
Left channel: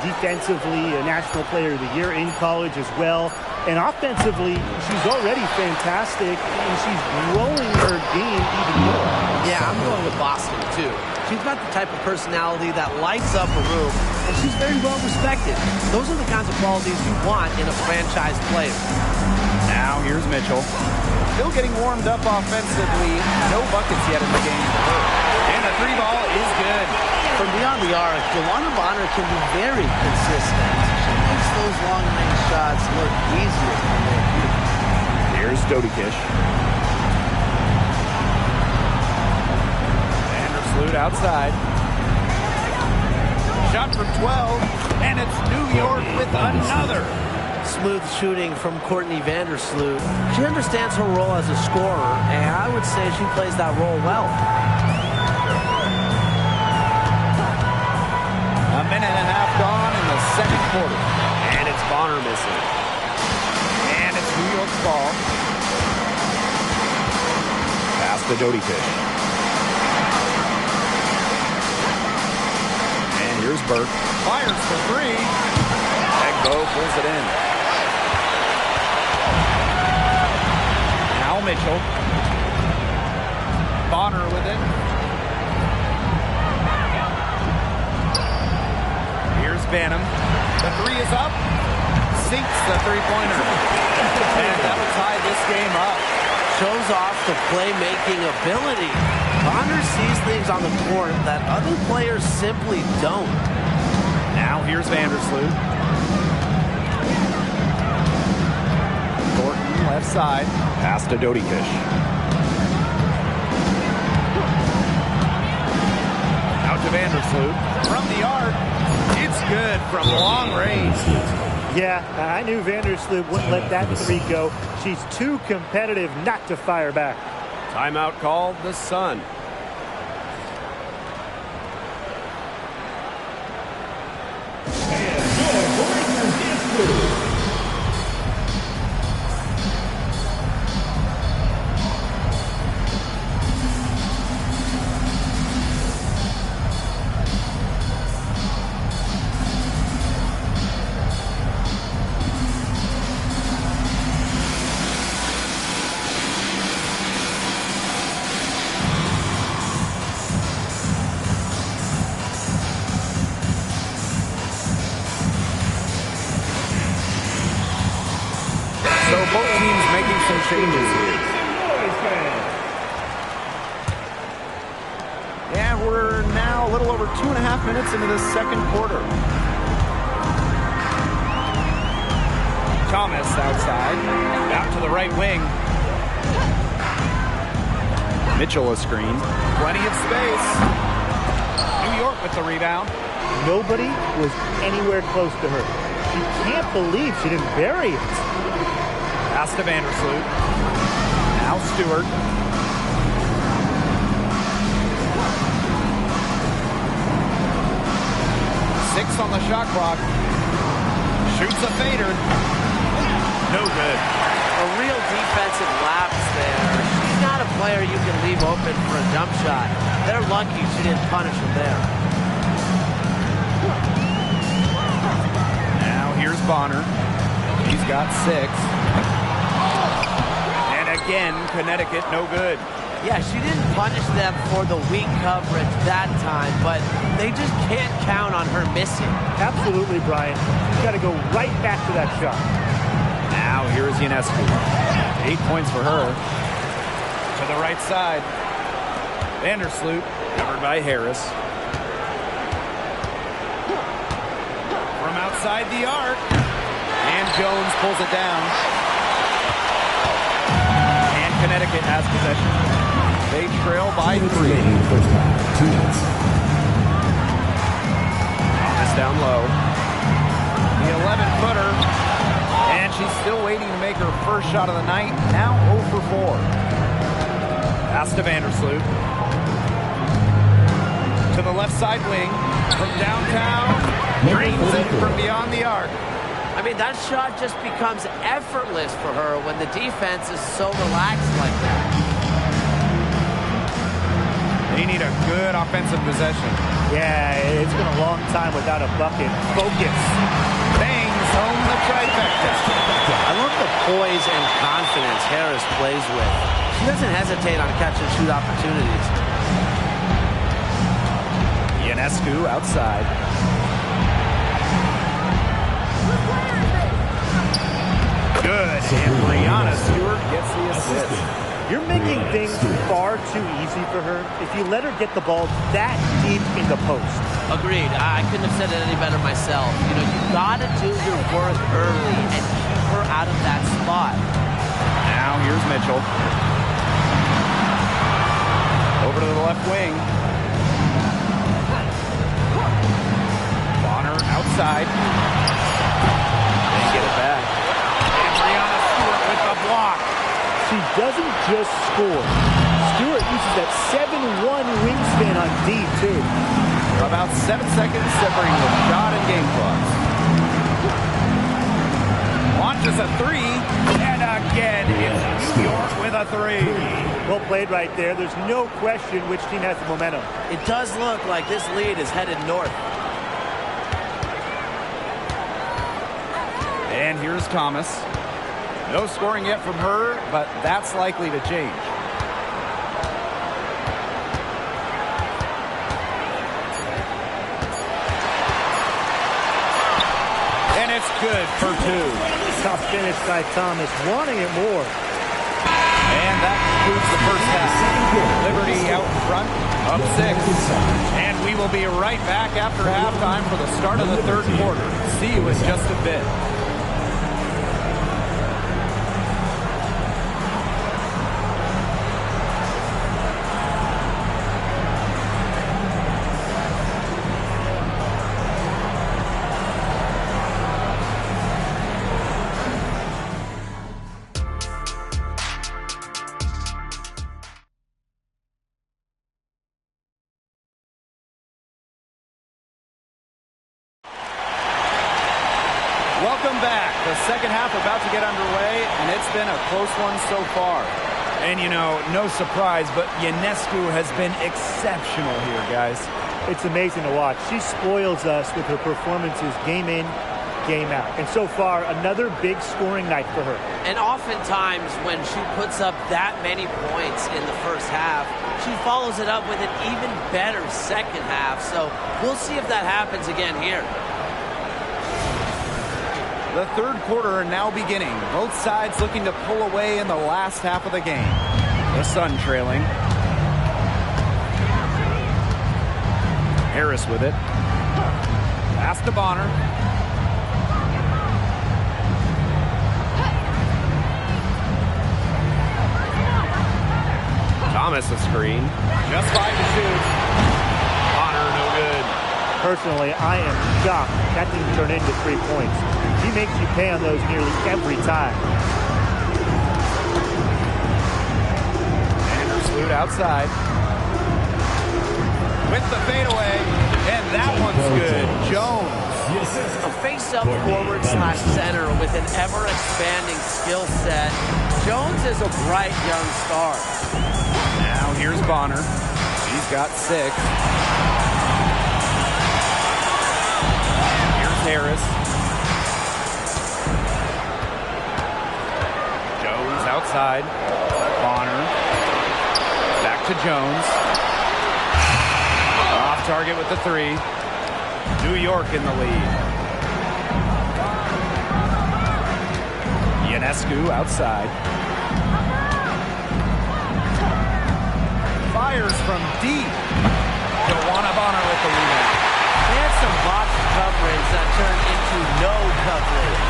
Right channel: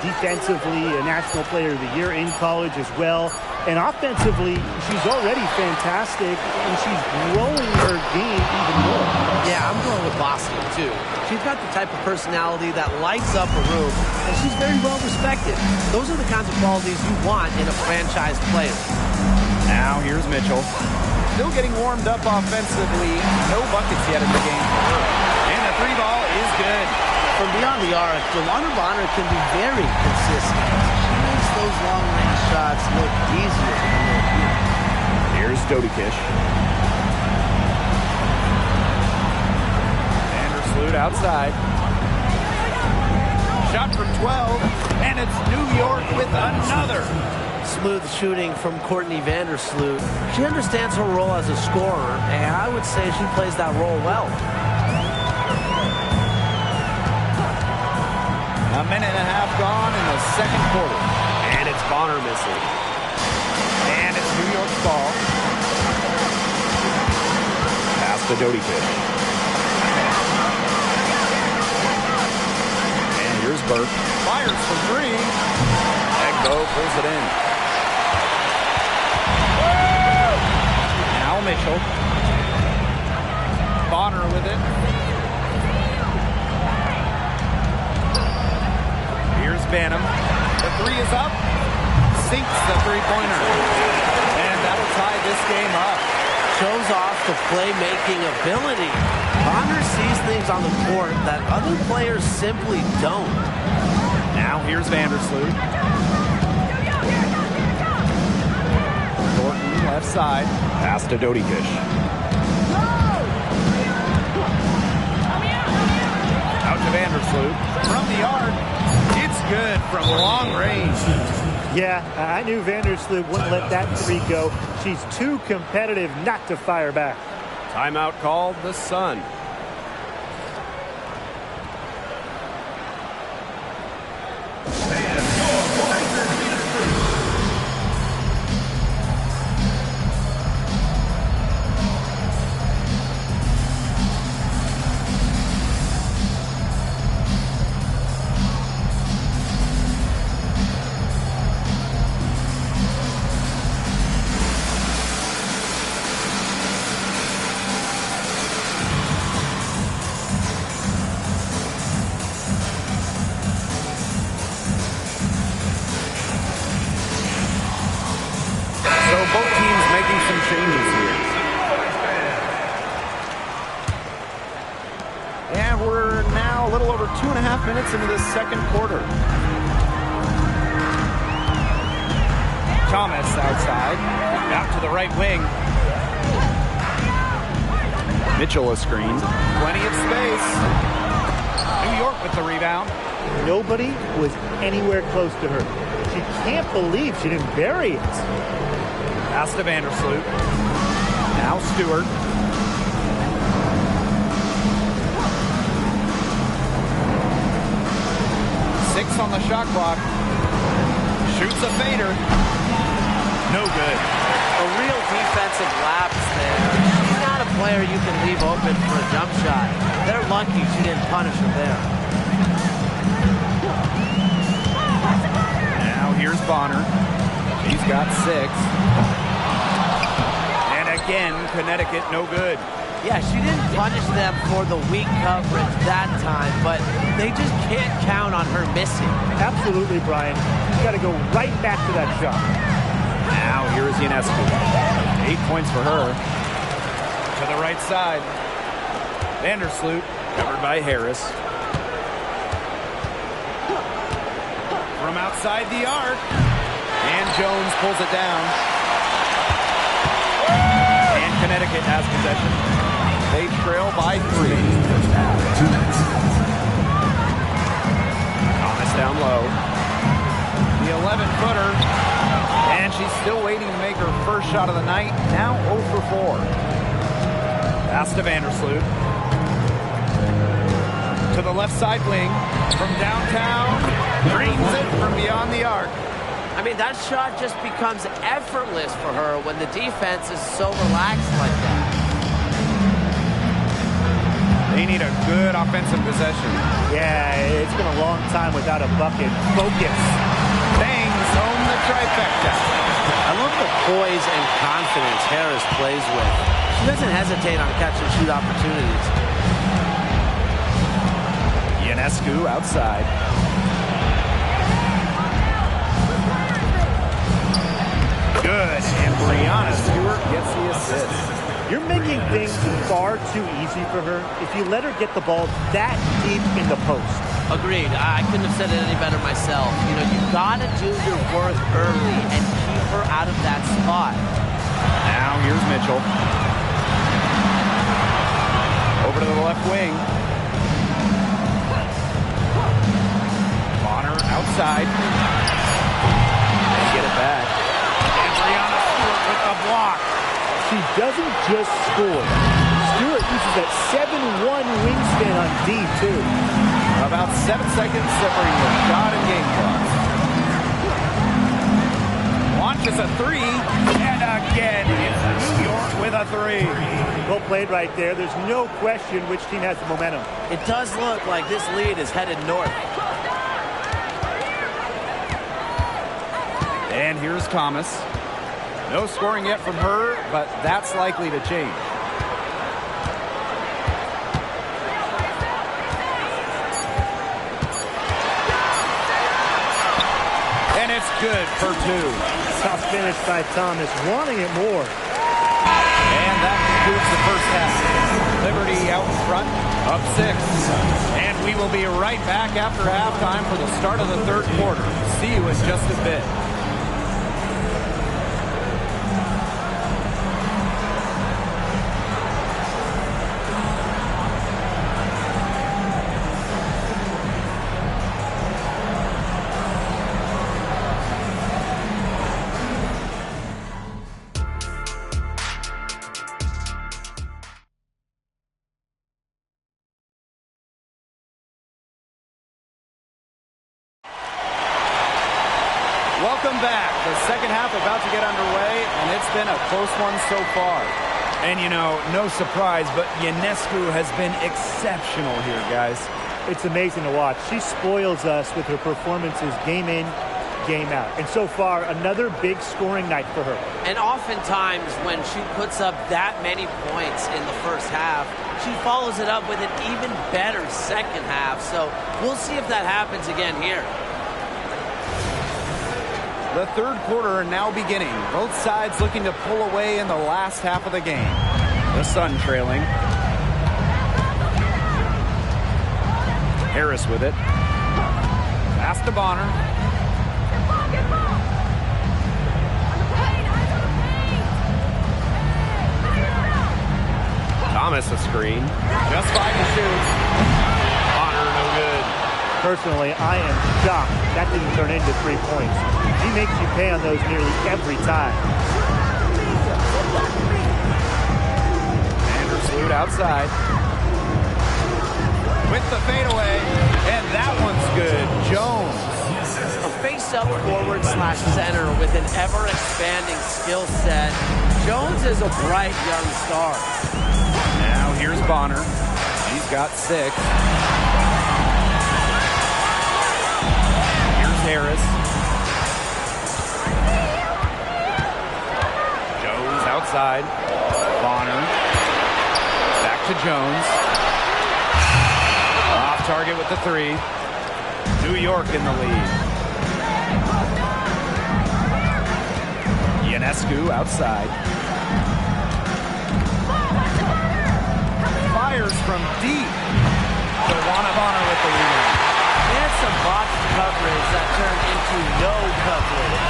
defensively, a National Player of the Year in college as well. And offensively, she's already fantastic, and she's growing her game even more. Yeah, I'm going with Boston, too. She's got the type of personality that lights up a room, and she's very well respected. Those are the kinds of qualities you want in a franchise player. Now here's Mitchell. Still getting warmed up offensively. No buckets yet in the game for her. And the 3 ball is good. From beyond the arc, DeWanda Bonner can be very consistent. She makes those long-range shots look easier than they appear. Here's Dodikish. Vandersloot outside. Shot from 12, and it's New York with another. Smooth shooting from Courtney Vandersloot. She understands her role as a scorer, and I would say she plays that role well. A minute and a half gone in the second quarter. And it's Bonner missing. And it's New York's ball. Pass to Dodikish. And here's Burke. Fires for 3. Egbo pulls it in. Now Mitchell. Bonner with it. Here's Banham. The 3 is up. Sinks the 3-pointer. And that'll tie this game up. Shows off the playmaking ability. Bonner sees things on the court that other players simply don't. Now here's Vandersloot. Thornton left side. Pass to Dodikish. Out to Vandersloot. From the arc. It's good from long range. Yeah, I knew Vandersloot wouldn't let that 3 go. She's too competitive not to fire back. Timeout called the Sun. So both teams making some changes here. And we're now a little over 2.5 minutes into the second quarter. Thomas outside. Out to the right wing. Mitchell a screen. Plenty of space. New York with the rebound. Nobody was anywhere close to her. She can't believe she didn't bury it. Pass to Vandersloot. Now Stewart. Six on the shot clock. Shoots a fader. No good. A real defensive lapse there. She's not a player you can leave open for a jump shot. They're lucky she didn't punish him there. Now here's Bonner. She's got 6. And again, Connecticut no good. Yeah, she didn't punish them for the weak coverage that time, but they just can't count on her missing. Absolutely, Brian. She's got to go right back to that shot. Now here is Ionescu. 8 points for her. To the right side. Vandersloot, covered by Harris. From outside the arc. And Jones pulls it down. And Connecticut has possession. They trail by 3. Thomas down low. The 11-footer. And she's still waiting to make her first shot of the night. Now 0 for 4. Pass to Vandersloot. To the left side wing. From downtown. Drains it from beyond the arc. I mean, that shot just becomes effortless for her when the defense is so relaxed like that. They need a good offensive possession. Yeah, it's been a long time without a bucket. Focus. Bangs home the trifecta. I love the poise and confidence Harris plays with. She doesn't hesitate on catch and shoot opportunities. Ionescu outside. Good, and Brianna Stewart gets the assist. You're making things far too easy for her if you let her get the ball that deep in the post. Agreed. I couldn't have said it any better myself. You know, you've got to do your work early and keep her out of that spot. Now here's Mitchell. Over to the left wing. Bonner outside. They get it back. And Brianna Stewart with the block. She doesn't just score. Stewart uses that 7-1 wingspan on D, too. About 7 seconds separating the shot and game clocks. Launches a 3, and again, it's New York with a 3. Well played right there. There's no question which team has the momentum. It does look like this lead is headed north. And here's Thomas. No scoring yet from her, but that's likely to change. And it's good for 2. Tough finish by Thomas, wanting it more. And that concludes the first half. Liberty out front, up 6. And we will be right back after halftime for the start of the third quarter. See you in just a bit. Welcome back. The second half about to get underway, and it's been a close one so far. And, you know, no surprise, but Ionescu has been exceptional here, guys. It's amazing to watch. She spoils us with her performances game in, game out. And so far, another big scoring night for her. And oftentimes when she puts up that many points in the first half, she follows it up with an even better second half. So we'll see if that happens again here. The third quarter now beginning. Both sides looking to pull away in the last half of the game. The Sun trailing. Harris with it. Pass to Bonner. Thomas a screen. Just 5 to shoot. Bonner, no good. Personally, I am shocked that didn't turn into 3 points. She makes you pay on those nearly every time. Vandersloot outside. With the fadeaway, and that one's good. Jones. A face-up forward / center with an ever-expanding skill set. Jones is a bright young star. Now here's Bonner. She's got 6. Here's Harris. Jones outside. Bonner. Back to Jones. Off target with the 3. New York in the lead. Ionescu outside. Fires from deep. Joanna Bonner with the rebound. They had some botched coverage that turned into no coverage.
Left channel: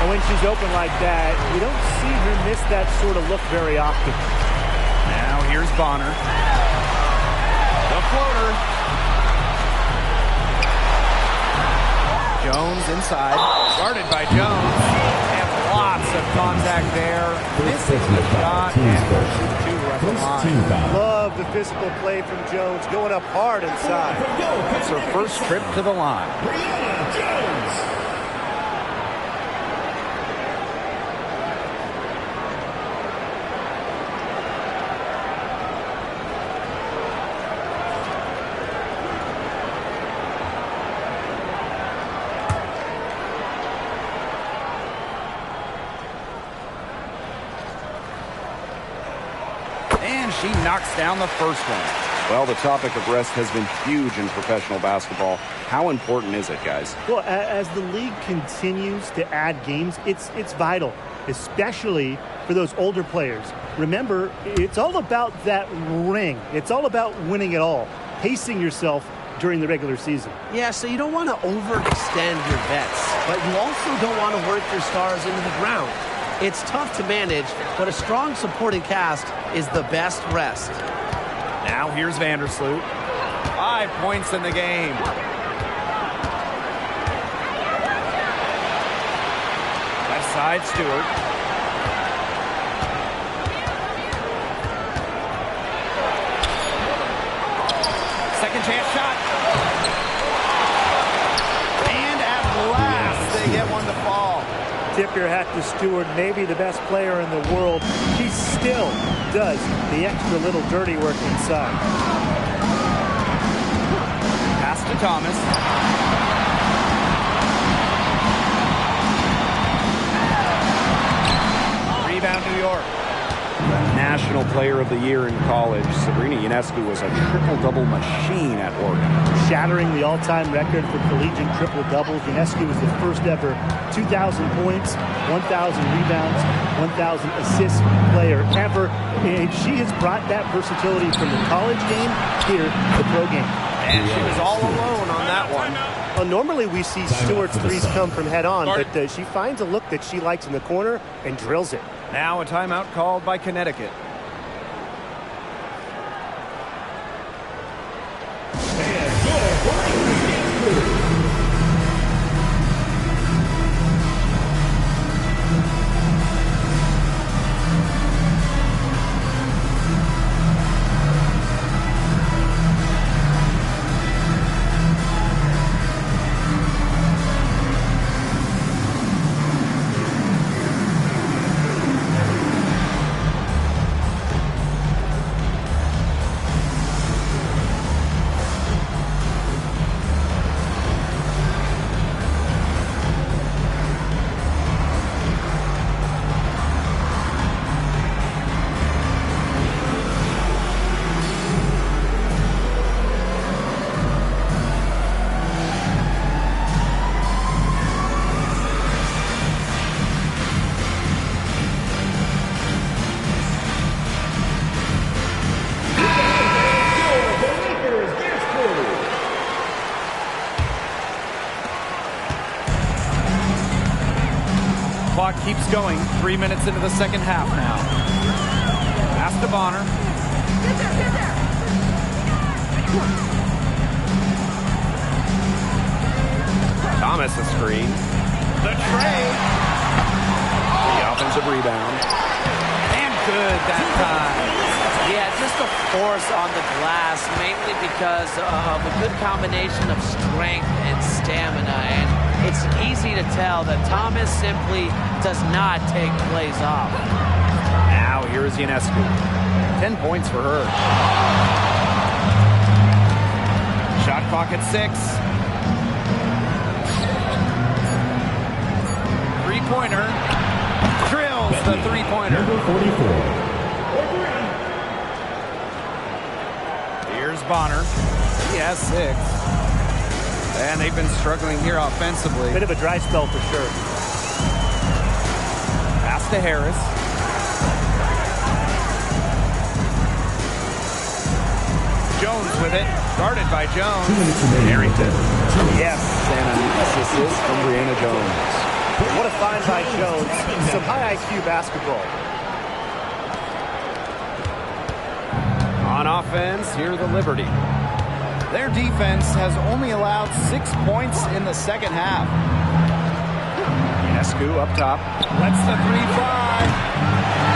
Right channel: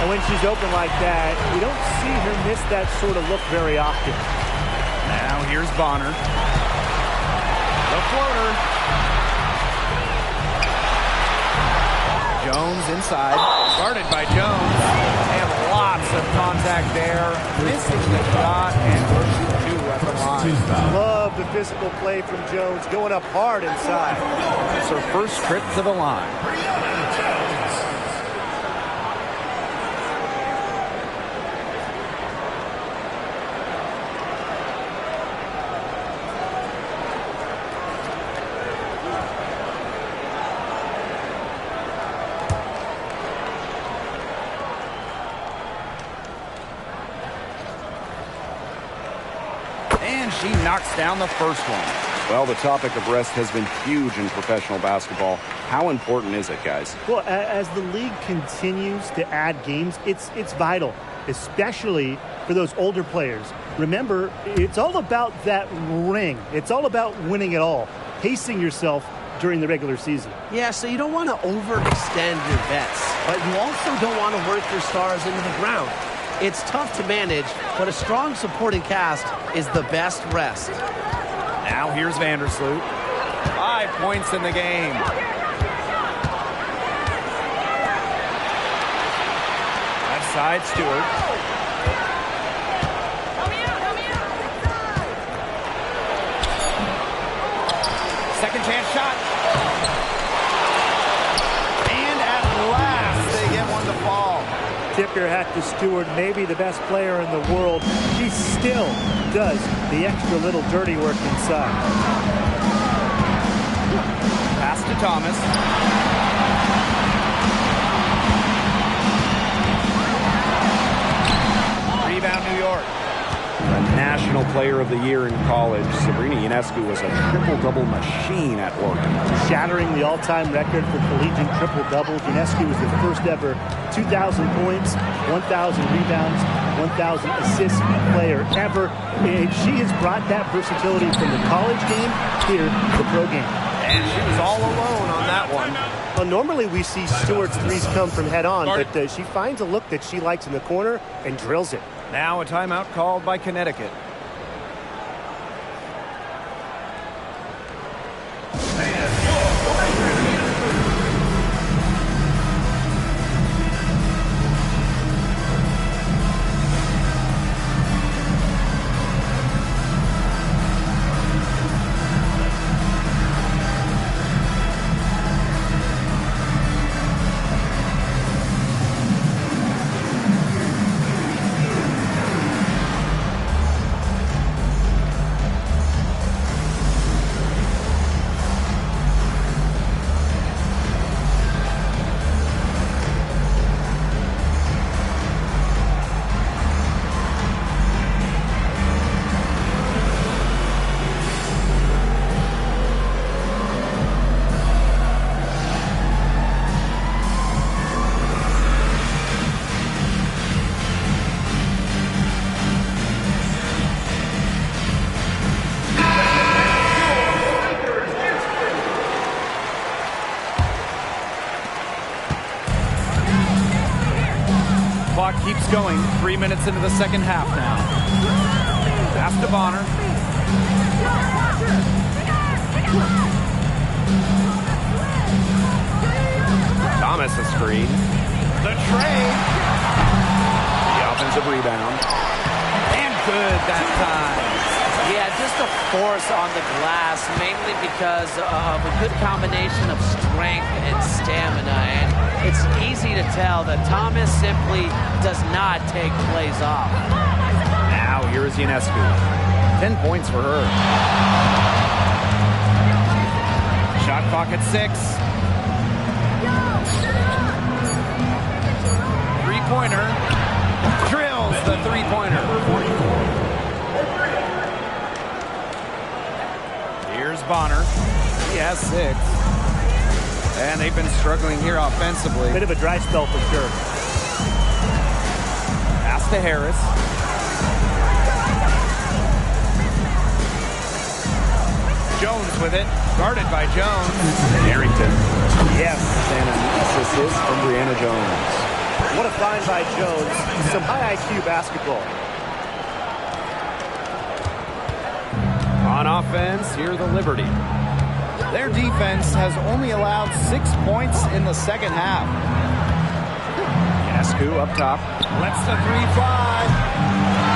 And when she's open like that, you don't see her miss that sort of look very often. Now here's Bonner. The floater. Jones inside. Guarded by Jones. And lots of contact there. Missing the shot. And we'll shoot 2 at the line. Love the physical play from Jones, going up hard inside. It's her first trip to the line. And she knocks down the first one. Well, the topic of rest has been huge in professional basketball. How important is it, guys? Well, as the league continues to add games, it's vital, especially for those older players. Remember, it's all about that ring. It's all about winning it all, pacing yourself during the regular season. Yeah, so you don't want to overextend your vets, but you also don't want to work your stars into the ground. It's tough to manage, but a strong supporting cast is the best rest. Now here's Vandersloot. 5 points in the game. Left side, Stewart. Second chance shot. And at last, they get one to fall. Tip your hat to Stewart, maybe the best player in the world. She still does the extra little dirty work inside. Pass to Thomas. Rebound, New York. The National Player of the Year in college, Sabrina Ionescu was a triple-double machine at Oregon. Shattering the all-time record for collegiate triple-doubles, Ionescu was the first ever 2,000 points, 1,000 rebounds, 1,000 assists player ever. And she has brought that versatility from the college game here to the pro game. And she was all alone on that one. Well, normally we see Stewart's threes come from head on, but she finds a look that she likes in the corner and drills it. Now a timeout called by Connecticut. Clock keeps going. 3 minutes into the second half now. Pass to Bonner. Thomas a screen. The trade. The offensive rebound. And good that time. Yeah, just a force on the glass, mainly because of a good combination of strength and stamina. And it's easy to tell that Thomas simply does not take plays off. Now here's Ionescu. 10 points for her. Shot clock at 6. Three-pointer. Drills the three-pointer. Number 44. Here's Bonner. He has 6. And they've been struggling here offensively. Bit of a dry spell for sure. Pass to Harris. Jones with it. Guarded by Jones. Harrington. Yes, and a nice assist from Brianna Jones. What a find by Jones. Some high IQ basketball. On offense, here the Liberty. Their defense has only allowed 6 points in the second half. Ionescu up top. Lets the 3 fly.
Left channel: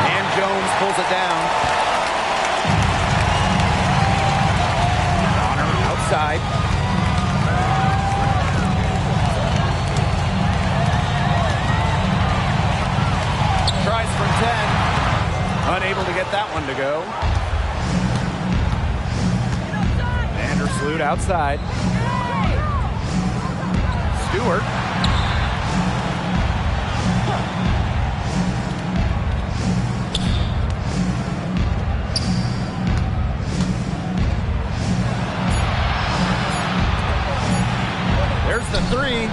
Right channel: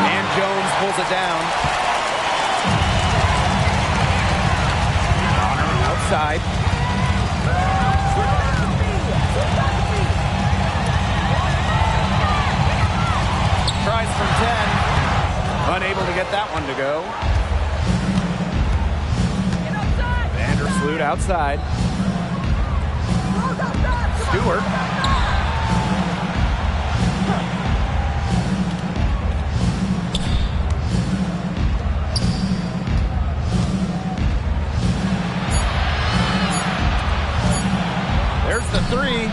And Jones pulls it down. Bonner outside. Tries from 10. Unable to get that one to go. Vandersloot outside. Stewart. There's the 3.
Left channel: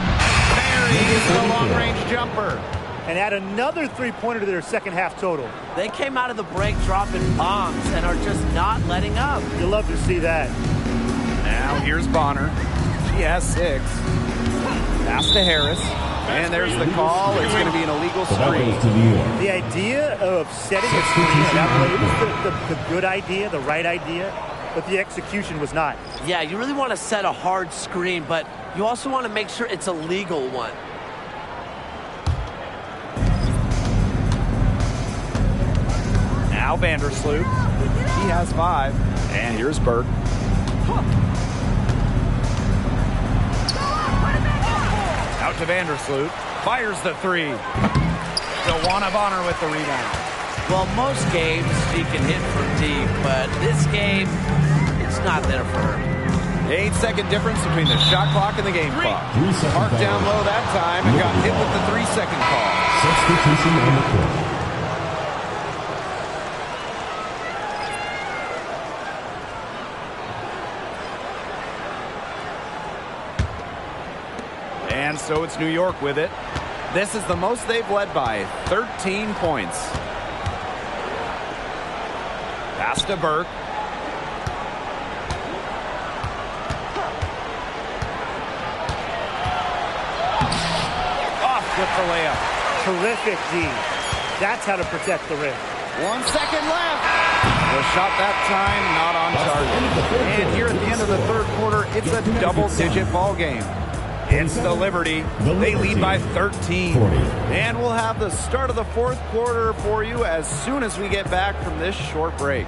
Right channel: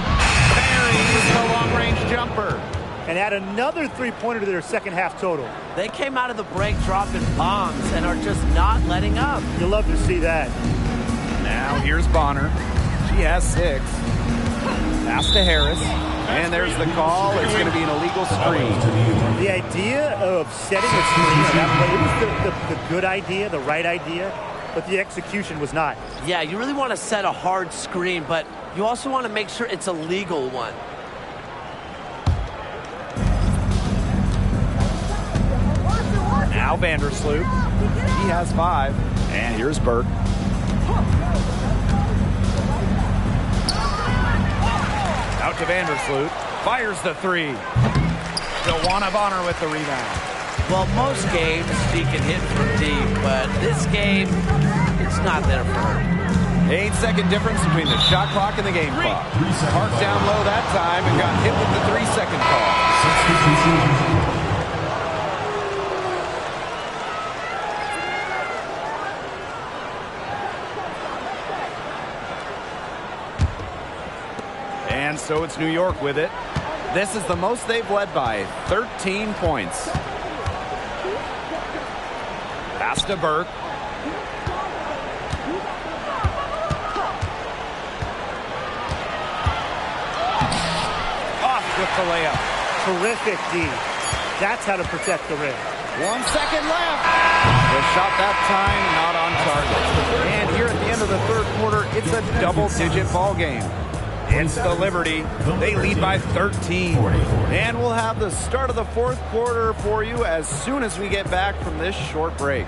Buries the long-range jumper. And add another three-pointer to their second half total. They came out of the break dropping bombs and are just not letting up. You love to see that. Now here's Bonner. She has 6. Pass to Harris. And there's the call. It's going to be an illegal screen. The idea of setting a screen on that play, it was the good idea, the right idea, but the execution was not. Yeah, you really want to set a hard screen, but you also want to make sure it's a legal one. Now Vandersloot. He has 5. And here's Burke. Out to Vandersloot. Fires the 3. DeWanna Bonner with the rebound. Well, most games she can hit from deep, but this game, it's not there for her. 8-second difference between the shot clock and the game clock. Parked down low that time and got hit with the 3-second call. Substitution on the court. And so it's New York with it. This is the most they've led by, 13 points. Pass to Burke. Off with the layup. Terrific D. That's how to protect the rim. 1 second left. The shot that time not on target. And here at the end of the third quarter, it's a double-digit ball game. It's the Liberty. They lead by 13. And we'll have the start of the fourth quarter for you as soon as we get back from this short break.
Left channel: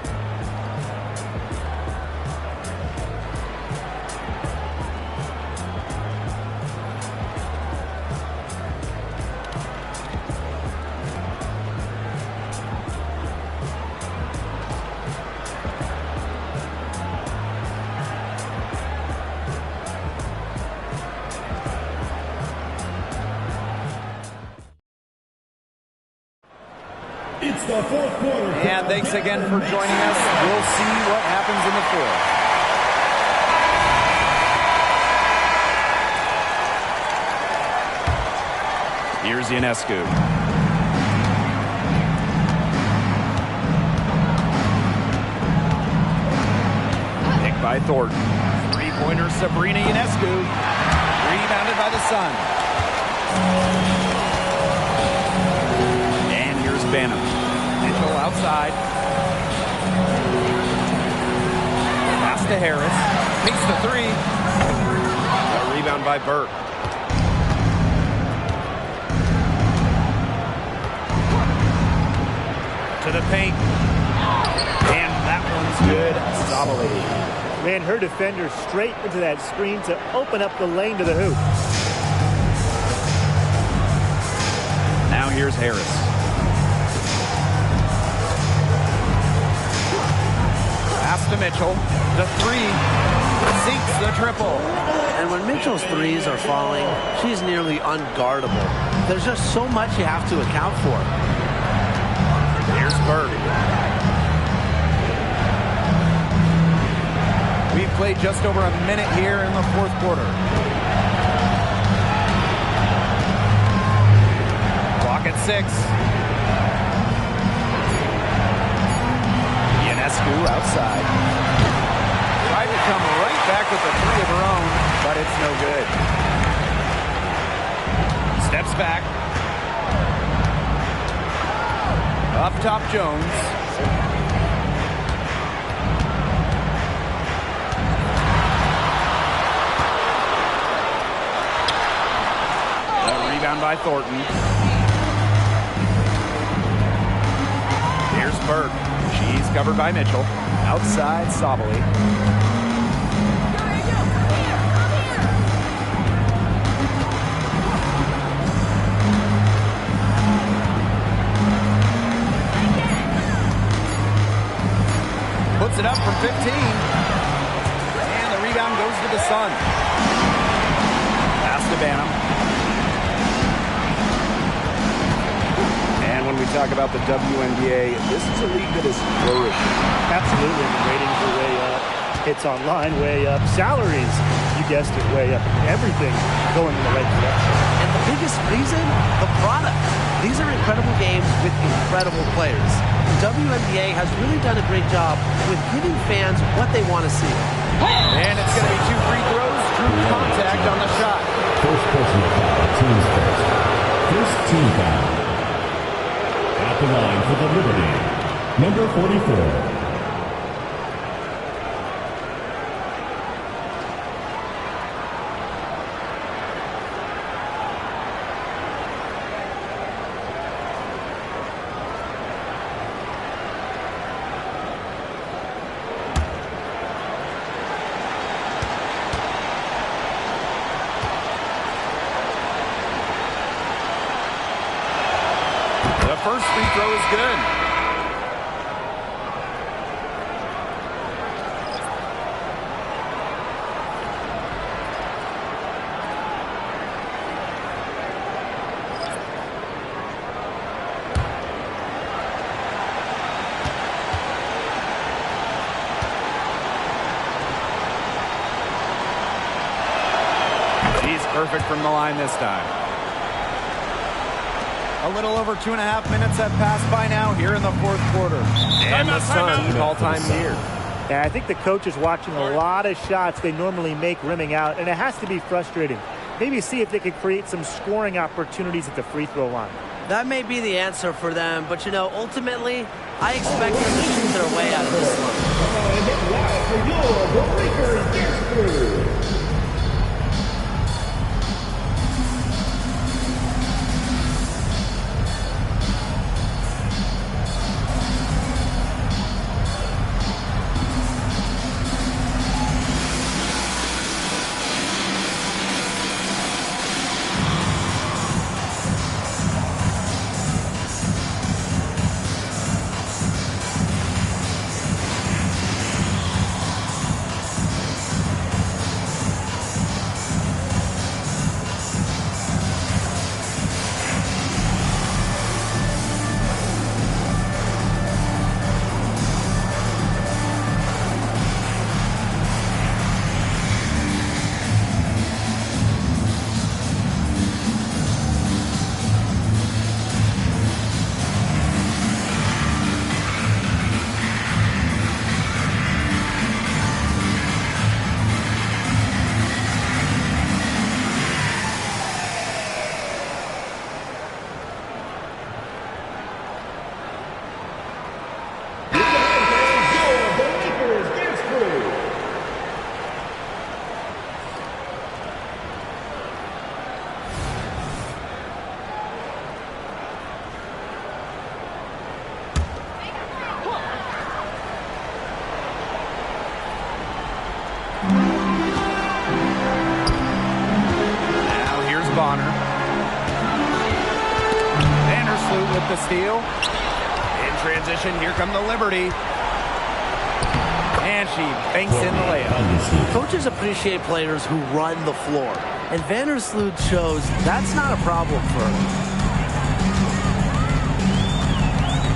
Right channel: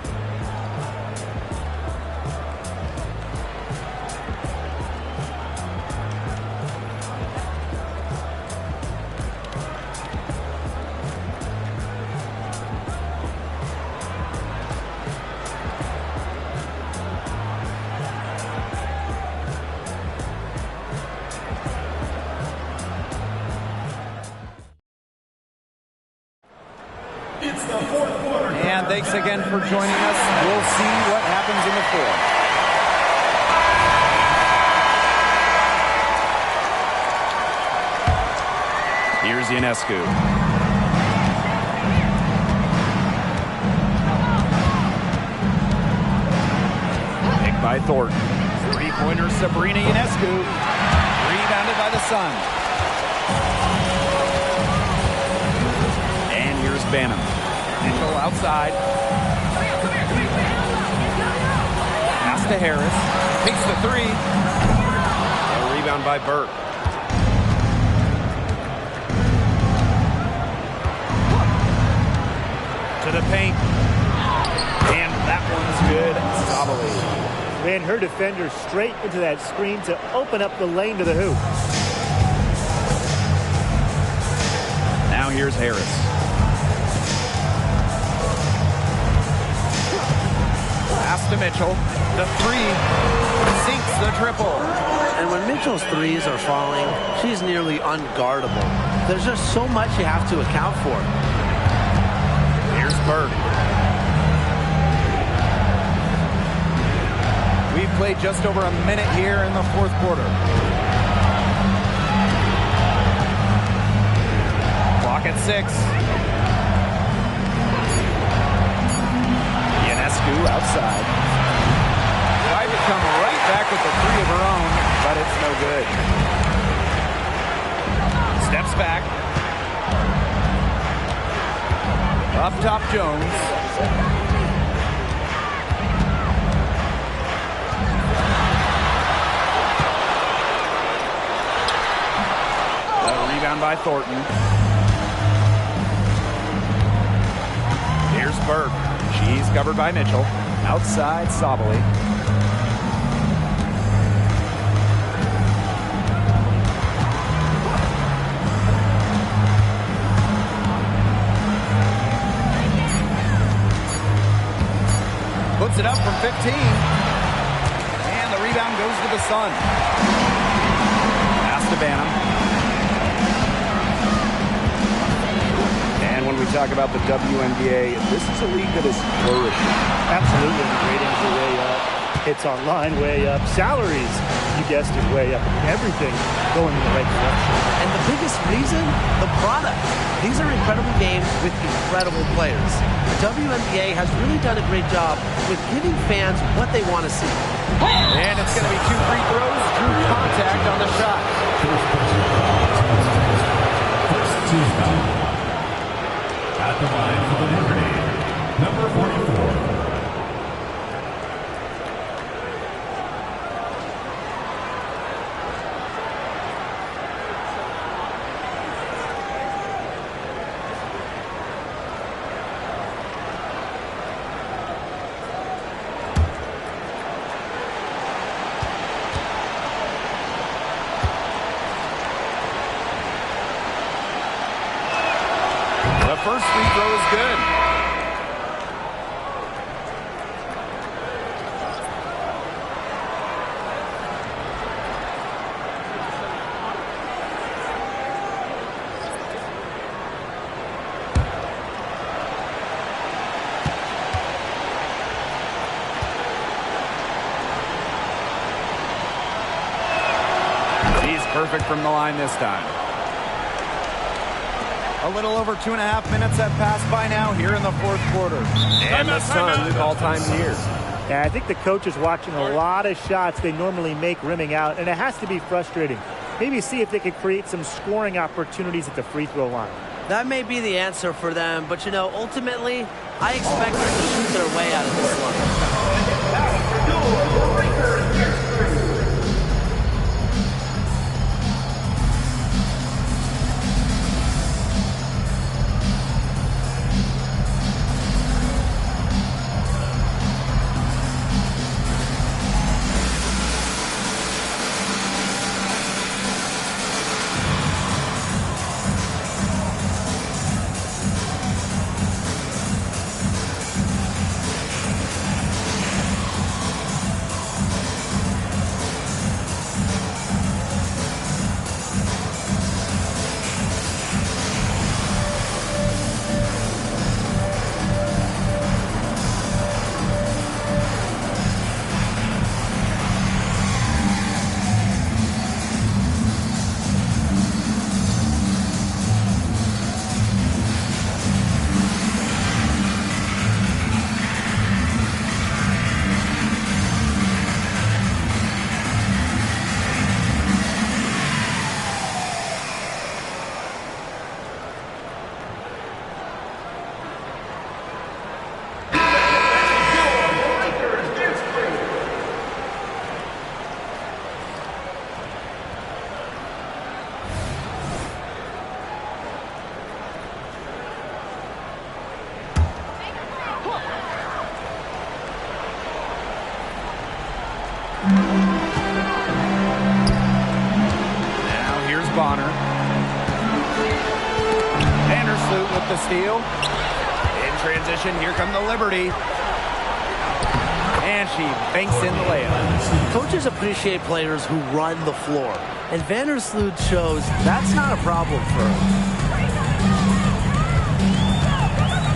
It's the fourth quarter. And thanks again for joining us. We'll see what happens in the fourth. Here's Ionescu. Picked by Thornton. Three-pointer Sabrina Ionescu. Rebounded by the Sun. And here's Banham. Mitchell outside. to Harris. Takes the three. A rebound by Burke. To the paint. And that one's good. Sabali. Ran her defender straight into that screen to open up the lane to the hoop. Now here's Harris. Pass to Mitchell. The three. Sinks the triple. And when Mitchell's threes are falling, she's nearly unguardable. There's just so much you have to account for. Here's Burke. We've played just over a minute here in the fourth quarter. Clock at 6. Ionescu outside. Tried to come right back with the three of her own, but it's no good. Steps back. Up top, Jones. The rebound by Thornton. Here's Burke. She's covered by Mitchell. Outside, Sabali. Puts it up from 15. And the rebound goes to the Sun. Pass to Banham. And when we talk about the WNBA, this is a league that is flourishing. Absolutely. The ratings are way up. Hits online way up. Salaries, you guessed it, way up. I mean, everything going in the right direction. And the biggest reason, the product. These are incredible games with incredible players. The WNBA has really done a great job with giving fans what they want to see. And it's going to be 2 free throws. Drew contact on the shot. First personal foul, team's first. First team foul. At the line for the Liberty, number 44. The first free throw is good. She's perfect from the line this time. A little over 2.5 minutes have passed by now here in the fourth quarter. And the Sun call time here. Yeah, I think the coach is watching a lot of shots they normally make rimming out, and it has to be frustrating. Maybe see if they could create some scoring opportunities at the free throw line. That may be the answer for them, but, you know, ultimately, I expect them to shoot their way out of this slump. Bonner. Vandersloot with the steal. In transition, here come the Liberty. And she banks in the layup. Coaches appreciate players who run the floor. And Vandersloot shows that's not a problem for her.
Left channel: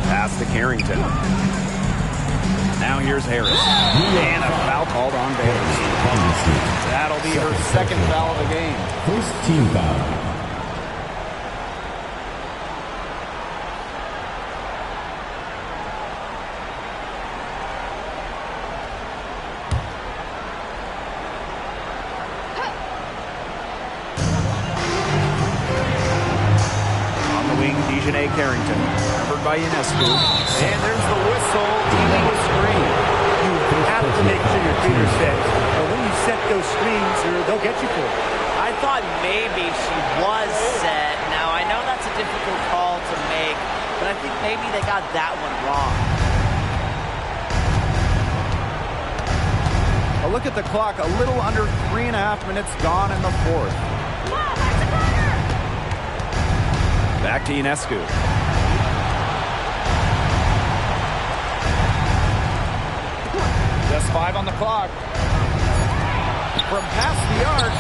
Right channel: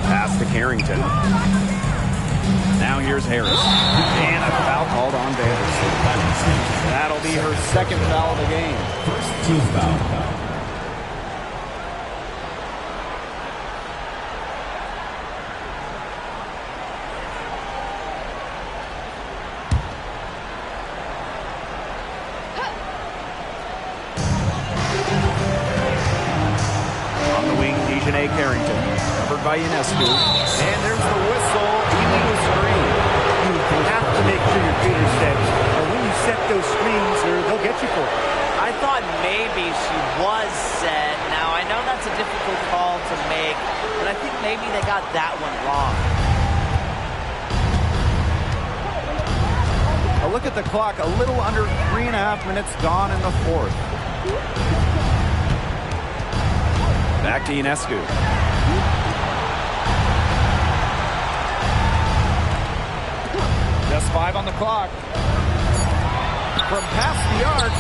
Pass to Carrington. Now here's Harris. And a foul called on Vandersloot. That'll be her second foul of the game. First team foul. On the wing, Dejanay Carrington. Covered by Ionescu. And there's the whistle. Illegal screen. You have to make sure your feet are set. When you set those screens, they'll get you for it. I thought maybe she was set. Now, I know that's a difficult call to make, but I think maybe they got that one wrong. A look at the clock. A little under 3.5 minutes gone in the fourth. Back to Ionescu. Just 5 on the clock. From past the arc,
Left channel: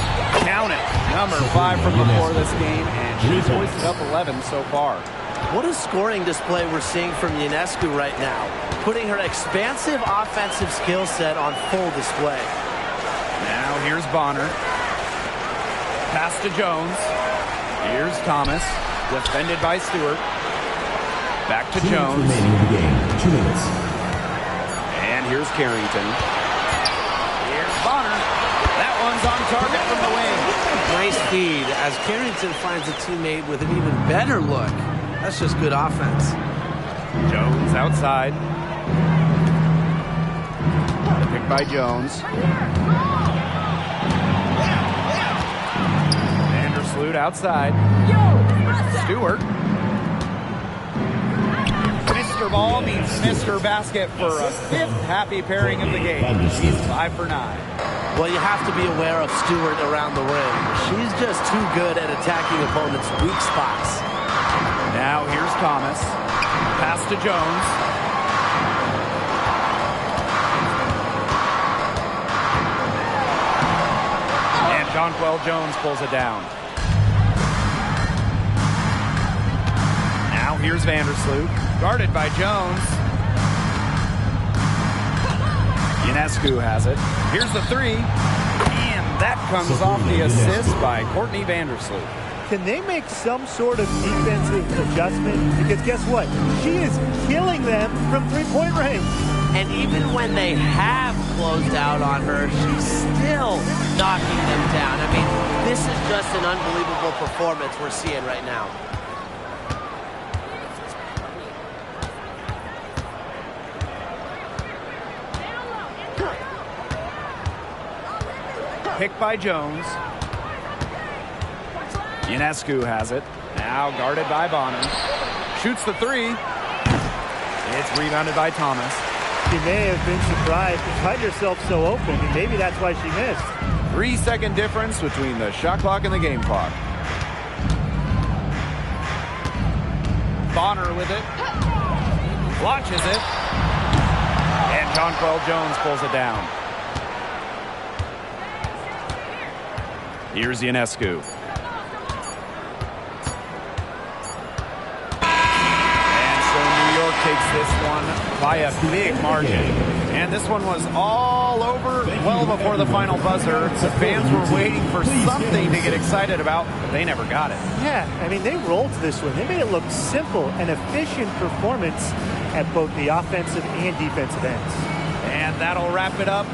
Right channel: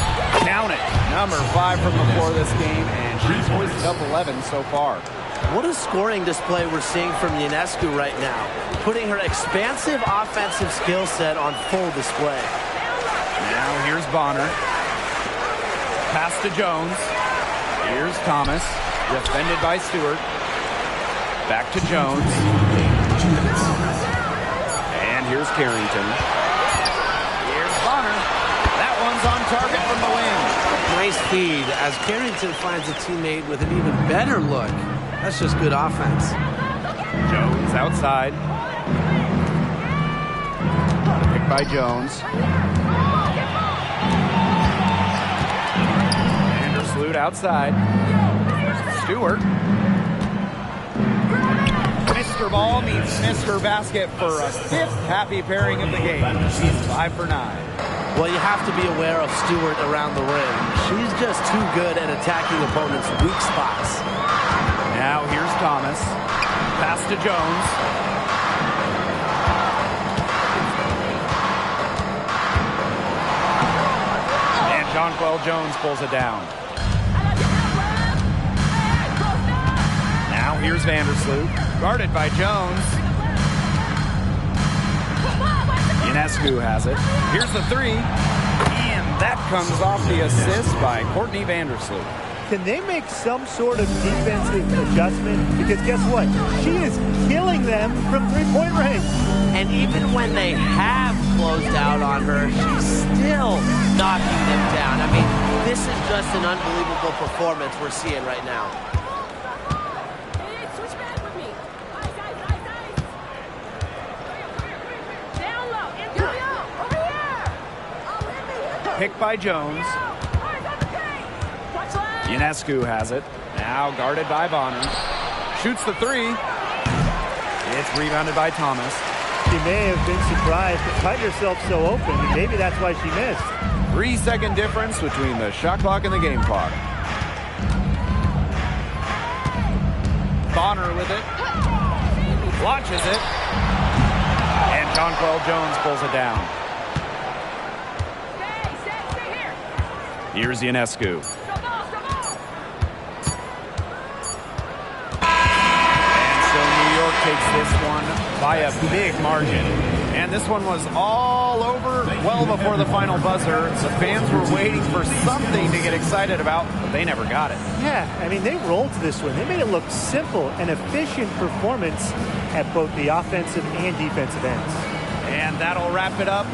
count it. Number 5 from the floor this game, and she's hoisted up 11 so far. What a scoring display we're seeing from Ionescu right now, putting her expansive offensive skill set on full display. Now here's Bonner. Pass to Jones. Here's Thomas, defended by Stewart. Back to Jones. 2 minutes. And here's Carrington. Here's Bonner. That one's on target from the wing. Nice feed as Carrington finds a teammate with an even better look. That's just good offense. Jones outside. The pick by Jones. Vandersloot outside. Stewart. Mr. Ball meets Mr. Basket for a 5th happy pairing of the game. She's 5 for 9. Well, you have to be aware of Stewart around the rim. She's just too good at attacking opponents' weak spots. Now here's Thomas. Pass to Jones. And Jonquel Jones pulls it down. Now here's Vandersloot. Guarded by Jones. Ionescu has it. Here's the 3. And that comes off the assist by Courtney Vandersloot. Can they make some sort of defensive adjustment? Because guess what? She is killing them from three-point range. And even when they have closed out on her, she's still knocking them down. I mean, this is just an unbelievable performance we're seeing right now. Picked by Jones. Ionescu has it. Now guarded by Bonner. Shoots the 3. It's rebounded by Thomas. She may have been surprised to find herself so open, and maybe that's why she missed. 3-second difference between the shot clock and the game clock. Bonner with it. Launches it. And Jonquel Jones pulls it down. Here's Ionescu. And so New York takes this one by a big margin. And this one was all over well before the final buzzer. The fans were waiting for something to get excited about, but they never got it. Yeah, I mean, they rolled this one. They made it look simple, an efficient performance at both the offensive and defensive ends. And that'll wrap it up.